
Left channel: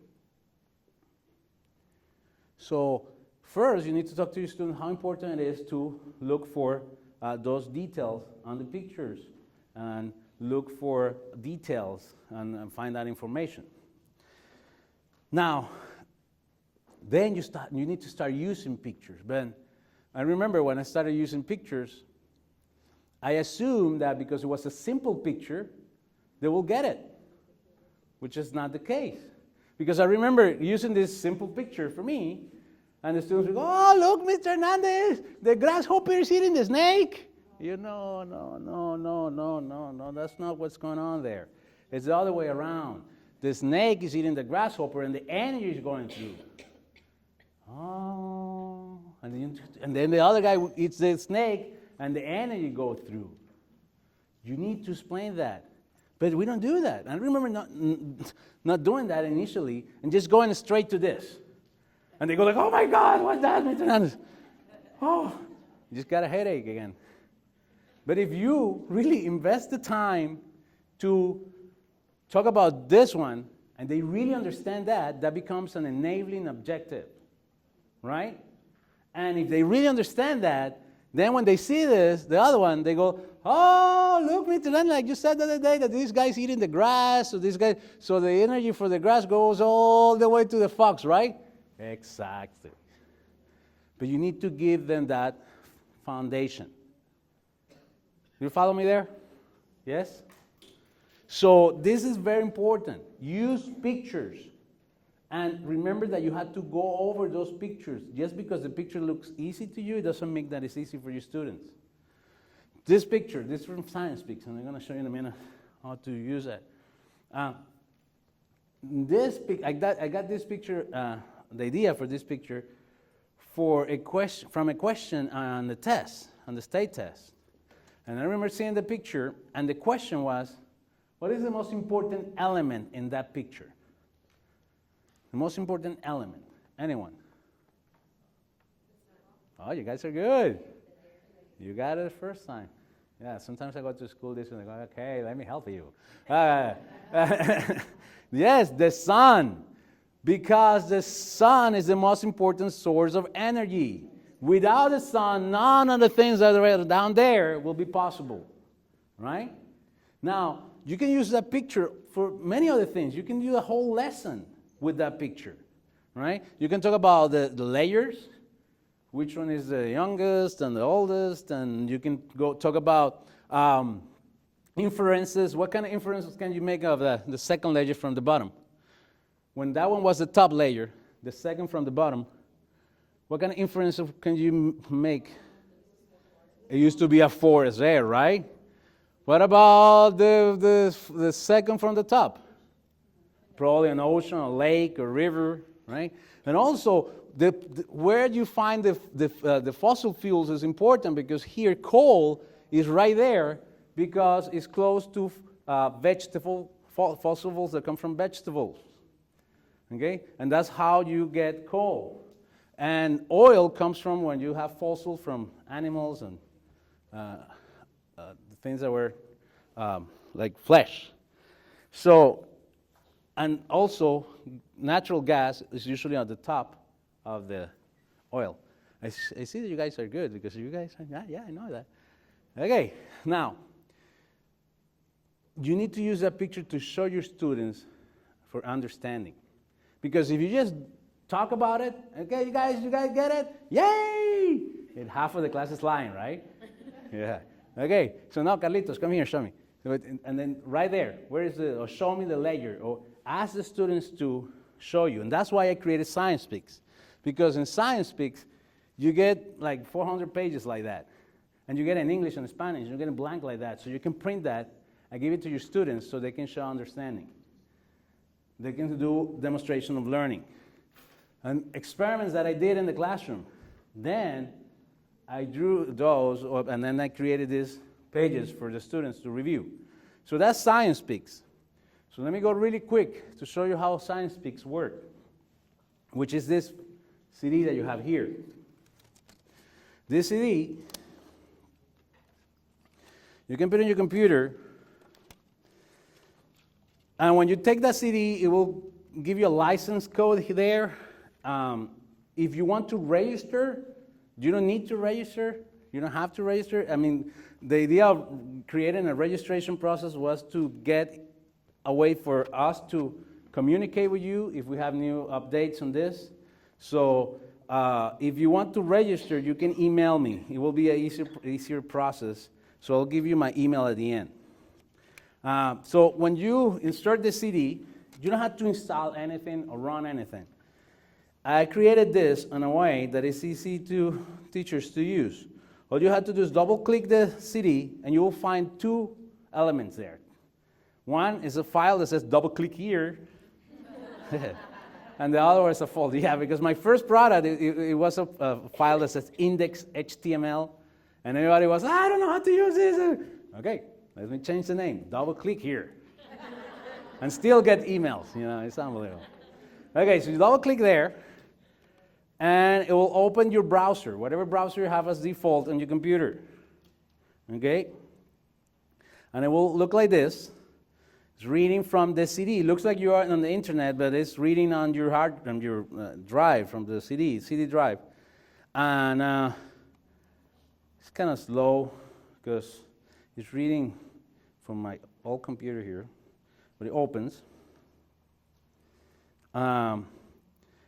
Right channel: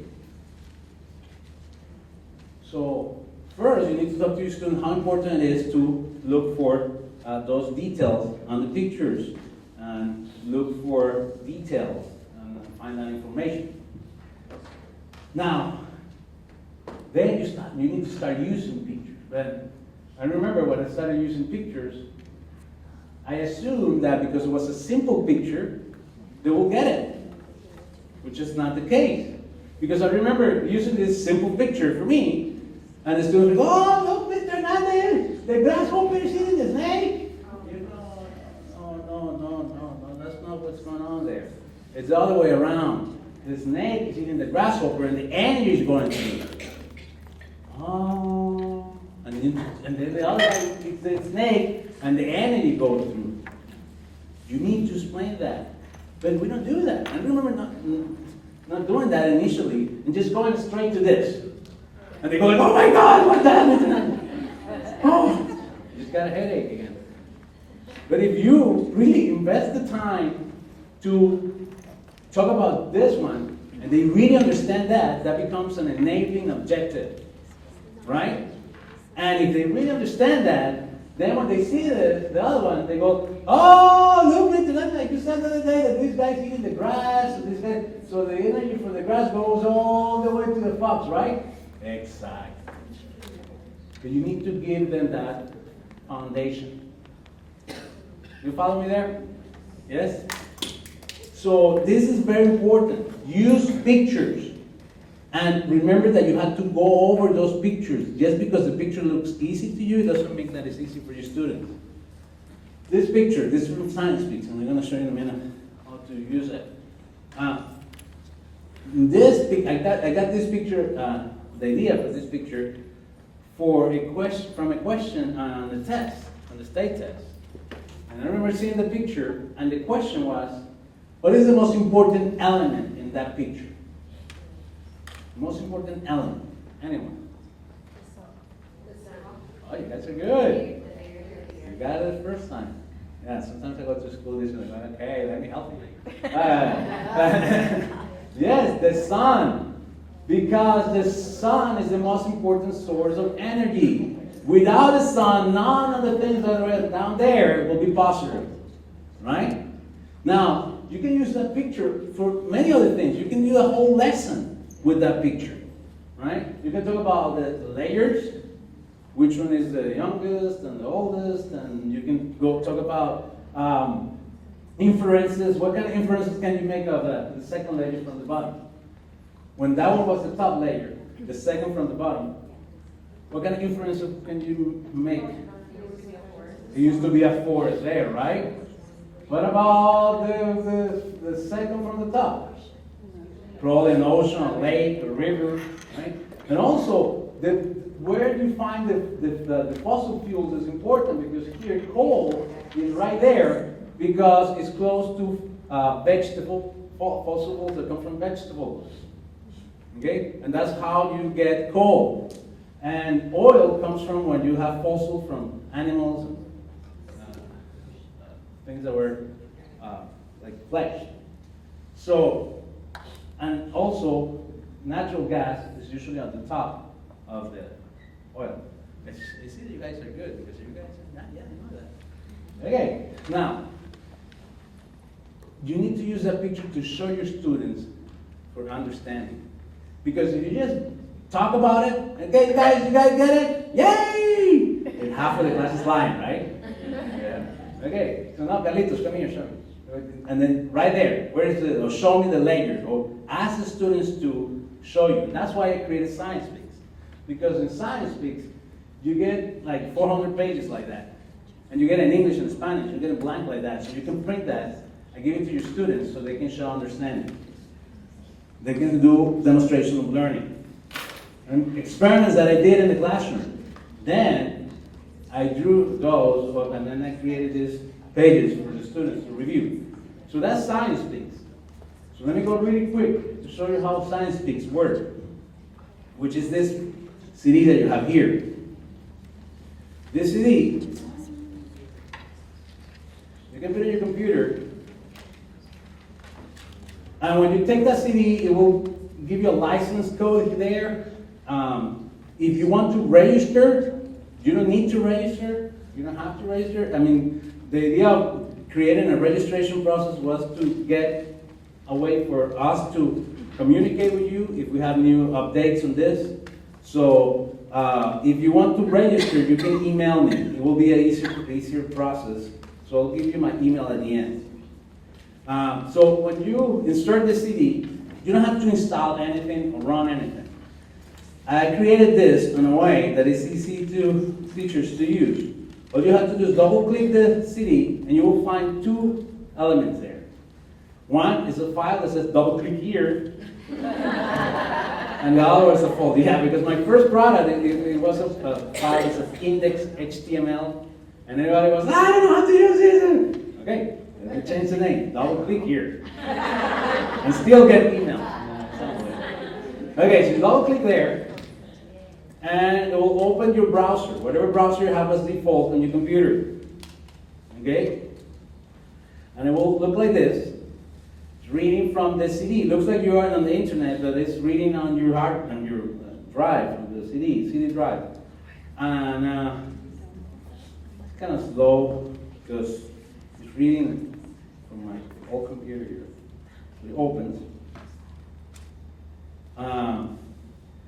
So, first, you need to talk to your student how important it is to look for those details on the pictures, and look for details and find that information. Now, then you need to start using pictures. But I remember when I started using pictures, I assumed that because it was a simple picture, they will get it, which is not the case. Because I remember using this simple picture for me, and the students would go, oh, look, Mr. Hernandez, the grasshopper is eating the snake. You know, no, that's not what's going on there. It's the other way around. The snake is eating the grasshopper, and the energy is going through. Oh, and then the other guy eats the snake, and the energy goes through. You need to explain that. But we don't do that. I remember not doing that initially, and just going straight to this. And they go like, oh my God, what's that? Oh, you just got a headache again. But if you really invest the time to talk about this one, and they really understand that, that becomes an enabling objective, right? And if they really understand that, then when they see this, the other one, they go, oh, look, like you said the other day, that this guy's eating the grass, or this guy, so the energy for the grass goes all the way to the fox, right? Exactly. But you need to give them that foundation. You follow me there? Yes? So this is very important. Use pictures. And remember that you have to go over those pictures. Just because the picture looks easy to you, doesn't mean that it's easy for your students. This picture, this is from Science Speaks, and I'm going to show you in a minute how to use it. I got this picture, the idea for this picture, from a question on the test, on the state test. And I remember seeing the picture, and the question was, what is the most important element in that picture? The most important element. Anyone? Oh, you guys are good. You got it the first time. Yeah, sometimes I go to school and I'm like, hey, let me help you. Yes, the sun. Because the sun is the most important source of energy. Without the sun, none of the things that are down there will be possible. Right? Now, you can use that picture for many other things. You can do a whole lesson with that picture. Right? You can talk about the layers, which one is the youngest and the oldest, and you can go talk about inferences. What kind of inferences can you make of the second layer from the bottom? When that one was the top layer, the second from the bottom, what kind of inference can you make? It used to be a forest there, right? What about the second from the top? Probably an ocean, a lake, a river, right? And also, where do you find the fossil fuels is important, because here coal is right there because it's close to fossil fuels that come from vegetables. Okay? And that's how you get coal. And oil comes from when you have fossil from animals and things that were like flesh. So, and also, natural gas is usually on the top of the oil. I see that you guys are good, because you guys are, yeah, I know that. Okay, now, you need to use that picture to show your students for understanding. Because if you just talk about it, okay, you guys get it? Yay! And half of the class is lying, right? Yeah. Okay, so now Carlitos, come here, show me. And then right there, or show me the layer, or ask the students to show you. That's why I created Science Speaks. Because in Science Speaks, you get like 400 pages like that. And you get in English and Spanish, you get a blank like that. So you can print that and give it to your students so they can show understanding. They can do demonstration of learning. And experiments that I did in the classroom. Then I drew those, and then I created these pages for the students to review. So that's Science Speaks. So let me go really quick to show you how Science Speaks works, which is this CD that you have here. This CD, you can put it in your computer, and when you take that CD, it will give you a license code there. If you want to register, you don't need to register. You don't have to register. I mean, the idea of creating a registration process was to get a way for us to communicate with you if we have new updates on this. So if you want to register, you can email me. It will be an easier process. So I'll give you my email at the end. So when you insert the CD, you don't have to install anything or run anything. I created this in a way that is easy to teachers to use. All you have to do is double click the CD and you will find two elements there. One is a file that says double click here. And the other was a folder. Yeah, because my first product, it was a file that says index HTML. And everybody was, I don't know how to use this. Okay, let me change the name. Double click here. And still get emails. It's not weird. Okay, so you double click there. And it will open your browser, whatever browser you have as default on your computer. Okay? And it will look like this. It's reading from the CD. It looks like you are on the internet, but it's reading on your drive from the CD drive. And it's kind of slow because it's reading from my old computer here. But it opens.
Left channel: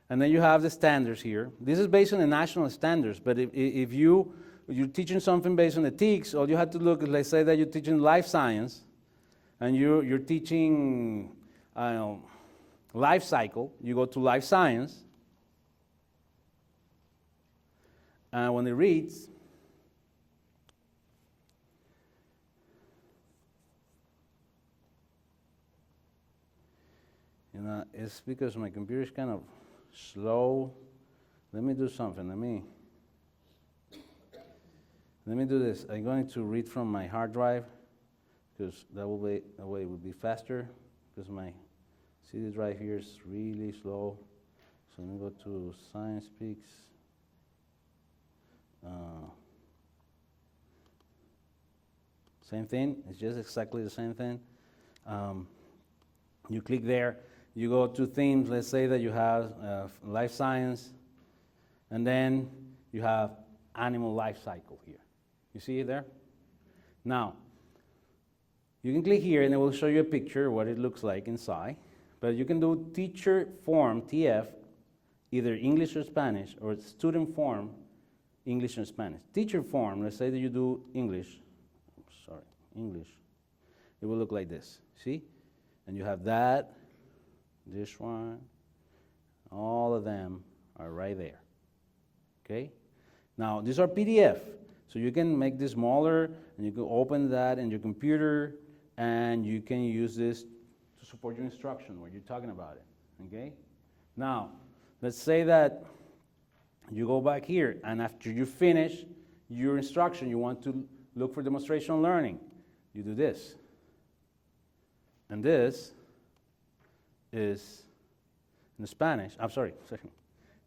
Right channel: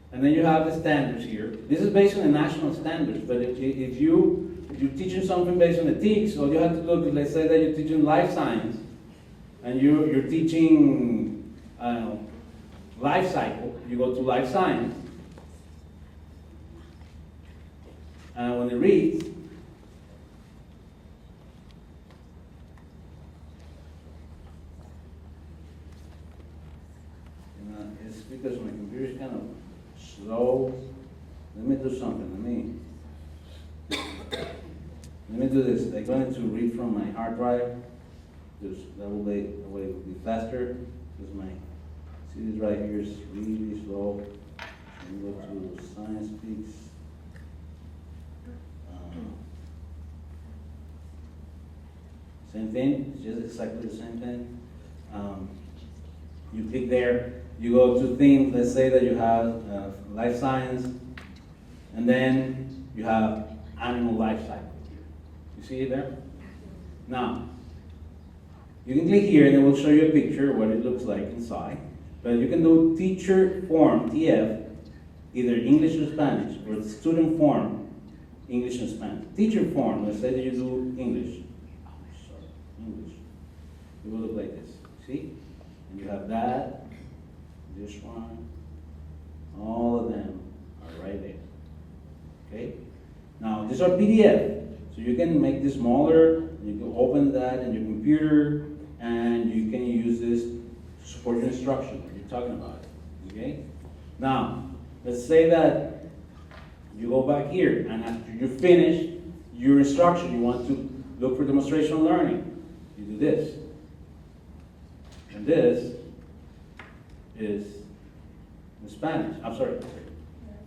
And then you have the standards here. This is based on the national standards, but if you're teaching something based on the TICs, all you have to look, let's say that you're teaching life science, and you're teaching, I don't know, life cycle, you go to life science, and when it reads, it's because my computer is kind of slow. Let me do something. Let me do this. I'm going to read from my hard drive because that way it will be faster. Because my CD drive here is really slow. Let me go to Science Speaks. Same thing, it's just exactly the same thing. You click there, you go to things, let's say that you have life science, and then you have animal life cycle here. You see it there? Now, you can click here and it will show you a picture of what it looks like inside. But you can do teacher form, TF, either English or Spanish, or student form, English and Spanish. Teacher form, let's say that you do English. English. It will look like this, see? And you have that, this one, all of them are right there, okay? Now, these are PDF, so you can make this smaller, you can open that in your computer, and you can use this to support your instruction when you're talking about it, okay? Now, let's say that you go back here, and after you finish your instruction, you want to look for demonstration learning. You do this. And this is in Spanish. I'm sorry.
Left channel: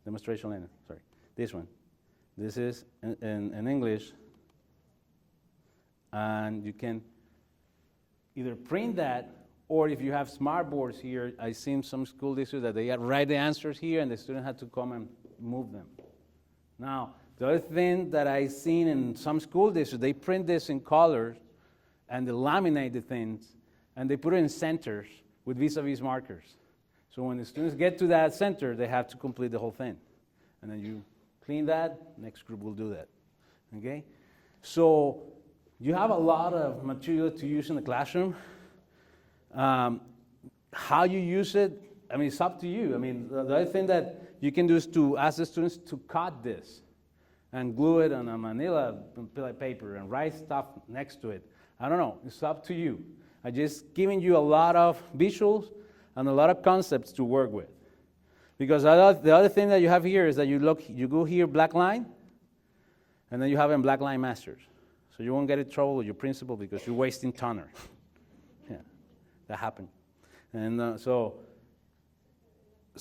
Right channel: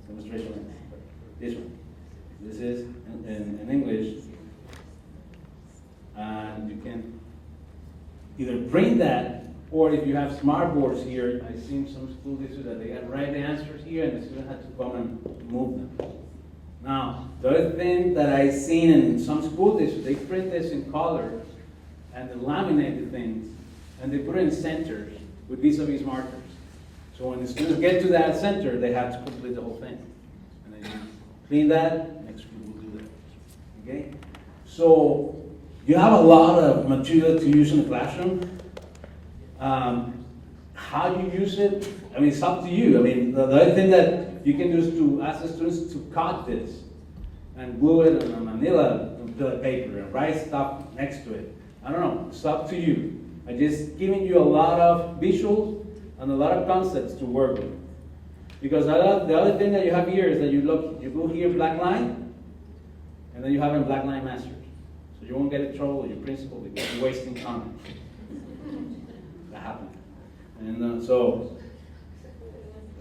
Demonstration learning. Sorry. This one. This is in English. And you can either print that, or if you have smart boards here, I've seen some school districts that they write the answers here and the student had to come and move them. Now, the other thing that I've seen in some school districts, they print this in color and they laminate the things and they put it in centers with vis-a-vis markers. So when the students get to that center, they have to complete the whole thing. And then you clean that, next group will do that. Okay? So you have a lot of material to use in the classroom. How you use it, I mean, it's up to you. I mean, the other thing that you can do is to ask the students to cut this and glue it on a manila paper and write stuff next to it. I don't know, it's up to you. I'm just giving you a lot of visuals and a lot of concepts to work with. Because the other thing that you have here is that you go here, black line, and then you have in black line masters. So you won't get in trouble with your principal because you're wasting time. That happened. And so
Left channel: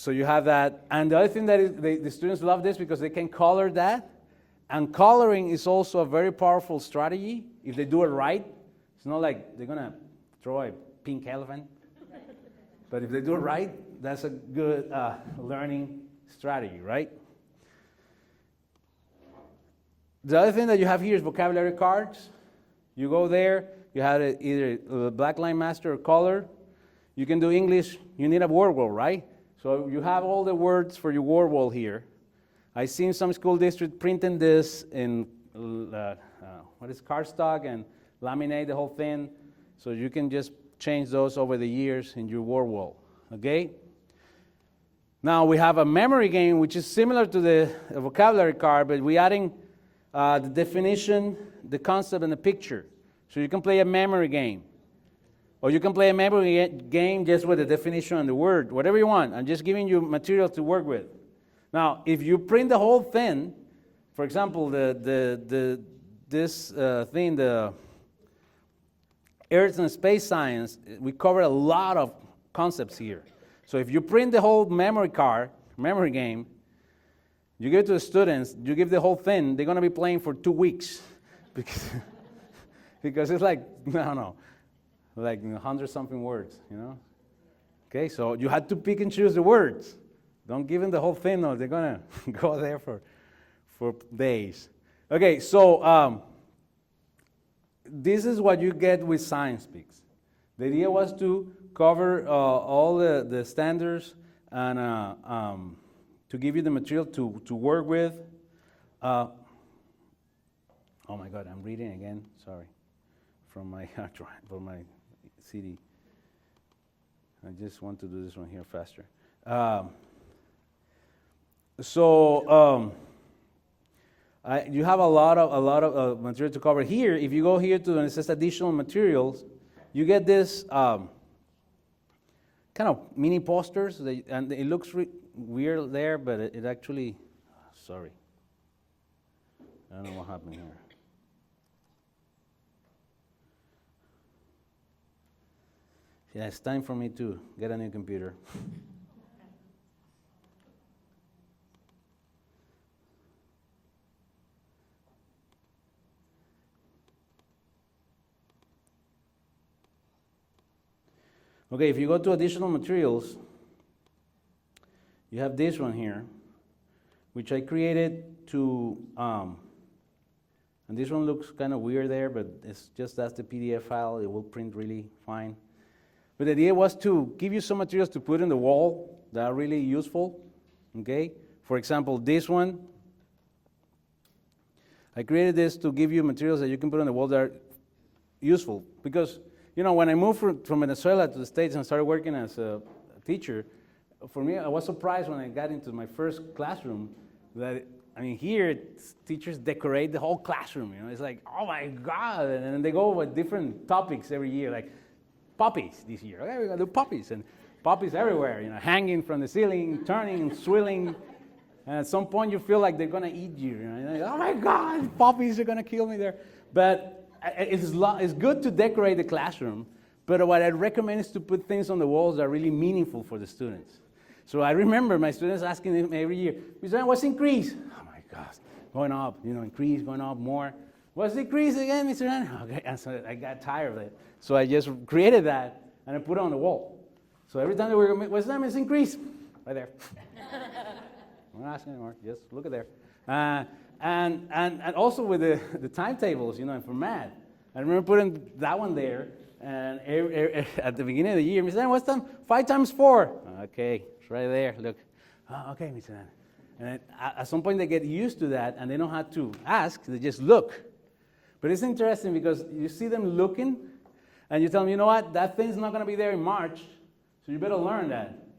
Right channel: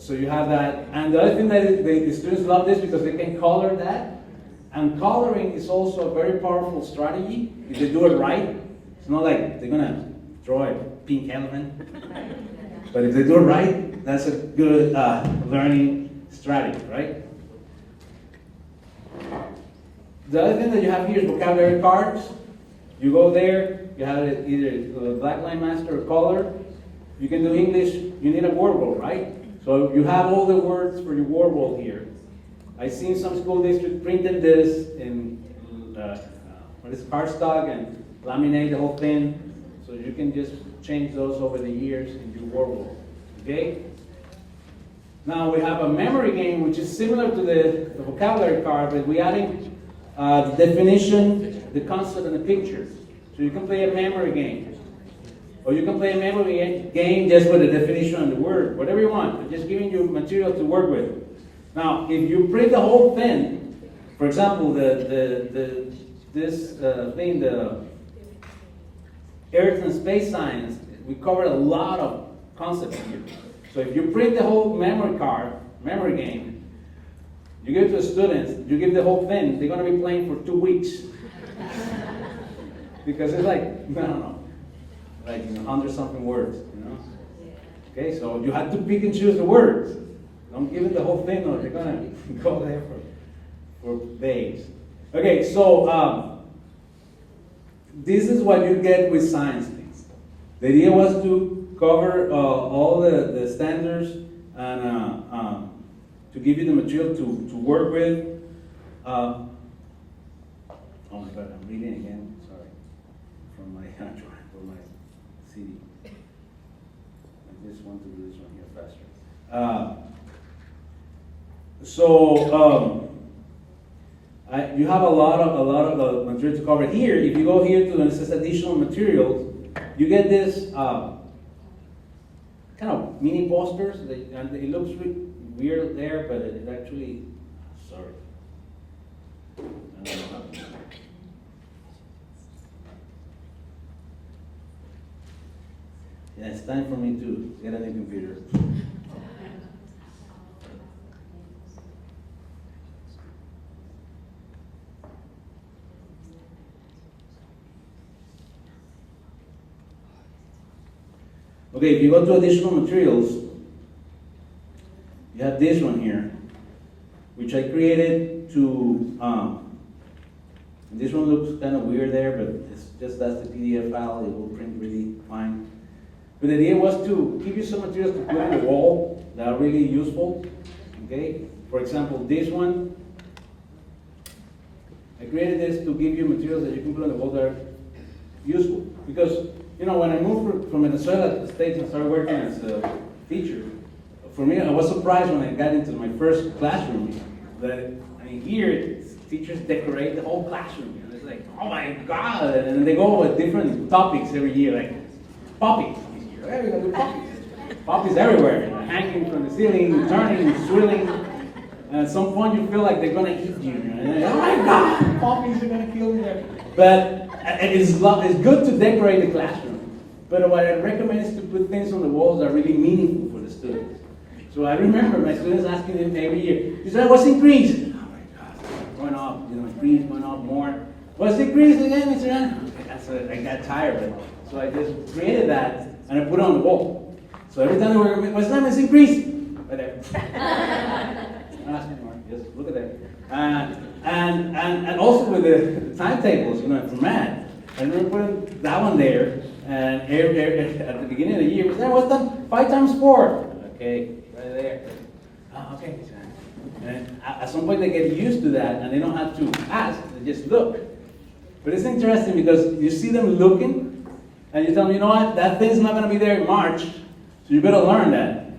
you have that. And the other thing that the students love this because they can color that. And coloring is also a very powerful strategy if they do it right. It's not like they're going to draw a pink elephant. But if they do it right, that's a good learning strategy, right? The other thing that you have here is vocabulary cards. You go there, you have it either a black line master or color. You can do English, you need a word wall, right? So you have all the words for your word wall here. I've seen some school districts printing this in cardstock and laminate the whole thing. So you can just change those over the years in your word wall, okay? Now we have a memory game which is similar to the vocabulary card, but we're adding the definition, the concept, and the picture. So you can play a memory game. Or you can play a memory game just with the definition and the word, whatever you want. I'm just giving you material to work with. Now, if you print the whole thing, for example, the Earth and space science, we cover a lot of concepts here. So if you print the whole memory game, you give it to the students, you give the whole thing, they're going to be playing for 2 weeks. Because it's like, I don't know, like 100-something words, you know? Okay, so you have to pick and choose the words. Don't give them the whole thing, no, they're going to go there for days. Okay, so this is what you get with science things. The idea was to cover all the standards and to give you the material to work with. Oh my God, I'm reading again, sorry, from my CD. I just want to do this one here faster. You have a lot of material to cover here. If you go here to it says additional materials, you get this kind of mini posters, and it looks weird there, but it actually, sorry. I don't know what happened. Yeah, it's time for me to get a new computer. Okay, if you go to additional materials, you have this one here, which I created to, and this one looks kind of weird there, but it's just that's the PDF file, it will print really fine. But the idea was to give you some materials to put on the wall that are really useful, okay? For example, this one, I created this to give you materials that you can put on the wall that are useful. Because, you know, when I moved from Venezuela to the States and started working as a teacher, for me, I was surprised when I got into my first classroom that, I mean, here, teachers decorate the whole classroom, you know, it's like, oh my God, and they go with different topics every year, like poppies this year, hey, we gotta do poppies. Poppies everywhere, you know, hanging from the ceiling, turning, swirling, and at some point you feel like they're gonna eat you, and oh my God, poppies are gonna kill me there. But it's good to decorate the classroom, but what I recommend is to put things on the walls that are really meaningful for the students. So I remember my students asking them every year, you said, what's increase? Oh my God, going up, you know, increase, going up more. What's increase again, Mr. Rand? So I got tired of it. So I just created that and I put it on the wall. So every time they were, what's that, Miss Increase? Right there. Just look at that. And also with the timetables, you know, for math. I remember putting that one there, and at the beginning of the year, we said, what's that? 5 times 4. Okay, it's right there. Look. Oh, okay. And at some point they get used to that, and they don't have to ask, they just look. But it's interesting because you see them looking, and you tell them, you know what, that thing's not going to be there in March, so you better learn that.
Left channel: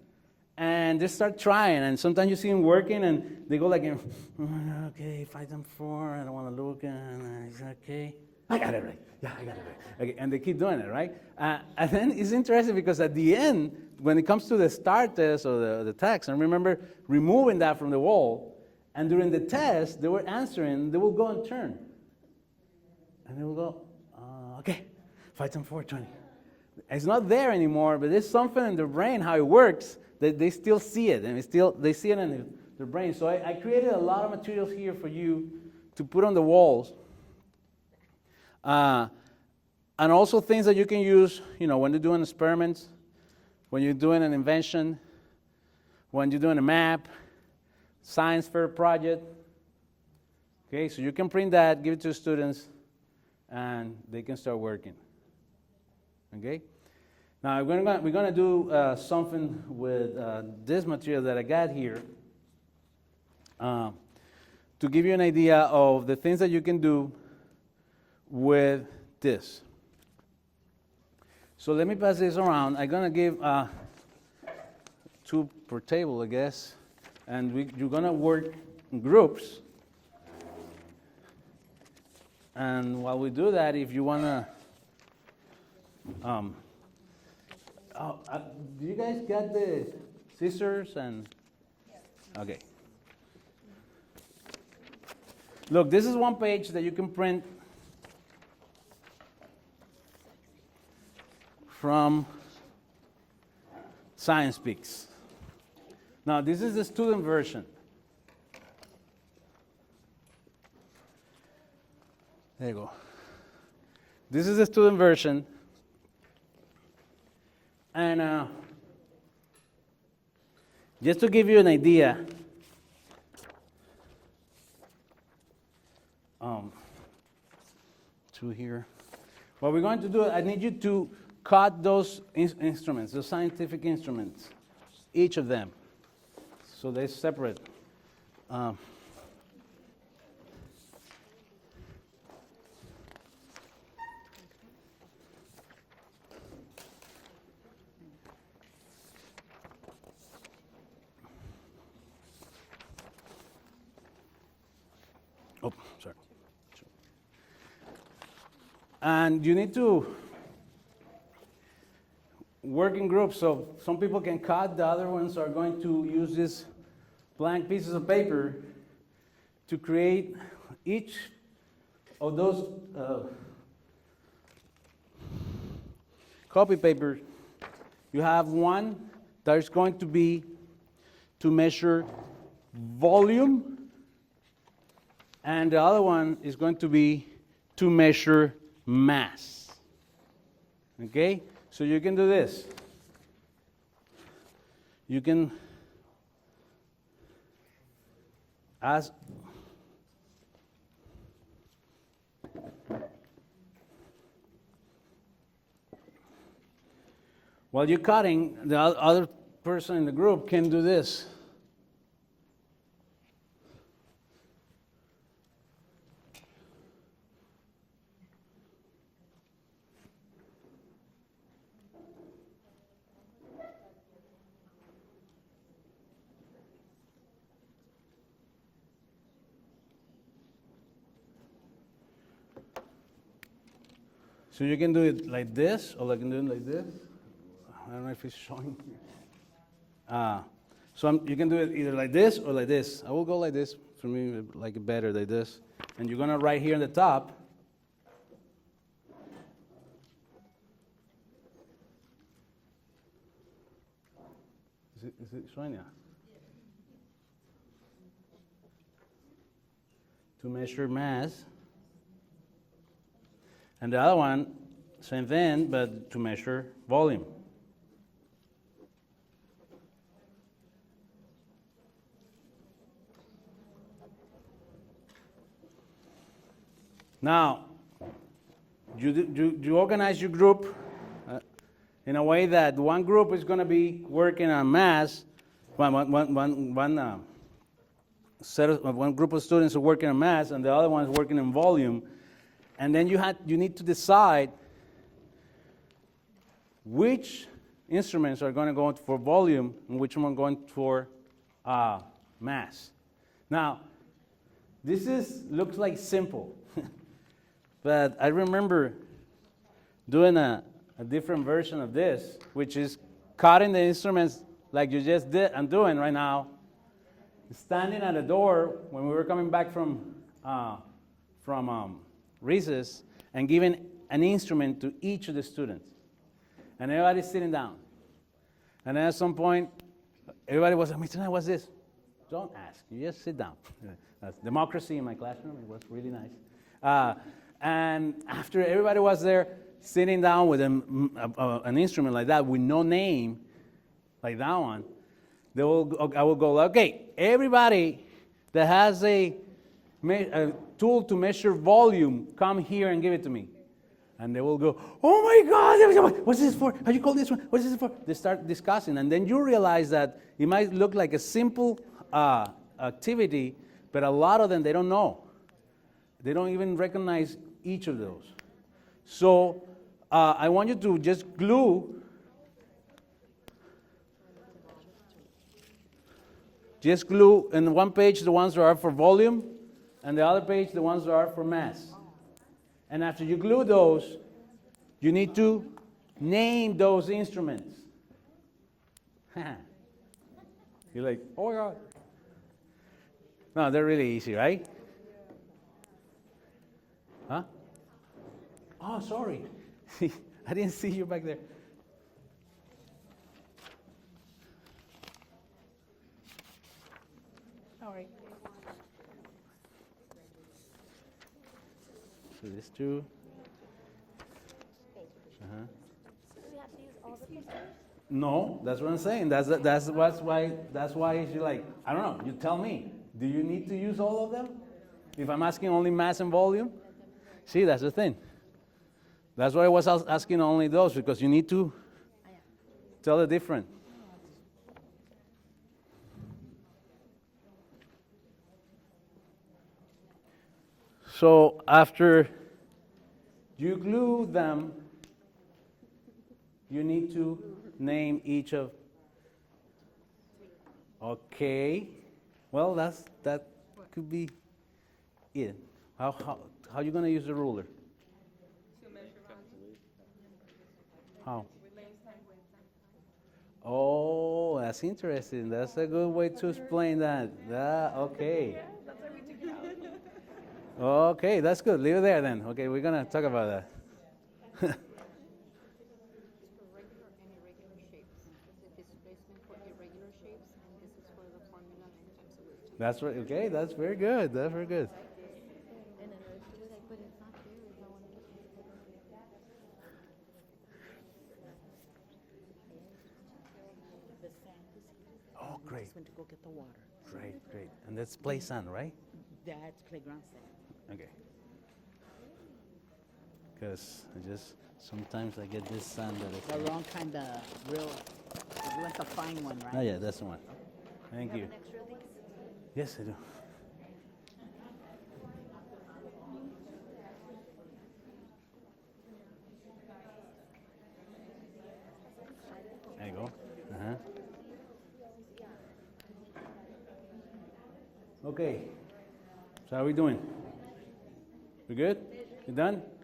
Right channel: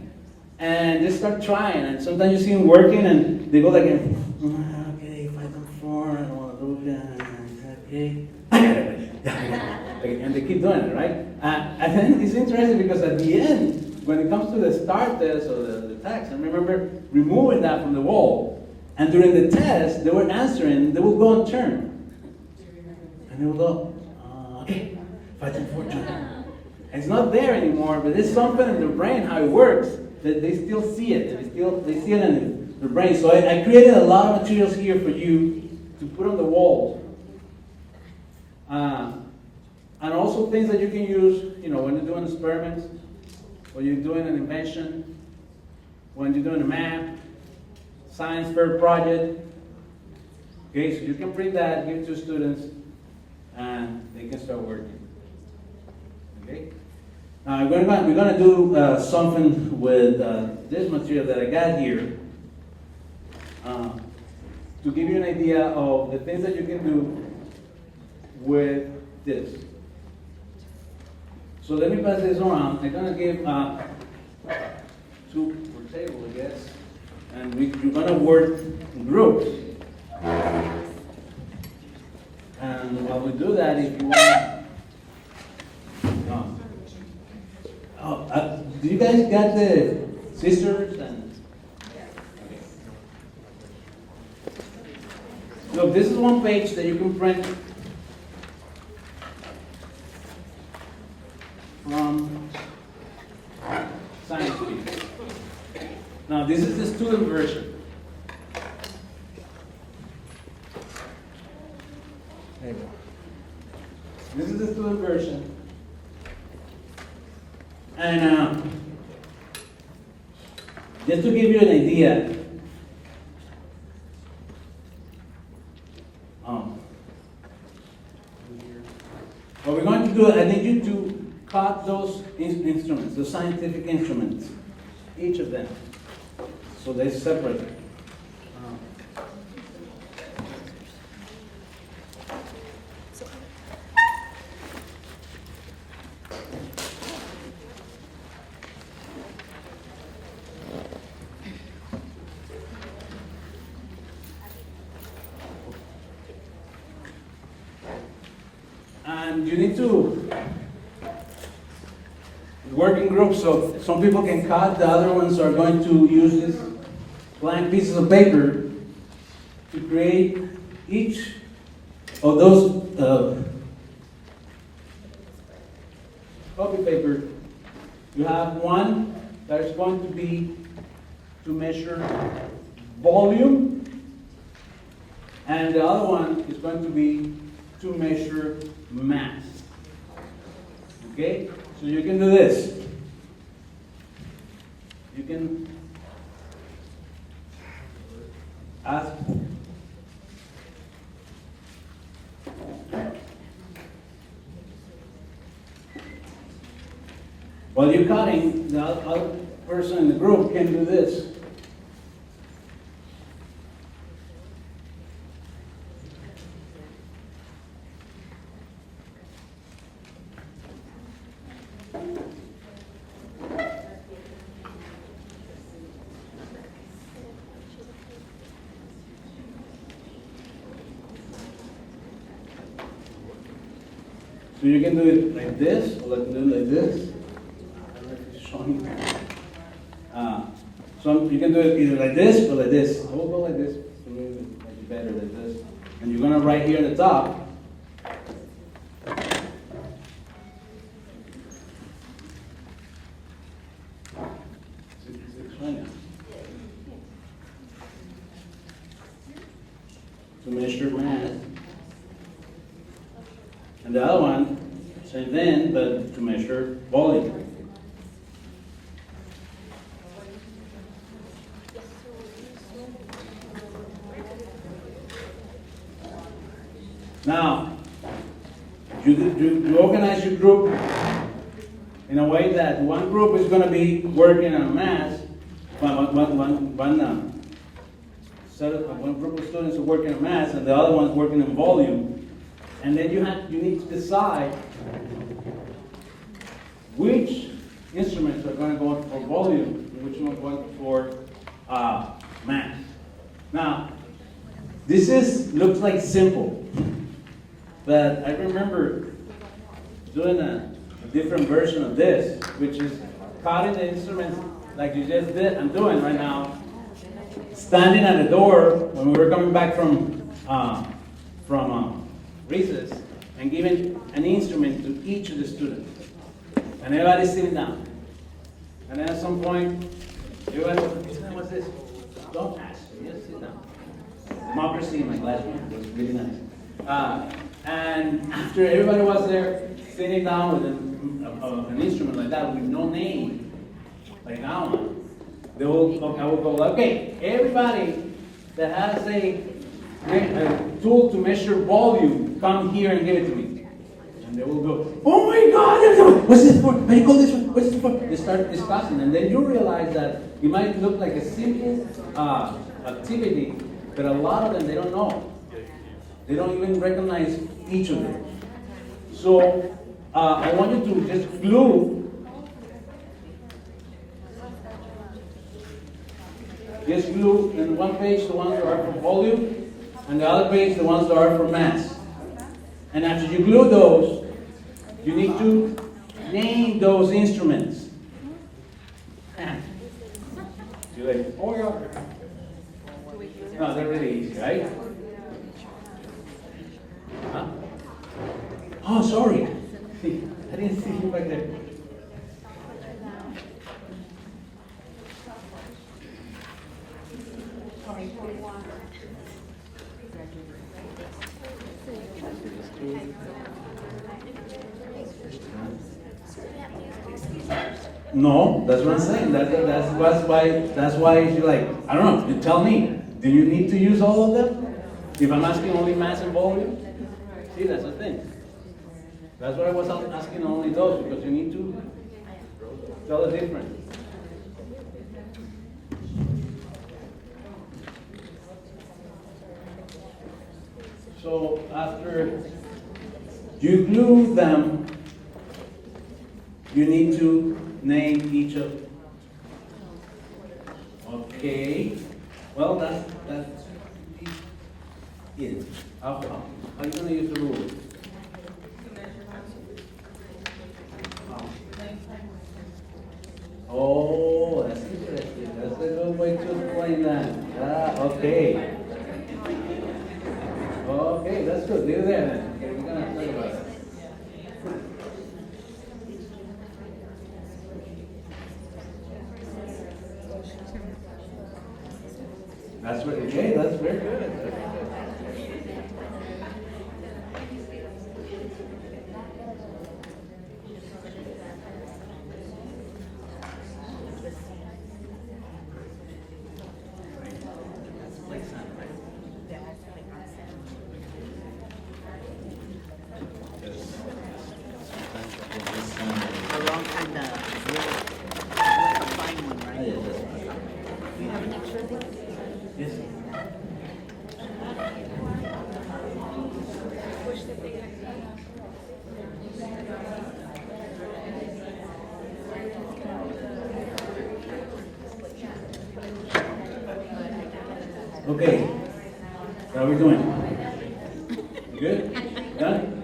And they start trying, and sometimes you see them working, and they go like, okay, 5 times 4, I want to look at, okay. And they keep doing it, right? And then it's interesting because at the end, when it comes to the STAR test or the text, I remember removing that from the wall. And during the test, they were answering, they would go on turn. And they would go, okay, 5 times 4 times. It's not there anymore, but there's something in their brain, how it works, that they still see it, and they see it in their brain. So I created a lot of materials here for you to put on the walls. And also things that you can use, you know, when you're doing experiments, when you're doing an invention, when you're doing a map, science fair project. Okay, so you can print that, give it to students, and they can start working. Okay? Now we're gonna do something with this material that I got here to give you an idea of the things that you can do with this. So let me pass this around. I'm gonna give 2 per table, I guess, and we're gonna work in groups. And while we do that, if you wanna, do you guys got the scissors and? Okay. Look, this is one page that you can print from science piece. Now this is the student version. There you go. This is the student version. And just to give you an idea, through here. What we're going to do, I need you to cut those instruments, the scientific instruments, each of them, so they're separate. Oh, sorry. And you need to work in groups, so some people can cut, the other ones are going to use these blank pieces of paper to create each of those copy paper. You have one that's going to be to measure volume, and the other one is going to be to measure mass. Okay? So you can do this. you can ask. While you're cutting, the other person in the group can do this. So you can do it like this, or like do it like this. I don't know if it's showing here. So you can do it either like this or like this. I will go like this for me, like better like this. And you're gonna write here at the top. Is it showing now? To measure mass. And the other one, same thing, but to measure volume. Now, you organize your group in a way that one group is going to be working on mass, one group of students are working on mass, and the other one's working on volume. And then you need to decide which instruments are going to go for volume and which one are going for mass. Now, looks like simple, but I remember doing a different version of this, which is cutting the instruments like you just did. I'm doing right now, standing at the door when we were coming back from recess, and giving an instrument to each of the students. And everybody's sitting down. And then at some point, everybody was like, what's this? Don't ask, just sit down. Democracy in my classroom was really nice. And after everybody was there, sitting down with an instrument like that, with no name, like that one, I will go, okay, everybody that has a tool to measure volume, come here and give it to me. And they will go, oh my God, what's this for? How you call this one? What's this for? They start discussing, and then you realize that it might look like a simple activity, but a lot of them, they don't know. They don't even recognize each of them. So I want you to just glue in one page the ones that are for volume, and the other page the ones that are for mass. And after you glue those, you need to name those instruments. You're like, oh yeah. No, they're really easy, right? Huh? Oh, sorry. I didn't see you back there. No, that's what I'm saying. That's why you're like, I don't know, you tell me. Do you need to use all of them? If I'm asking only mass and volume? See, that's the thing. That's why I was asking only those, because you need to tell the difference. So after you glue them, you need to name each of. Okay. Well, that could be it. How are you going to use the ruler? How? Oh, that's interesting. That's a good way to explain that. Okay. Okay, that's good. Leave it there then. Okay, we're going to talk about that. That's very good. Hey, that's very good. That's very good. time to get this signed. A long time to, like a fine one, Oh, right? yeah, that's right. Do you have an extra thing? Yes. Okay. How are we doing? We good? Done?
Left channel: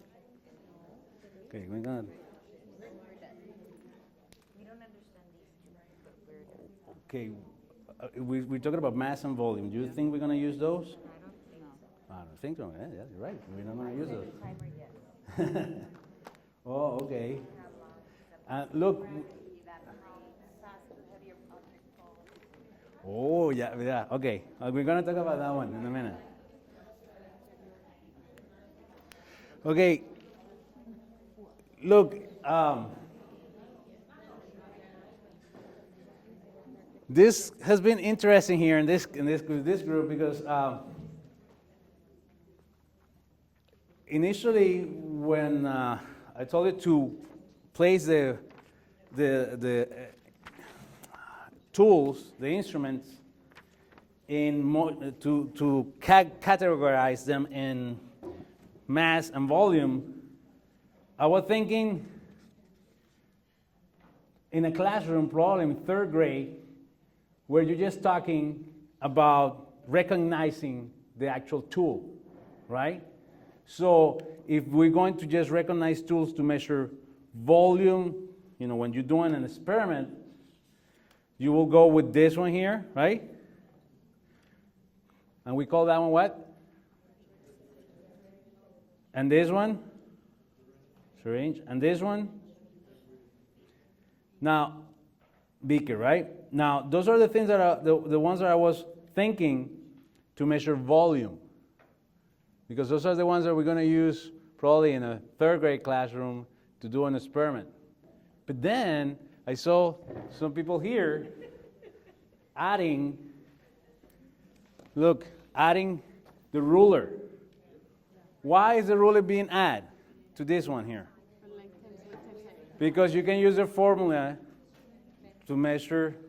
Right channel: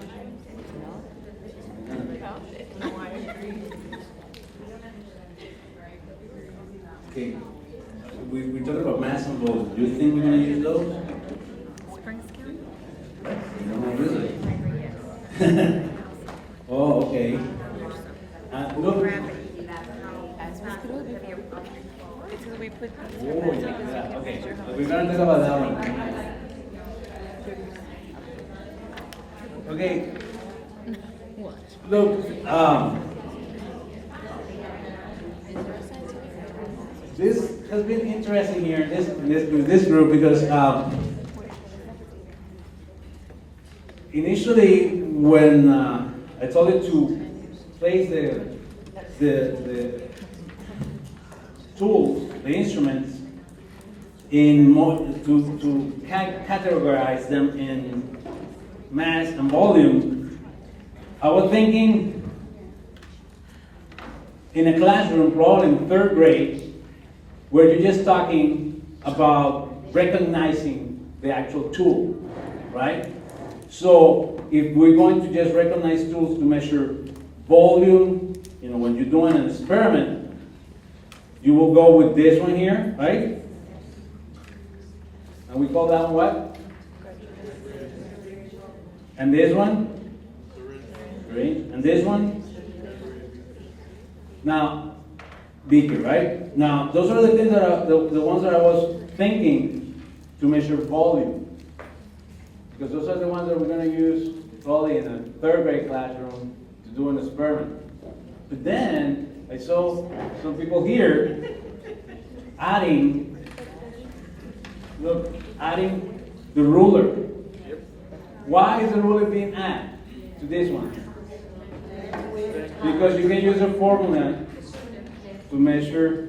Okay. We talked about mass and volume. Do you think we're gonna use those? Think so. Right? We're gonna use it. Oh, okay. Look. Oh, yeah. Okay. We're gonna talk about that one. Okay. Look, this has been interesting here in this group because initially when I told you to place the tools, the instruments, to categorize them in mass and volume, I was thinking in a classroom, probably in third grade, where you're just talking about recognizing the actual tool, right? So if we're going to just recognize tools to measure volume, when you're doing an experiment, you will go with this one here, right? And we call that one what? And this one? Syringe. And this one? Now, beaker, right? Now, those are the things that are the ones that I was thinking to measure volume. Because those are the ones that we're going to use probably in a third grade classroom to do an experiment. But then I saw some people here adding the ruler. Why is the ruler being added to this one here? Because you can use a formula to measure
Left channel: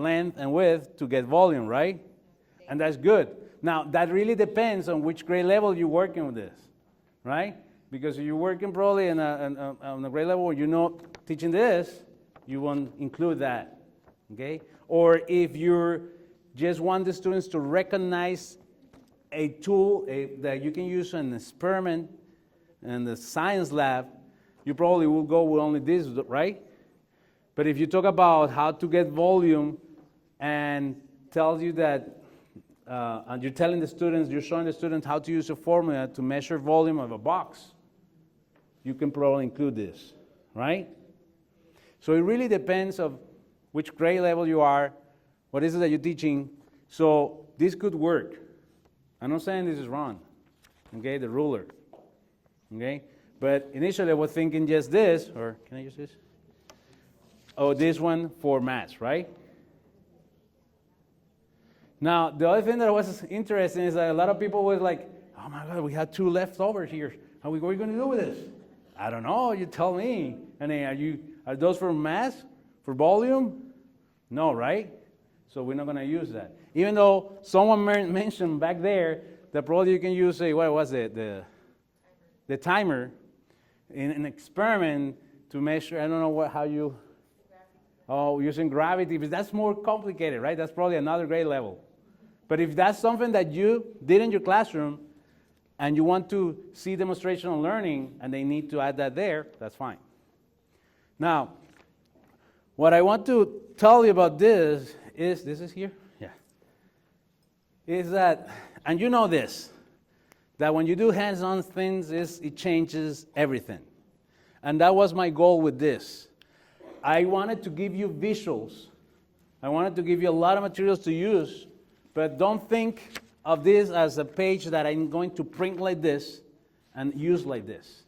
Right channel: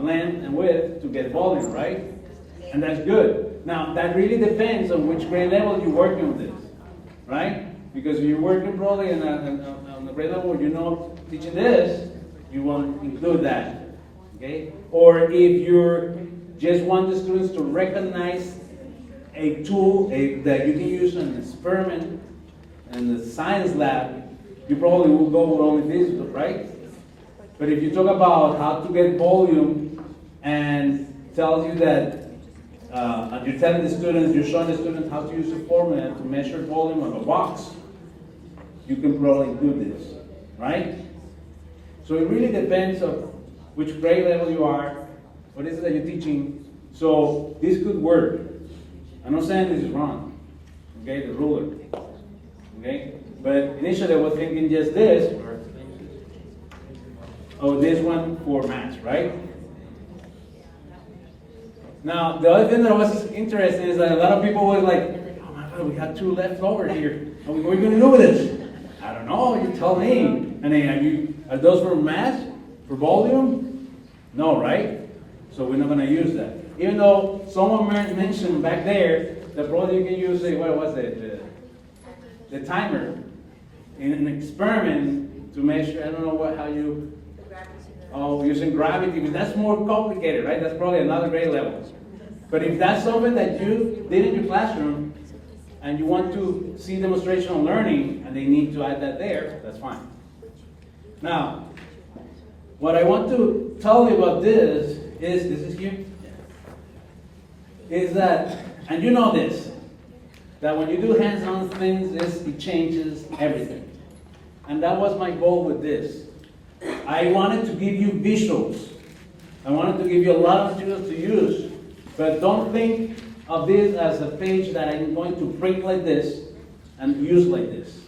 length and width to get volume, right? And that's good. Now, that really depends on which grade level you're working with this, right? Because if you're working probably on a grade level where teaching this, you won't include that, okay? Or if you just want the students to recognize a tool that you can use in an experiment in the science lab, you probably will go with only this, right? But if you talk about how to get volume and tells you that, and you're telling the students, you're showing the students how to use a formula to measure volume of a box, you can probably include this, right? So it really depends on which grade level you are, what is it that you're teaching. So this could work. I'm not saying this is wrong, okay, the ruler, okay? But initially I was thinking just this, or can I use this? Oh, this one for maths, right? Now, the other thing that was interesting is that a lot of people were like, oh my God, we have 2 left over here. What are we going to do with it? I don't know, you tell me. And then are those for mass? For volume? No, right? So we're not going to use that. Even though someone mentioned back there that probably you can use the timer in an experiment to measure, I don't know using gravity, but that's more complicated, right? That's probably another grade level. But if that's something that you did in your classroom and you want to see demonstrational learning and they need to add that there, that's fine. Now, what I want to tell you about this is here? Yeah. Is that, and you know this, that when you do hands-on things, it changes everything. And that was my goal with this. I wanted to give you visuals. I wanted to give you a lot of materials to use, but don't think of this as a page that I'm going to print like this and use like this.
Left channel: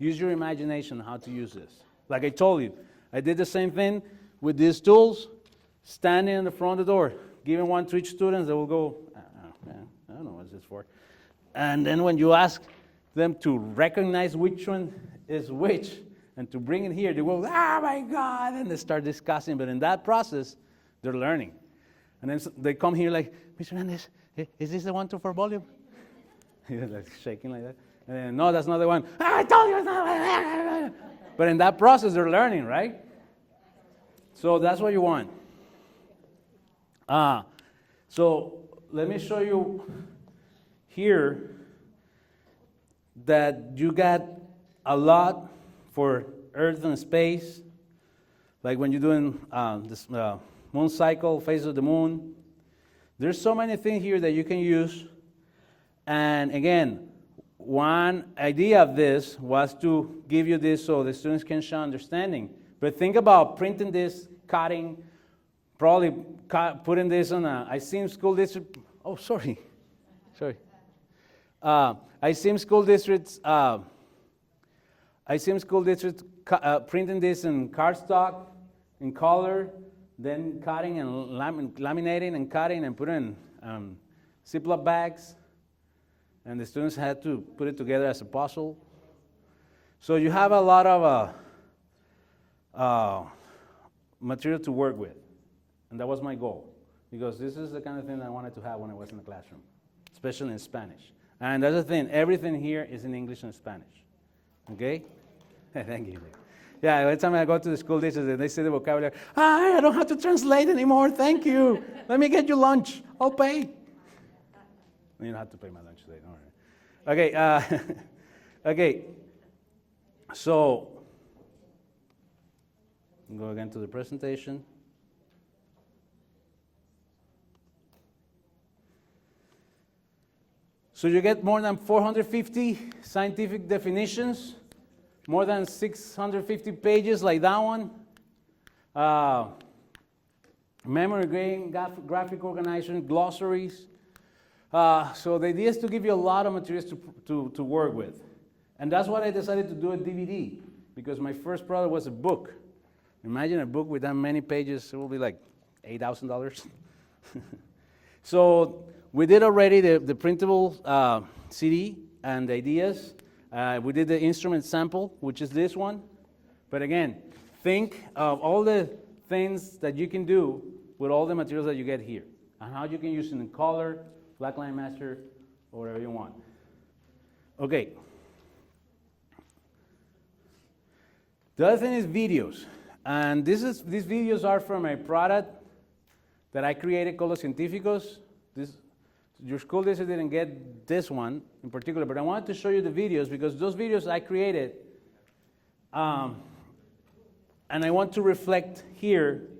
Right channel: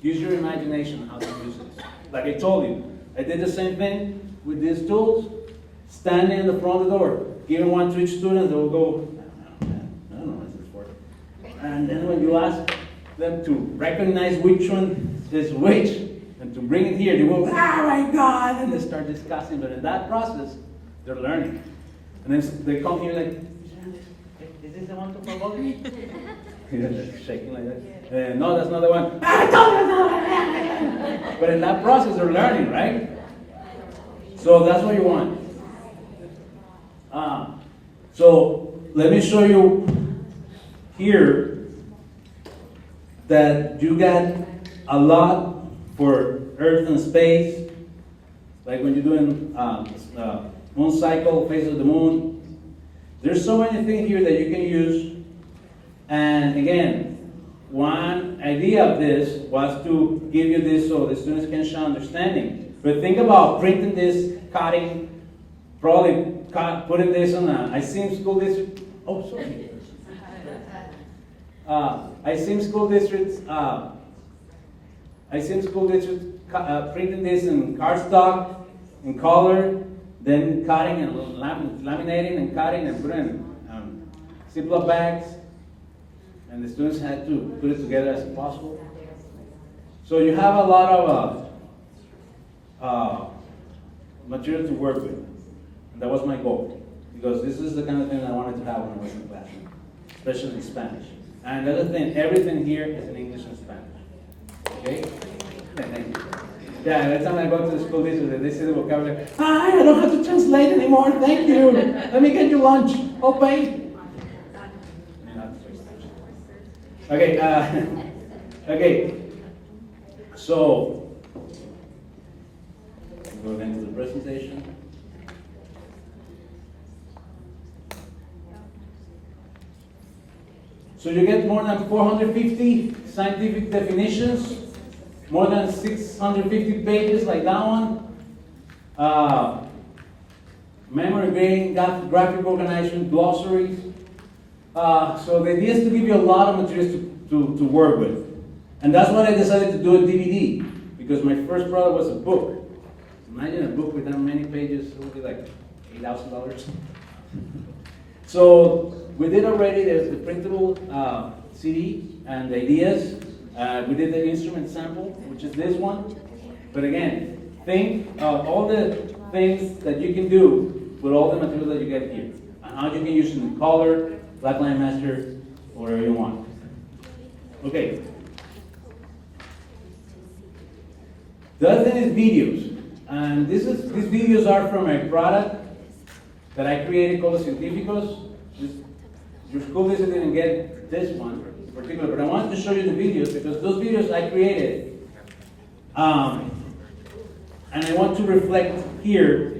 Use your imagination how to use this. Like I told you, I did the same thing with these tools, standing in the front of the door, giving one to each student, they will go, I don't know what this is for. And then when you ask them to recognize which one is which, And to bring it here, they go, oh my God, and they start discussing. But in that process, they're learning. And then they come here like, Mr. Hernandez, is this the one for volume? Yeah, they're shaking like that. And then, no, that's not the one. But in that process, they're learning, right? So that's what you want. So let me show you here that you get a lot for Earth and space, like when you're doing this moon cycle, phase of the moon. There's so many things here that you can use. And again, one idea of this was to give you this so the students can show understanding. But think about printing this, cutting, probably putting this on I seen school district. Oh, sorry. I seen school districts. Printing this in cardstock, in color, then cutting and laminating and cutting and putting in Ziploc bags. And the students had to put it together as a puzzle. So you have a lot of material to work with. And that was my goal. Because this is the kind of thing I wanted to have when I was in the classroom, especially in Spanish. And the other thing, everything here is in English and Spanish. Okay? Thank you. Yeah, every time I go to the school district, they say the vocabulary, I don't have to translate anymore, thank you. Let me get you lunch. I'll pay. Okay, okay. So, go again to the presentation. So you get more than 450 scientific definitions, more than 650 pages like that one. Memory grading, graphic organization, glossaries. So the idea is to give you a lot of materials to work with. And that's why I decided to do a DVD, because my first product was a book. Imagine a book with that many pages, it will be like $8,000. So we did already the printable CD and the ideas. We did the instrument sample, which is this one. But again, think of all the things that you can do with all the materials that you get here, and how you can use them in color, Blackline Master, whatever you want. Okay. The other thing is videos. And these videos are from a product that I created called Científicos. Your school district didn't get this one in particular, but I wanted to show you the videos because those videos I created. And I want to reflect here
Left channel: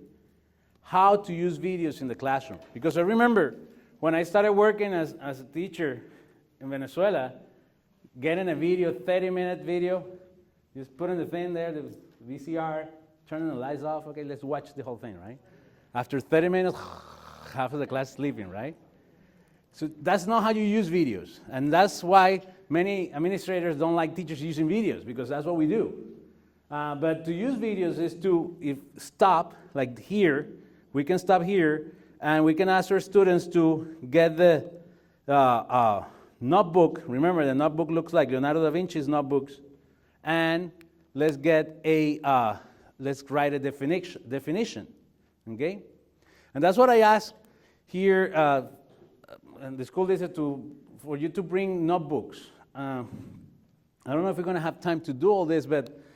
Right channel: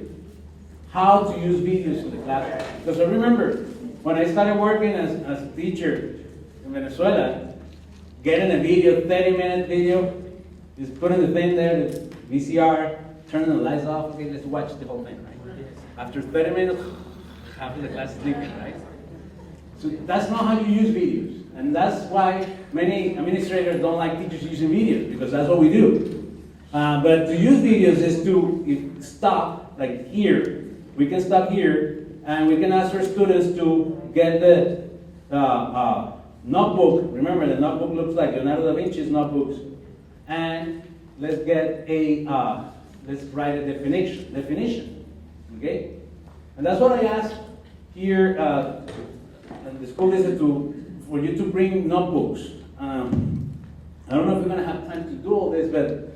how to use videos in the classroom. Because I remember when I started working as a teacher in Venezuela, getting a video, 30-minute video, just putting the thing there, the VCR, turning the lights off, okay, let's watch the whole thing, right? After 30 minutes, half of the class is sleeping, right? So that's not how you use videos. And that's why many administrators don't like teachers using videos, because that's what we do. But to use videos is to stop, like here, we can stop here, and we can ask our students to get the notebook. Remember, the notebook looks like Leonardo da Vinci's notebooks. And let's get let's write a definition, okay? And that's what I asked here at the school district for you to bring notebooks. I don't know if we're going to have time to do all this, but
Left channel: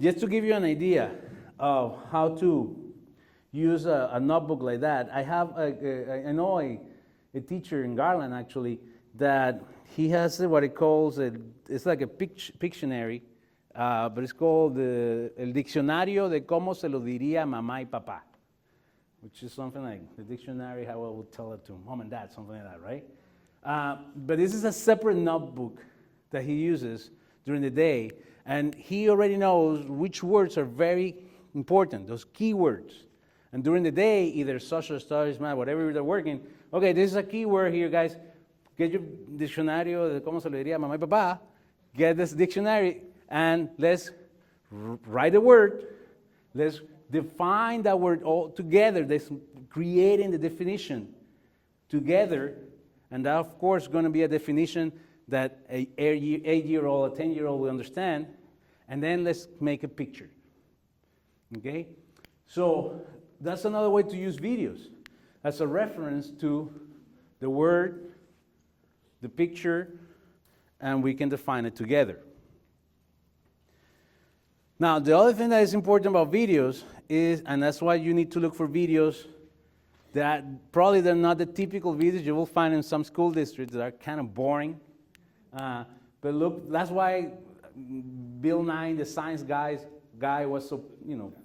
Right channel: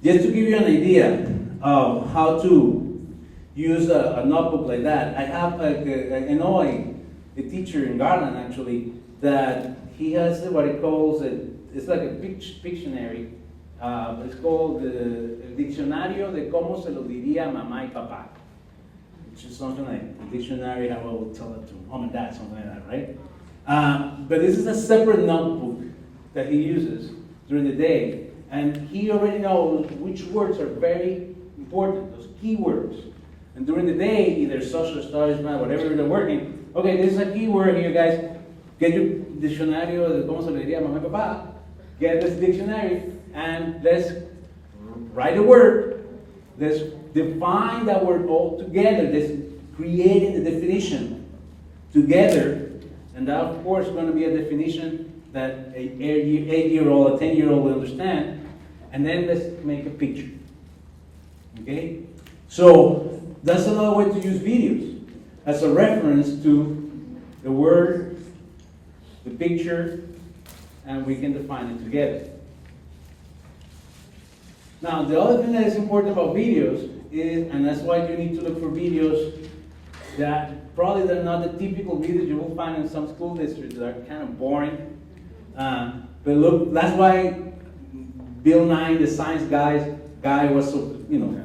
just to give you an idea of how to use a notebook like that. I have I know a teacher in Garland actually that he has what he calls it's like a Pictionary. But it's called El Diccionario de Cómo Se Lo Diría Mamá y Papá, which is something like the dictionary, how I would tell it to mom and dad, something like that, right? But this is a separate notebook that he uses during the day, and he already knows which words are very important, those key words. And during the day, either social studies, math, whatever they're working, okay, this is a key word here, guys. Get your Diccionario de Cómo Se Lo Diría Mamá y Papá, get this dictionary, and let's write a word. Let's define that word all together. Let's create the definition together. And that, of course, is going to be a definition that an 8-year-old, a 10-year-old will understand. and then let's make a picture. Okay? So that's another way to use videos as a reference to the word, the picture, and we can define it together. Now, the other thing that is important about videos is, and that's why you need to look for videos that probably they're not the typical videos you will find in some school districts that are kind of boring. But look, that's why Bill Nye, the science guy was so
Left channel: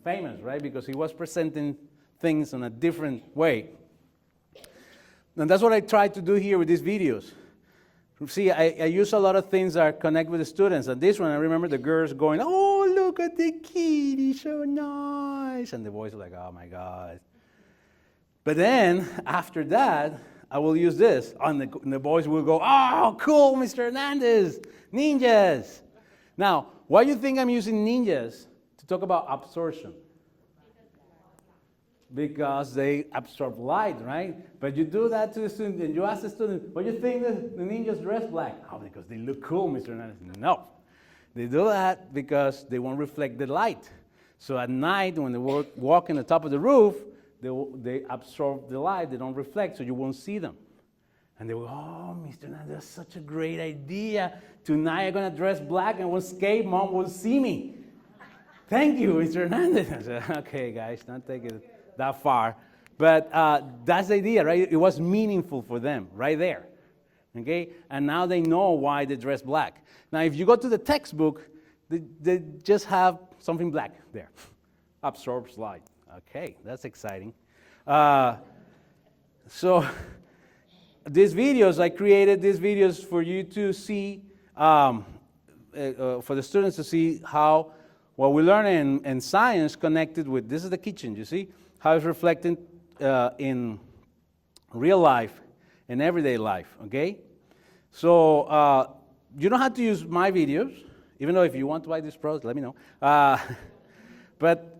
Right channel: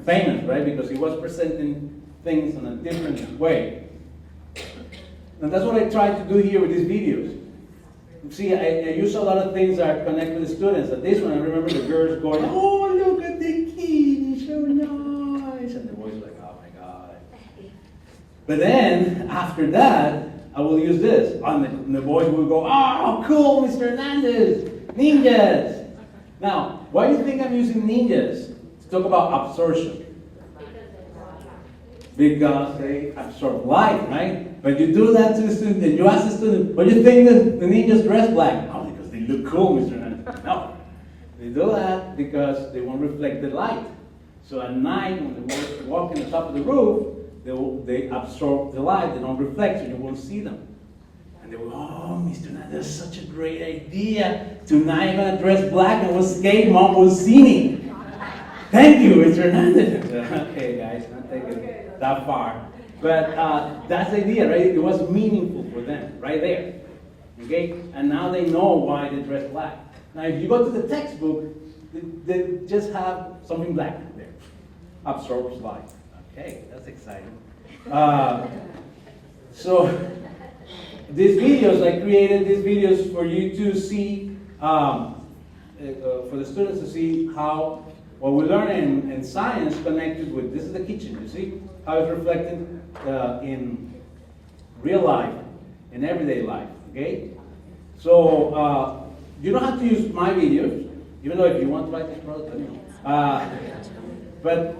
famous, right? Because he was presenting things in a different way. And that's what I try to do here with these videos. See, I use a lot of things that connect with the students. And this one, I remember the girls going, "Oh, look at the kid, he's so nice." And the boys like, "Oh my God." But then, after that, I will use this. And the boys will go, "Oh, cool, Mr. Hernandez, ninjas." Now, why do you think I'm using ninjas to talk about absorption? Because they absorb light, right? But you do that to a student, and you ask the student, "What do you think the ninjas dress black?" "Oh, because they look cool, Mr. Hernandez." No. They do that because they won't reflect the light. So at night, when they walk on the top of the roof, they absorb the light, they don't reflect, so you won't see them. And they go, "Oh, Mr. Hernandez, that's such a great idea. Tonight I'm going to dress black and we'll skate, Mom will see me." "Thank you, Mr. Hernandez." Okay, guys, don't take it that far. But that's the idea, right? It was meaningful for them, right there. Okay? And now they know why they dress black. Now, if you go to the textbook, they just have something black there. Absorbs light. Okay, that's exciting. So, these videos, I created these videos for you to see, for the students to see how what we learn in science connected with, this is the kitchen, you see? How it's reflected in real life, in everyday life, okay? So, you don't have to use my videos, even though if you want to buy this product, let me know. But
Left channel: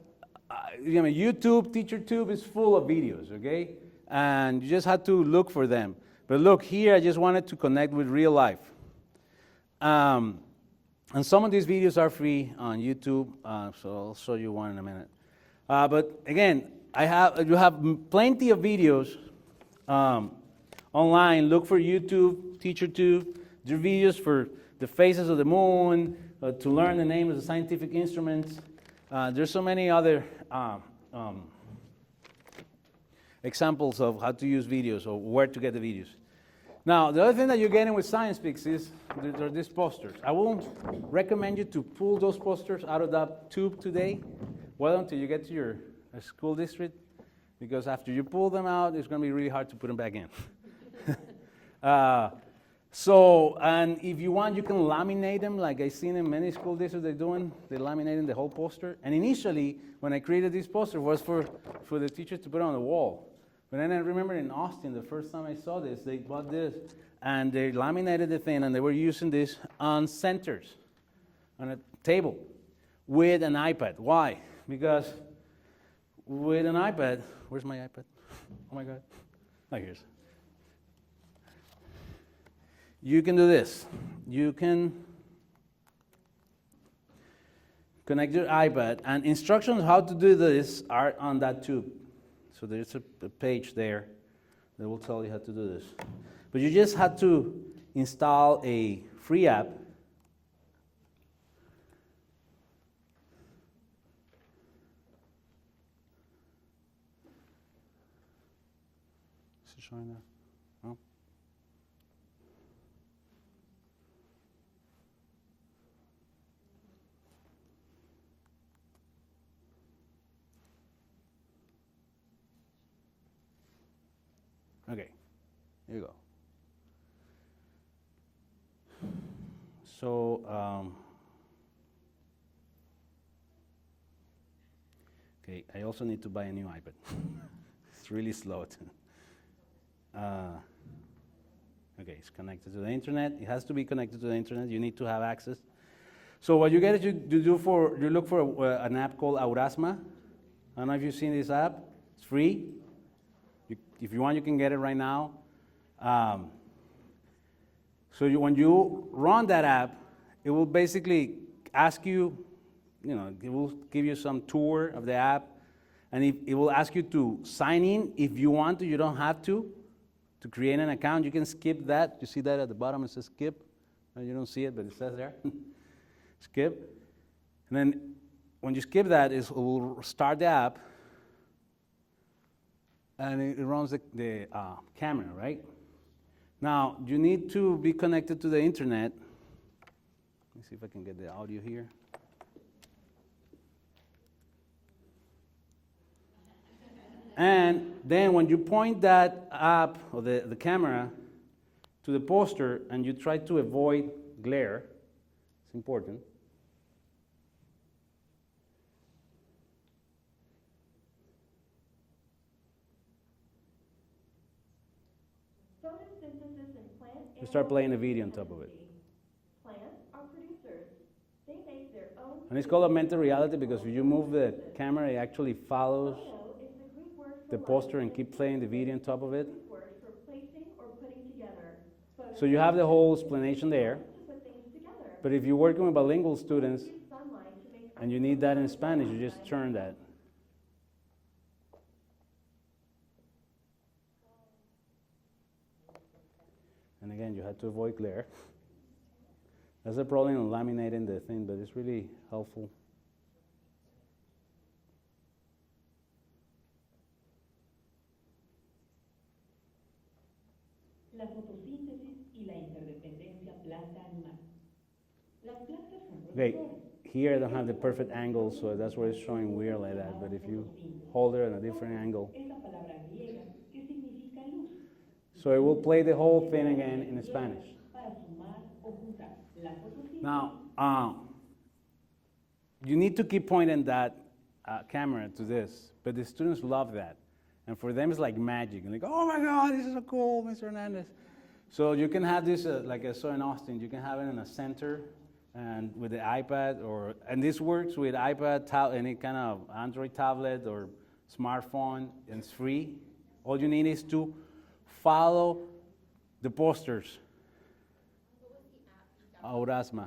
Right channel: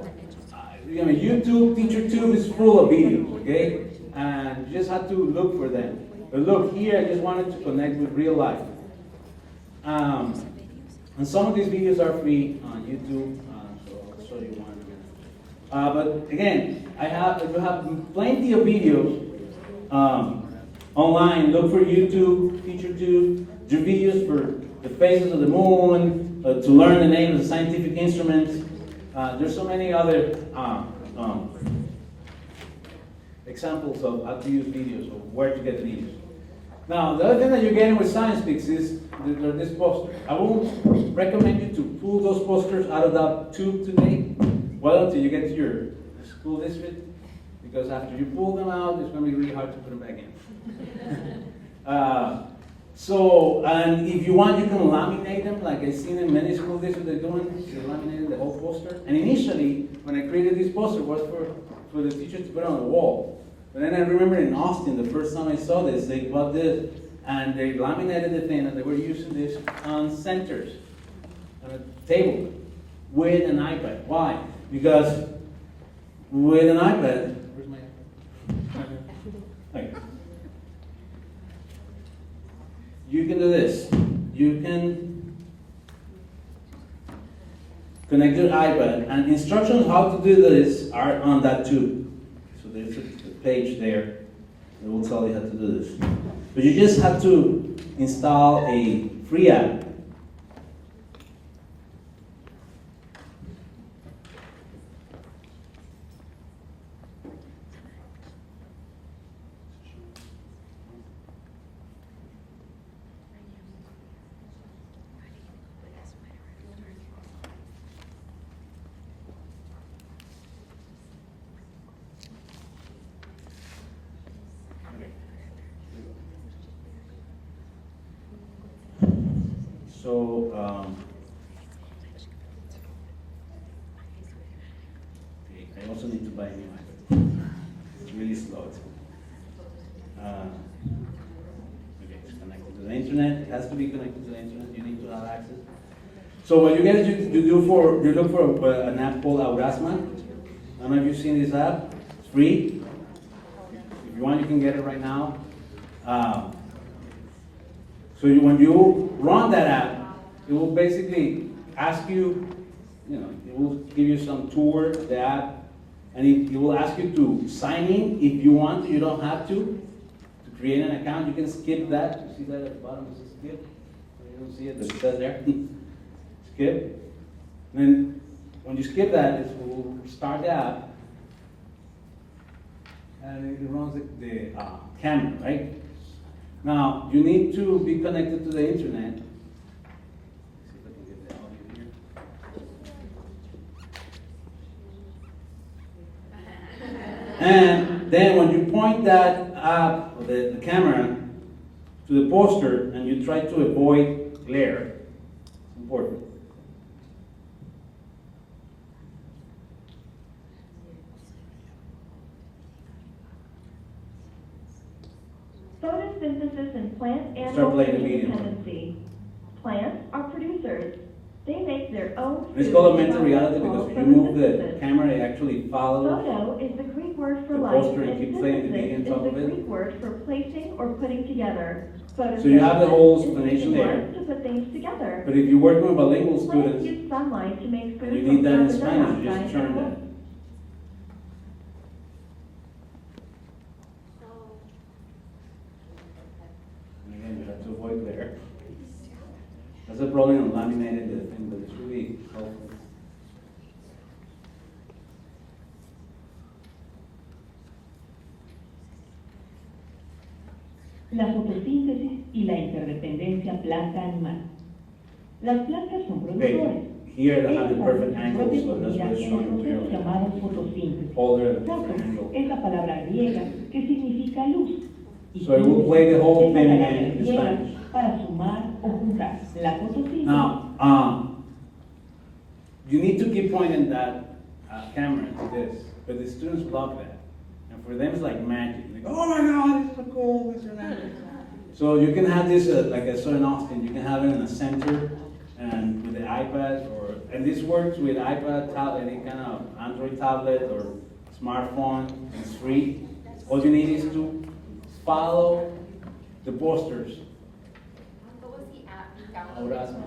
YouTube, TeacherTube is full of videos, okay? And you just have to look for them. But look, here I just wanted to connect with real life. And some of these videos are free on YouTube, so I'll show you one in a minute. But again, you have plenty of videos online. Look for YouTube, TeacherTube. There are videos for the phases of the moon, to learn the name of the scientific instruments. There's so many other examples of how to use videos or where to get the videos. Now, the other thing that you're getting with Science Speaks is this poster. I won't recommend you to pull those posters out of that tube today. Well, until you get to your school district, because after you pull them out, it's going to be really hard to put them back in. And if you want, you can laminate them, like I've seen in many school districts they're doing. They're laminating the whole poster. And initially, when I created this poster, it was for the teachers to put on the wall. But then I remember in Austin, the first time I saw this, they bought this, and they laminated the thing, and they were using this on centers, on a table, with an iPad. Why? Because with an iPad, where's my iPad? Okay. You can do this. You can connect your iPad, and instructions how to do this are on that tube. So there's a page there that will tell you how to do this. But you just have to install a free app. Okay, here we go. So, okay, I also need to buy a new iPad. It's really slow. Okay, it's connected to the internet. It has to be connected to the internet. You need to have access. So what you get is you look for an app called Aurasma. I don't know if you've seen this app. It's free. If you want, you can get it right now. So when you run that app, it will basically ask you, it will give you some tour of the app, and it will ask you to sign in if you want to. You don't have to create an account. You can skip that. You see that at the bottom? It says skip. You don't see it, but it says there. Skip. And then when you skip that, it will start the app, and it runs the camera, right? Now, you need to be connected to the internet. Let's see if I can get the audio here. And then when you point that app, or the camera, to the poster, and you try to avoid glare, it's important. Photosynthesis in plant Start animal playing the video. dependency. Plants are producers. They make their own And it's food called augmented from reality because if you move the photosynthesis. camera, it actually follows. Photo is the Greek word for the light, poster and and keep playing the video on synthesis top is of the it. Greek word for placing or putting together. So you have the whole Photosynthesis is explanation using there. light to put things together. But if you're working with bilingual Plants students, use sunlight to make food and you from need that in carbon Spanish, you just dioxide turn and that. wood. And again, you have to avoid glare. That's a problem on laminated the thing, but it's really helpful. La fotosíntesis y la interdependencia planta-animal. Las plantas son Okay, productores. here they have the Ellas perfect hacen angle, su so propia that's what it's comida showing en el proceso clearly. llamado fotosíntesis. All there at a Foto different angle. es la palabra griega que significa luz. Y So it will play the whole es la thing palabra again in griega Spanish. para sumar o juntar. La fotosíntesis. Now, you need to keep pointing that camera to this, but the students love that. And for them, it's like magic. Like, oh my God, this is so cool, this or that. So you can have this, like I saw in Austin, you can have it in the center and with the iPad, and this works with iPad, any kind of Android tablet or smartphone. It's free. All you need is to follow the posters. What was the app you downloaded? Aurasma.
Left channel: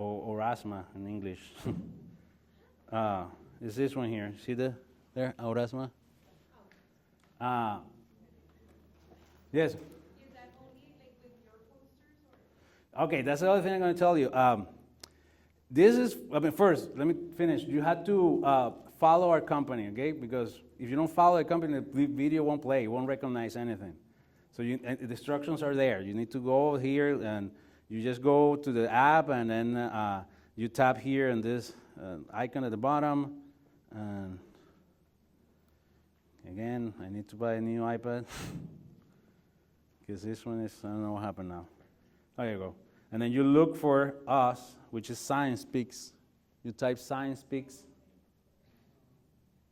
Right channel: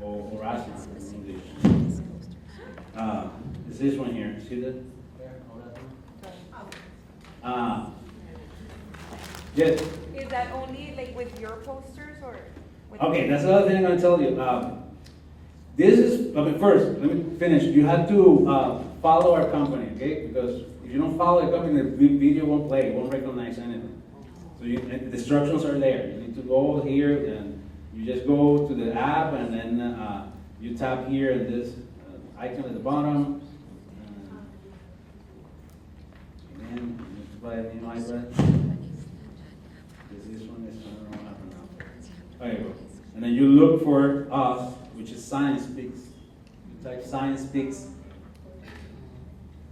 Or asthma in English. It's this one here. See that there? Aurasma. Yes. Is that only like with your posters or? with- Okay, that's the other thing I'm going to tell you. This is, first, let me finish. You have to follow our company, okay? Because if you don't follow the company, the video won't play, it won't recognize anything. So the instructions are there. You need to go here and you just go to the app and then you tap here and this icon at the bottom. Again, I need to buy a new iPad. Because this one is, I don't know what happened now. There you go. And then you look for us, which is Science Speaks. You type Science Speaks.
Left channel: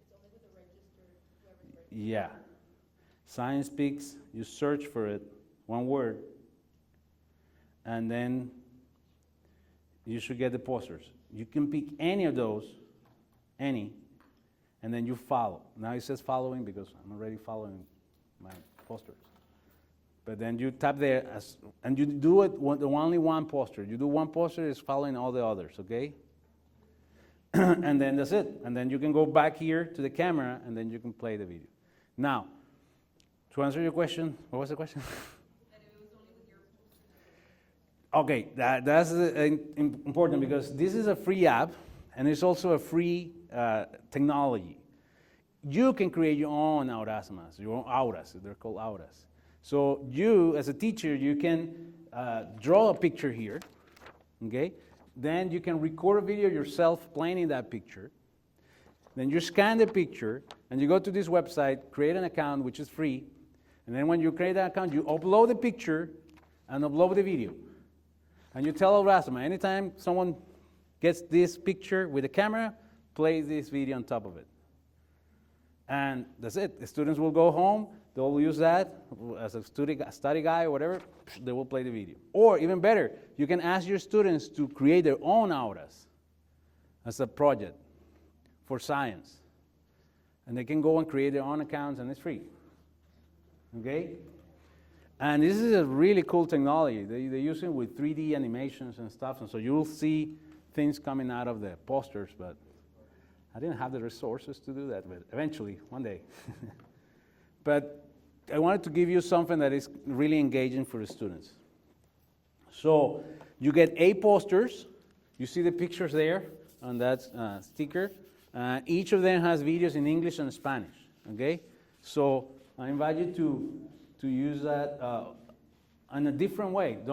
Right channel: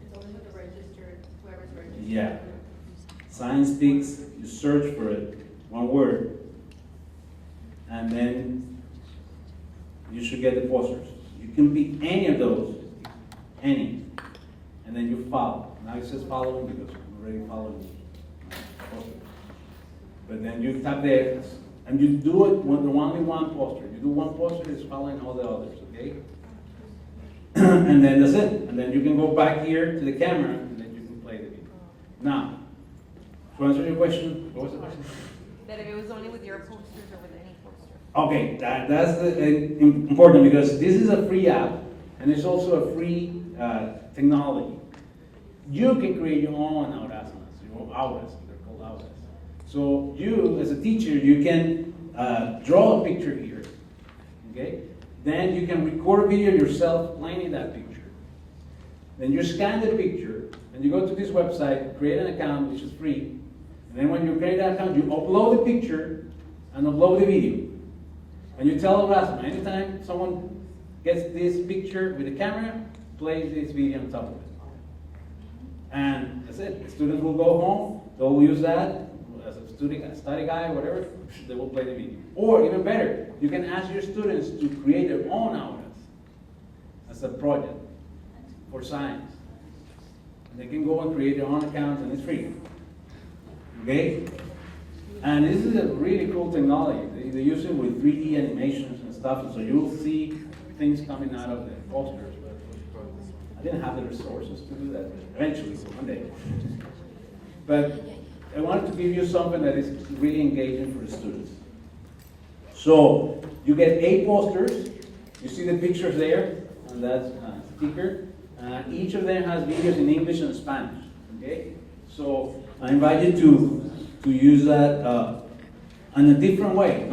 It's only with the registered, whoever's registered. Yeah. Science Speaks, you search for it, one word. And then you should get the posters. You can pick any of those, any. And then you follow. Now it says following because I'm already following my poster. But then you tap there, and you do it with only one poster. You do one poster, it's following all the others, okay? And then that's it. And then you can go back here to the camera, and then you can play the video. Now, to answer your question, what was the question? That if it was only with your posters or with any poster? Okay, that's important because this is a free app, and it's also a free technology. You can create your own aurasmas, your own auras, they're called auras. So you, as a teacher, you can draw a picture here, okay? Then you can record a video yourself playing in that picture. Then you scan the picture, and you go to this website, create an account, which is free. And then when you create that account, you upload the picture and upload the video. And you tell Aurasma, anytime someone gets this picture with the camera, play this video on top of it. And that's it. The students will go home, they'll use that as a study guide, whatever, they will play the video. Or even better, you can ask your students to create their own auras as a project for science. And they can go and create their own accounts and it's free. Okay? And this is a really cool technology. They use it with 3D animations and stuff, so you'll see things coming out of the posters, but I didn't have the resources to do that, but eventually, one day. But I wanted to give you something that is really engaging for the students. So you get 8 posters. You see the pictures there on that sticker. Each of them has videos in English and Spanish. Okay? So I invite you to use that in a different way.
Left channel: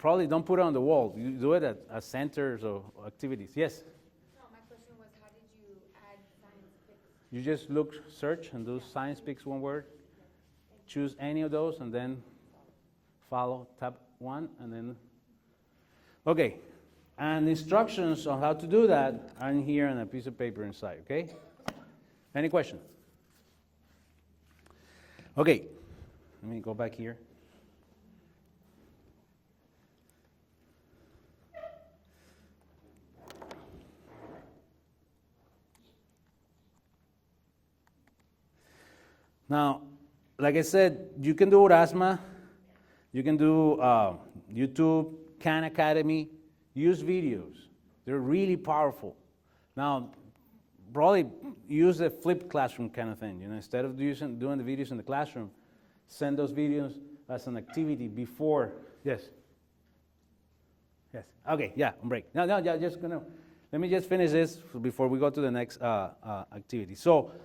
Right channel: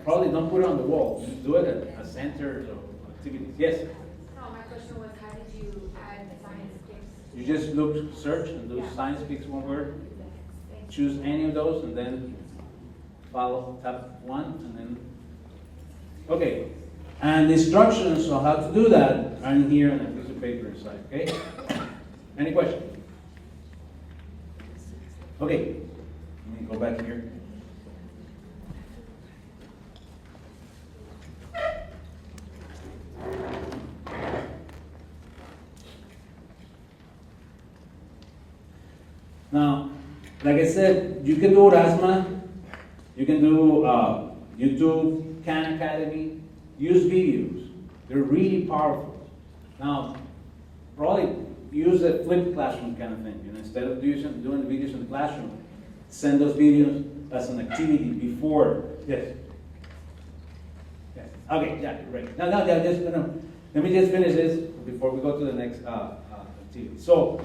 Probably don't put it on the wall. You do it at centers or activities. Yes? No, my question was, how did you add the science tips? You just look, search, and do science speaks one word. Choose any of those, and then follow, tap 1, and then. Okay. And the instructions on how to do that are in here on a piece of paper inside. Okay? Any questions? Okay. Let me go back here. Now, like I said, you can do Erasmus, you can do YouTube, Khan Academy, use videos. They're really powerful. Now, probably use a flipped classroom kind of thing. Instead of doing the videos in the classroom, send those videos as an activity before. Yes. Yes. Okay. Yeah. Break. No. Let me just finish this before we go to the next activity. So.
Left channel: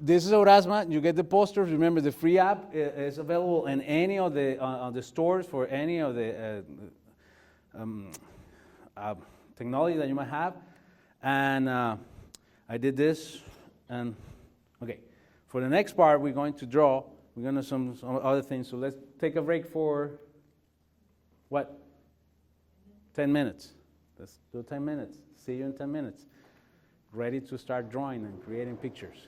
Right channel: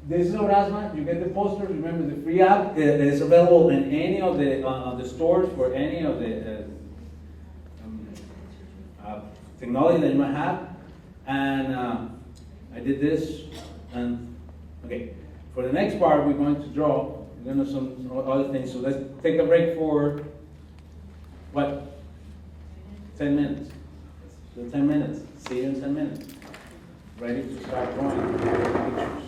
This is Erasmus. You get the posters. Remember, the free app is available in any of the stores for any of the technology that you might have. And I did this. And okay, for the next part, we're going to draw. We're going to do some other things. So let's take a break for what? 10 minutes. Let's do 10 minutes. See you in 10 minutes. Ready to start drawing pictures.